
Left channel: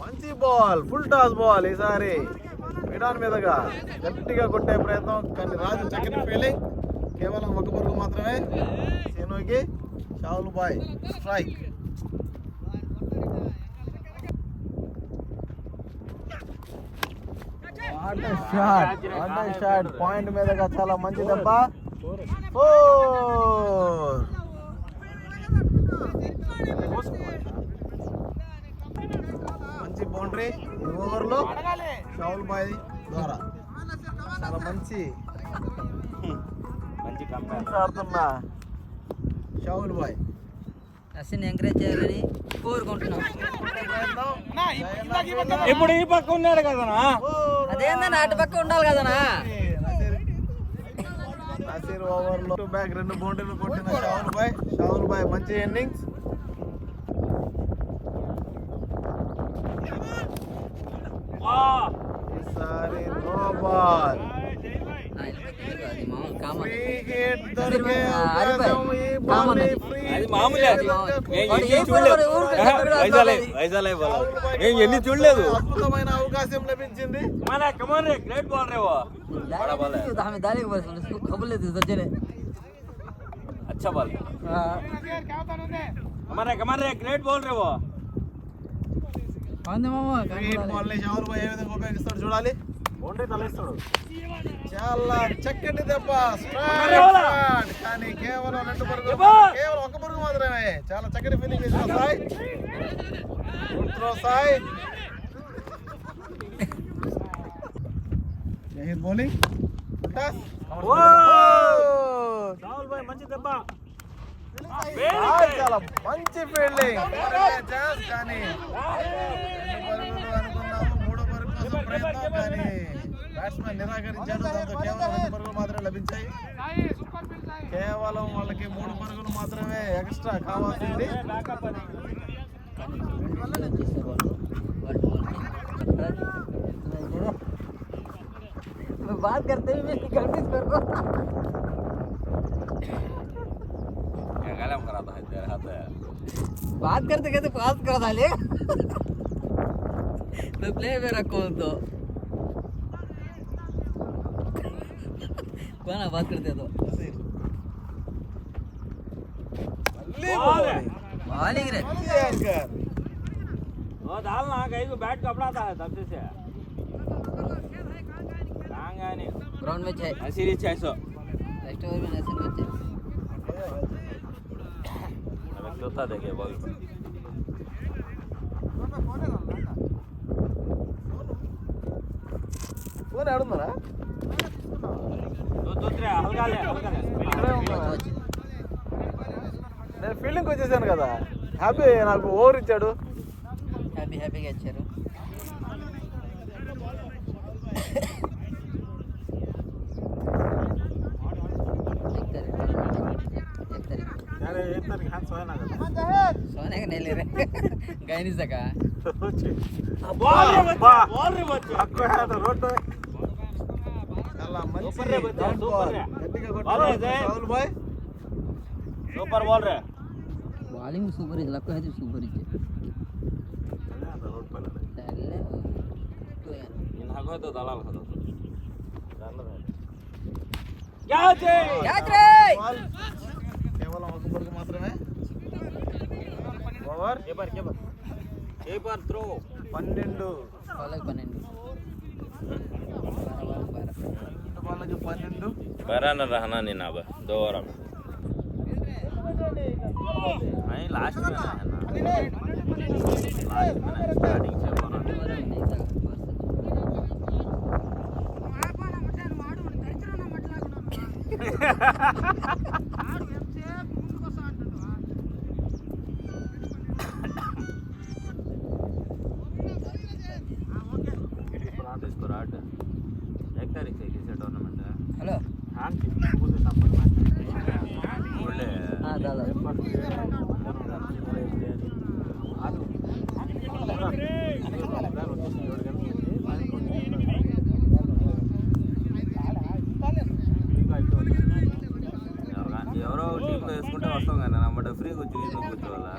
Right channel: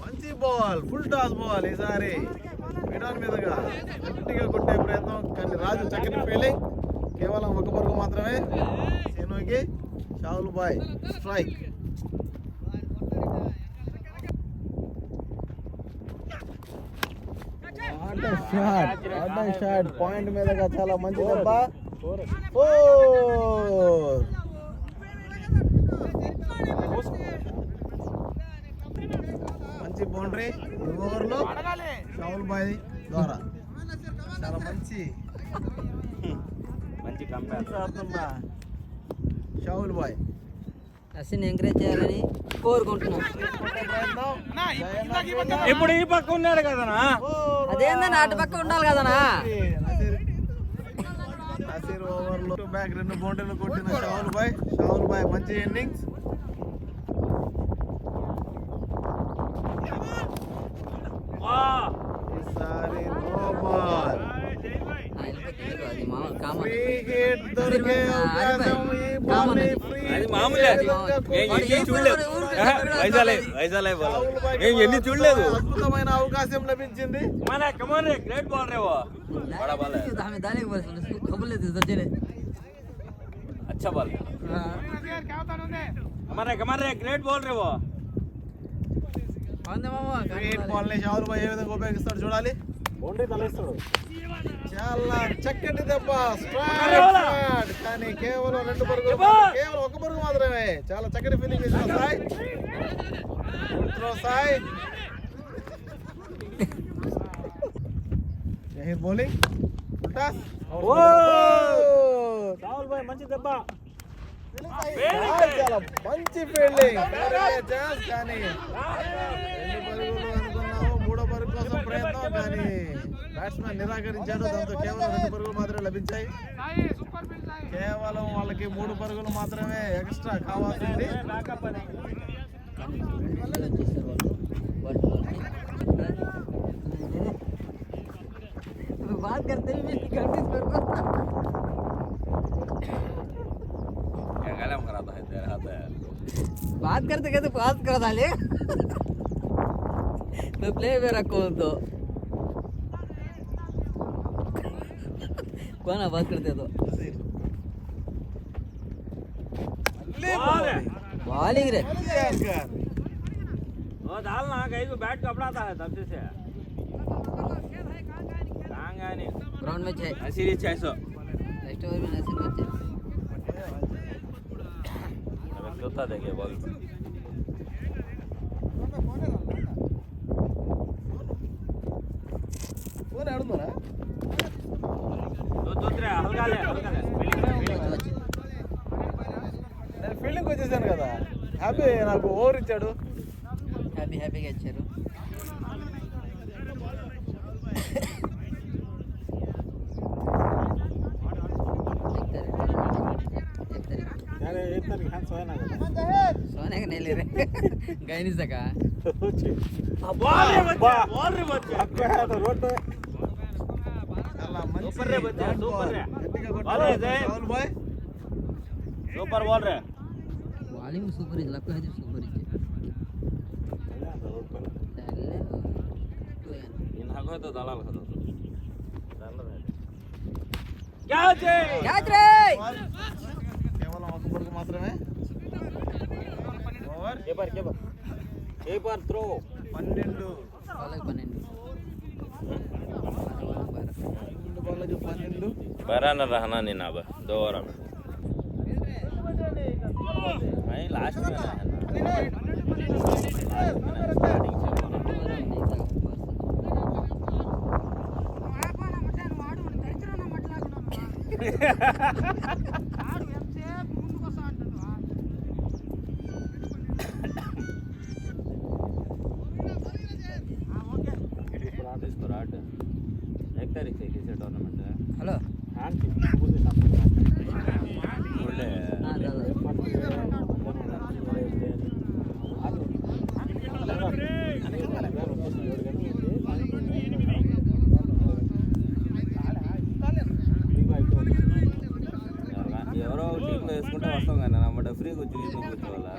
మంచి బాల్, ఫుల్ టాస్ బాల్. ఈసారి విడాన్ మీదగా గట్టిగా కొట్టే ప్రయత్నం. కానీ రాజు చక్కటి ఫీల్డింగ్. కేవలం 1 పరుగు మాత్రమే సీనుకి. Shahul bhai strike. Shot point మీదగా చాలా మంచి దెబ్బ. మంచి బౌండరీ ఓవర్లో షావుల్ బాయ్ ద్వారా చాలా మంచి ఆడుతున్నా షావుల్ బాయ్. అసిన్ ఎంకరేజ్ చేయాలని కోరుకుంటున్నాం. ఇప్పుడు ఈ పక్క ఉన్నాడు కదనా. అదేందన్నా అటు పక్క ఉండాలి కదనా. నసీర్ ఓవర్లో బ్యాక్ 2 బౌండరీలు కొట్టిన షావుల్ బాయ్ మంచి ఇన్నింగ్స్. ఈసారి నో బాల్. మామూలు కామన్. ఫ్రీ హిట్ దొరికే అవకాశం ఈ బాల్ ని ఫ్రీ అది మామూలే. ఎన్ని చూడలేదు. అద్భుతమైన అవకాశం లభించింది. గ్రేట్ బాల్ రేవో. हमें डाले के बस उसको खबर लेते सोचे ले. अच्छा बॉल. हमारे ग्रेट बॉल रे वो. पांडे मामा ఫ్రీ హిట్ బాల్ ని షావుల్ బాయ్ ఏ విధంగా ఉపయోగిస్తాడు చూడాలి. బౌండరీ తలేస్తాడు. చాలా చక్కటి దెబ్బ స్ట్రైక్ షాట్. కానీ కేవలం 2 పరుగులు, కేవలం 1 పరుగు మాత్రమే. చాలా చక్కటి ఫీలింగ్ ఇచ్చిన Sai. Throw Sai. Zaheer bowling. Toss. Shahul బాయ్ మంచి దెబ్బ. చాలా మంచి ఫీల్డింగ్. కానీ 2 పరుగులు అనుకున్నాము. 3వ పరుగు కోసం ప్రయత్నం కానీ బ్యాట్స్మెన్ నిరాకరించాడు. దాంతో కేవలం 2 పరుగులు మాత్రమే లభించాయి. కేవలం వాళ్ళకి 3 పరుగులు మాత్రమే ఎక్స్ట్రా కావాల్సింది. बात करते हुए मेरी गलती कर को क्या गलम कराता है तेरे हाथ है. बात करते कहते पास कर डाले तो प्ले में रखो तो कौन बात करते तो बॉलिंग रे वो डालना कहीं को बैट कपड़ाता है तब से ग्राउंड में है सीरीज 600 नेक्स्ट ओवर में नसीब बच्चे जोता देखिए बॉल. ఆడుతున్నారా? दूसरे हल्का ले నేను ఫీల్డింగ్ వచ్చేసాను కదా. హ్యాపీ నాకు ఓవర్ ఇచ్చాడు. హ్యాపీగా ఇచ్చారు. सोने का नहीं ले रहे गए नहीं सका. చాలా మంచి డౌన్ బాల్. గట్టిగా కొట్టాడు షావుల్ బాయ్. सुपर बॉल रे. बॉलिंग सुपर इज लगता है सुपर इज इन हको तो दलाल खतो క్యాచ్ క్యాచ్ రే. బాల్ కేవలం 1 పరుగు మాత్రమే. Over keeper throw 12. వాళ్ళకి 12 వాళ్ళకి 12. 12 न रहना नहीं ना 2 ओवर में नहीं लास्ट में है ना स्टार्टिंग से एक तारीख से किसी टूर्नामेंट है. हेलो हाँ हाँ दादा ఎవరో టీంలో వేసుకుంటే వస్తాం కానీ నమ్మట ఫ్రీ కూర్చోవాలా.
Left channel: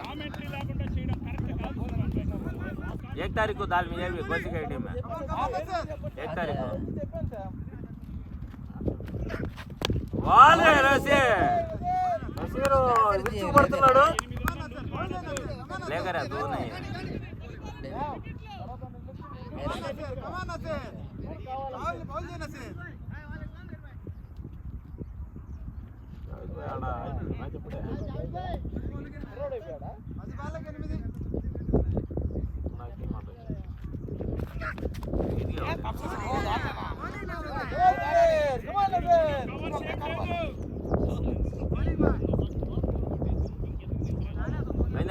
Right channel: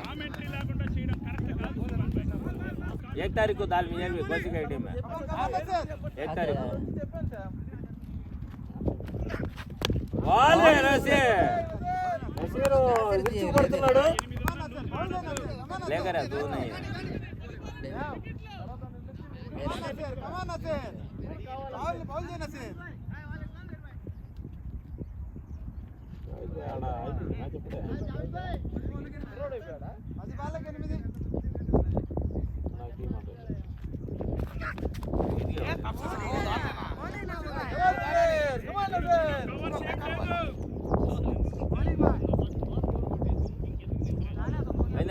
1 तारीख को दाल मिल जाएगी कोची का टीम है 1 तारीख को. बॉल है रसे నసీరు విరుచుకుపడుతున్నాడు. लेकर आ दो नहीं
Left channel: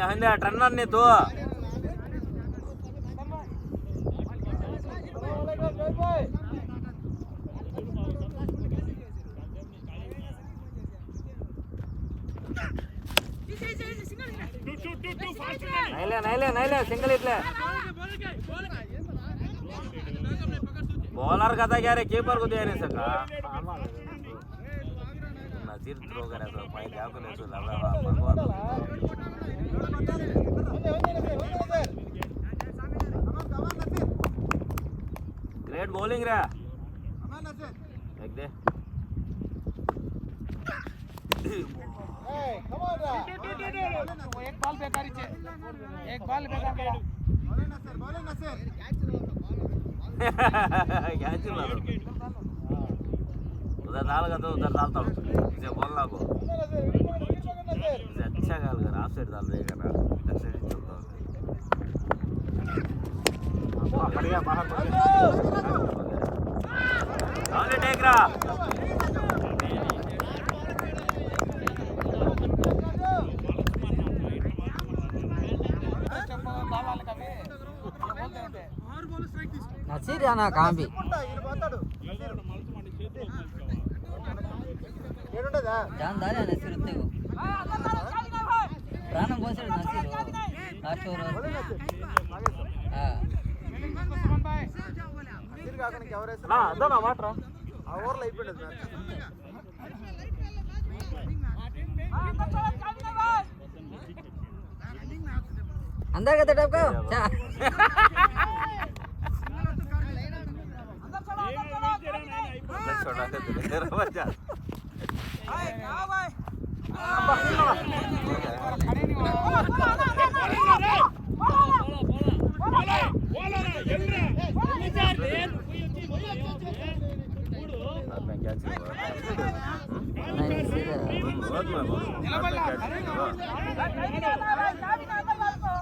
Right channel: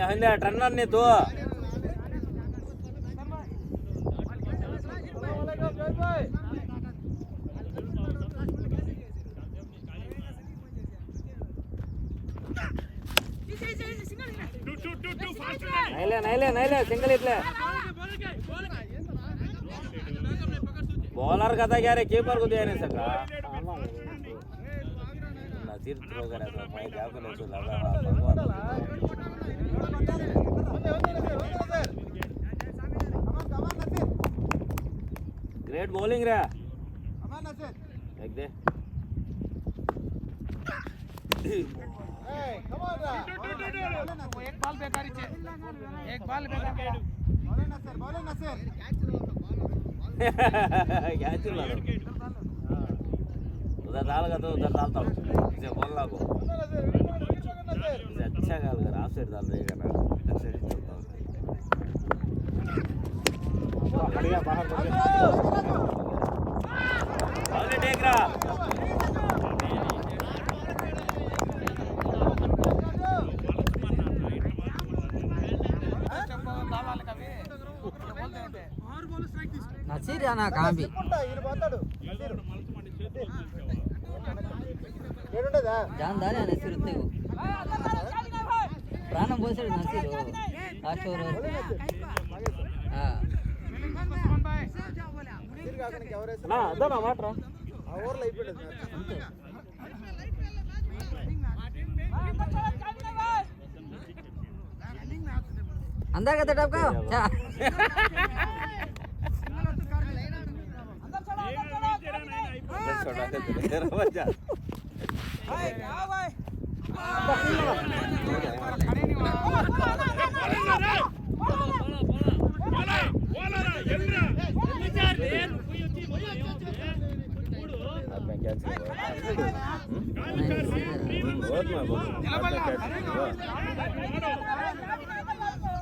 हंदे टर्नर ने तो नहीं सिंगल इतने बॉलर का था क्या रे कीपर को दे नहीं सका नजीर थ्रो करे तो मैं क्या करूं तो ग्रेट बॉलिंग रे देख दे एक बॉल बेकारी छे एक बॉल बेकार क्या चल रहा उधर डाल का तो उधर डालता हूँ इसे बोलना को इसे अच्छा गाल कर आप साइड डाल देगा ना इधर से चलता हूँ बढ़िया बाहर ऑल टेक रहा नसीर आना कहाँ भी जानदार है नसीर उतने को प्राणम बोल से नसीर हो लास्ट ओवर हाँ ना दो ना माट्रा अंदर का टप का छोटा तेरा बच्चा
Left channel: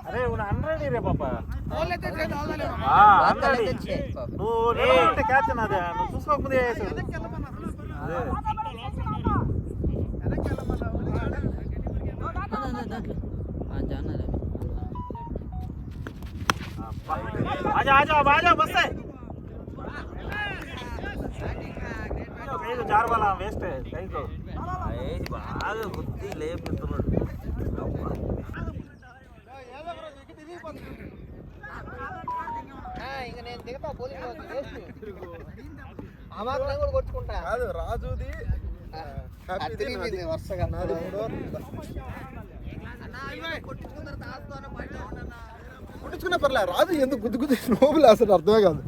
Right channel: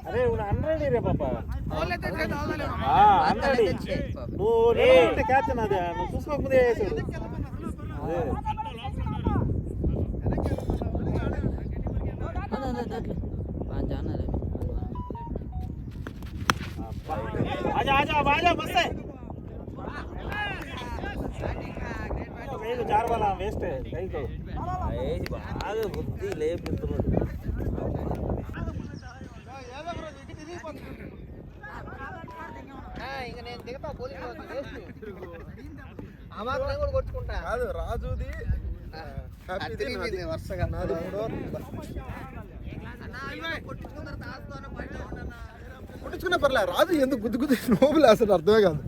अरे अनरेडी रे पापा बॉल लेते थे डाल डाले నువ్వు క్యాచ్ నాదే నువ్వు చూసుకోకముందే వేసాడు అదే आजा आजा आजा बस है कहीं तो चार वाला वेस्ट है कहीं तो బాగా గుద్ది లేపుతున్నాడు ఇంకా నేను దిగుతా పోలీసు అమాత్రం కూడా కొట్టుకుంటా కాదు రాజుది వరుసగా నాది 3 కొట్టించుకున్నా పర్లే రాజు ఎందుకు గుద్దు గుద్దు నోబులు అసలు అర్థమే కాదు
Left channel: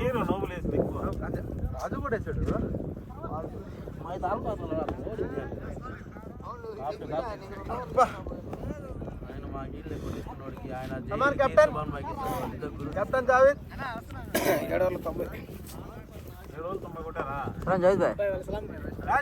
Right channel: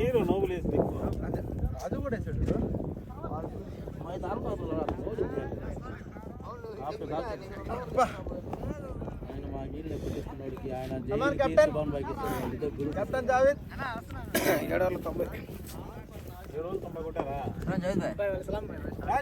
హీరో నోబుల్ వేసి రాజు కూడా వేసాడు కెప్టెన్ జావేద్ 790 జోయిద్ భాయ్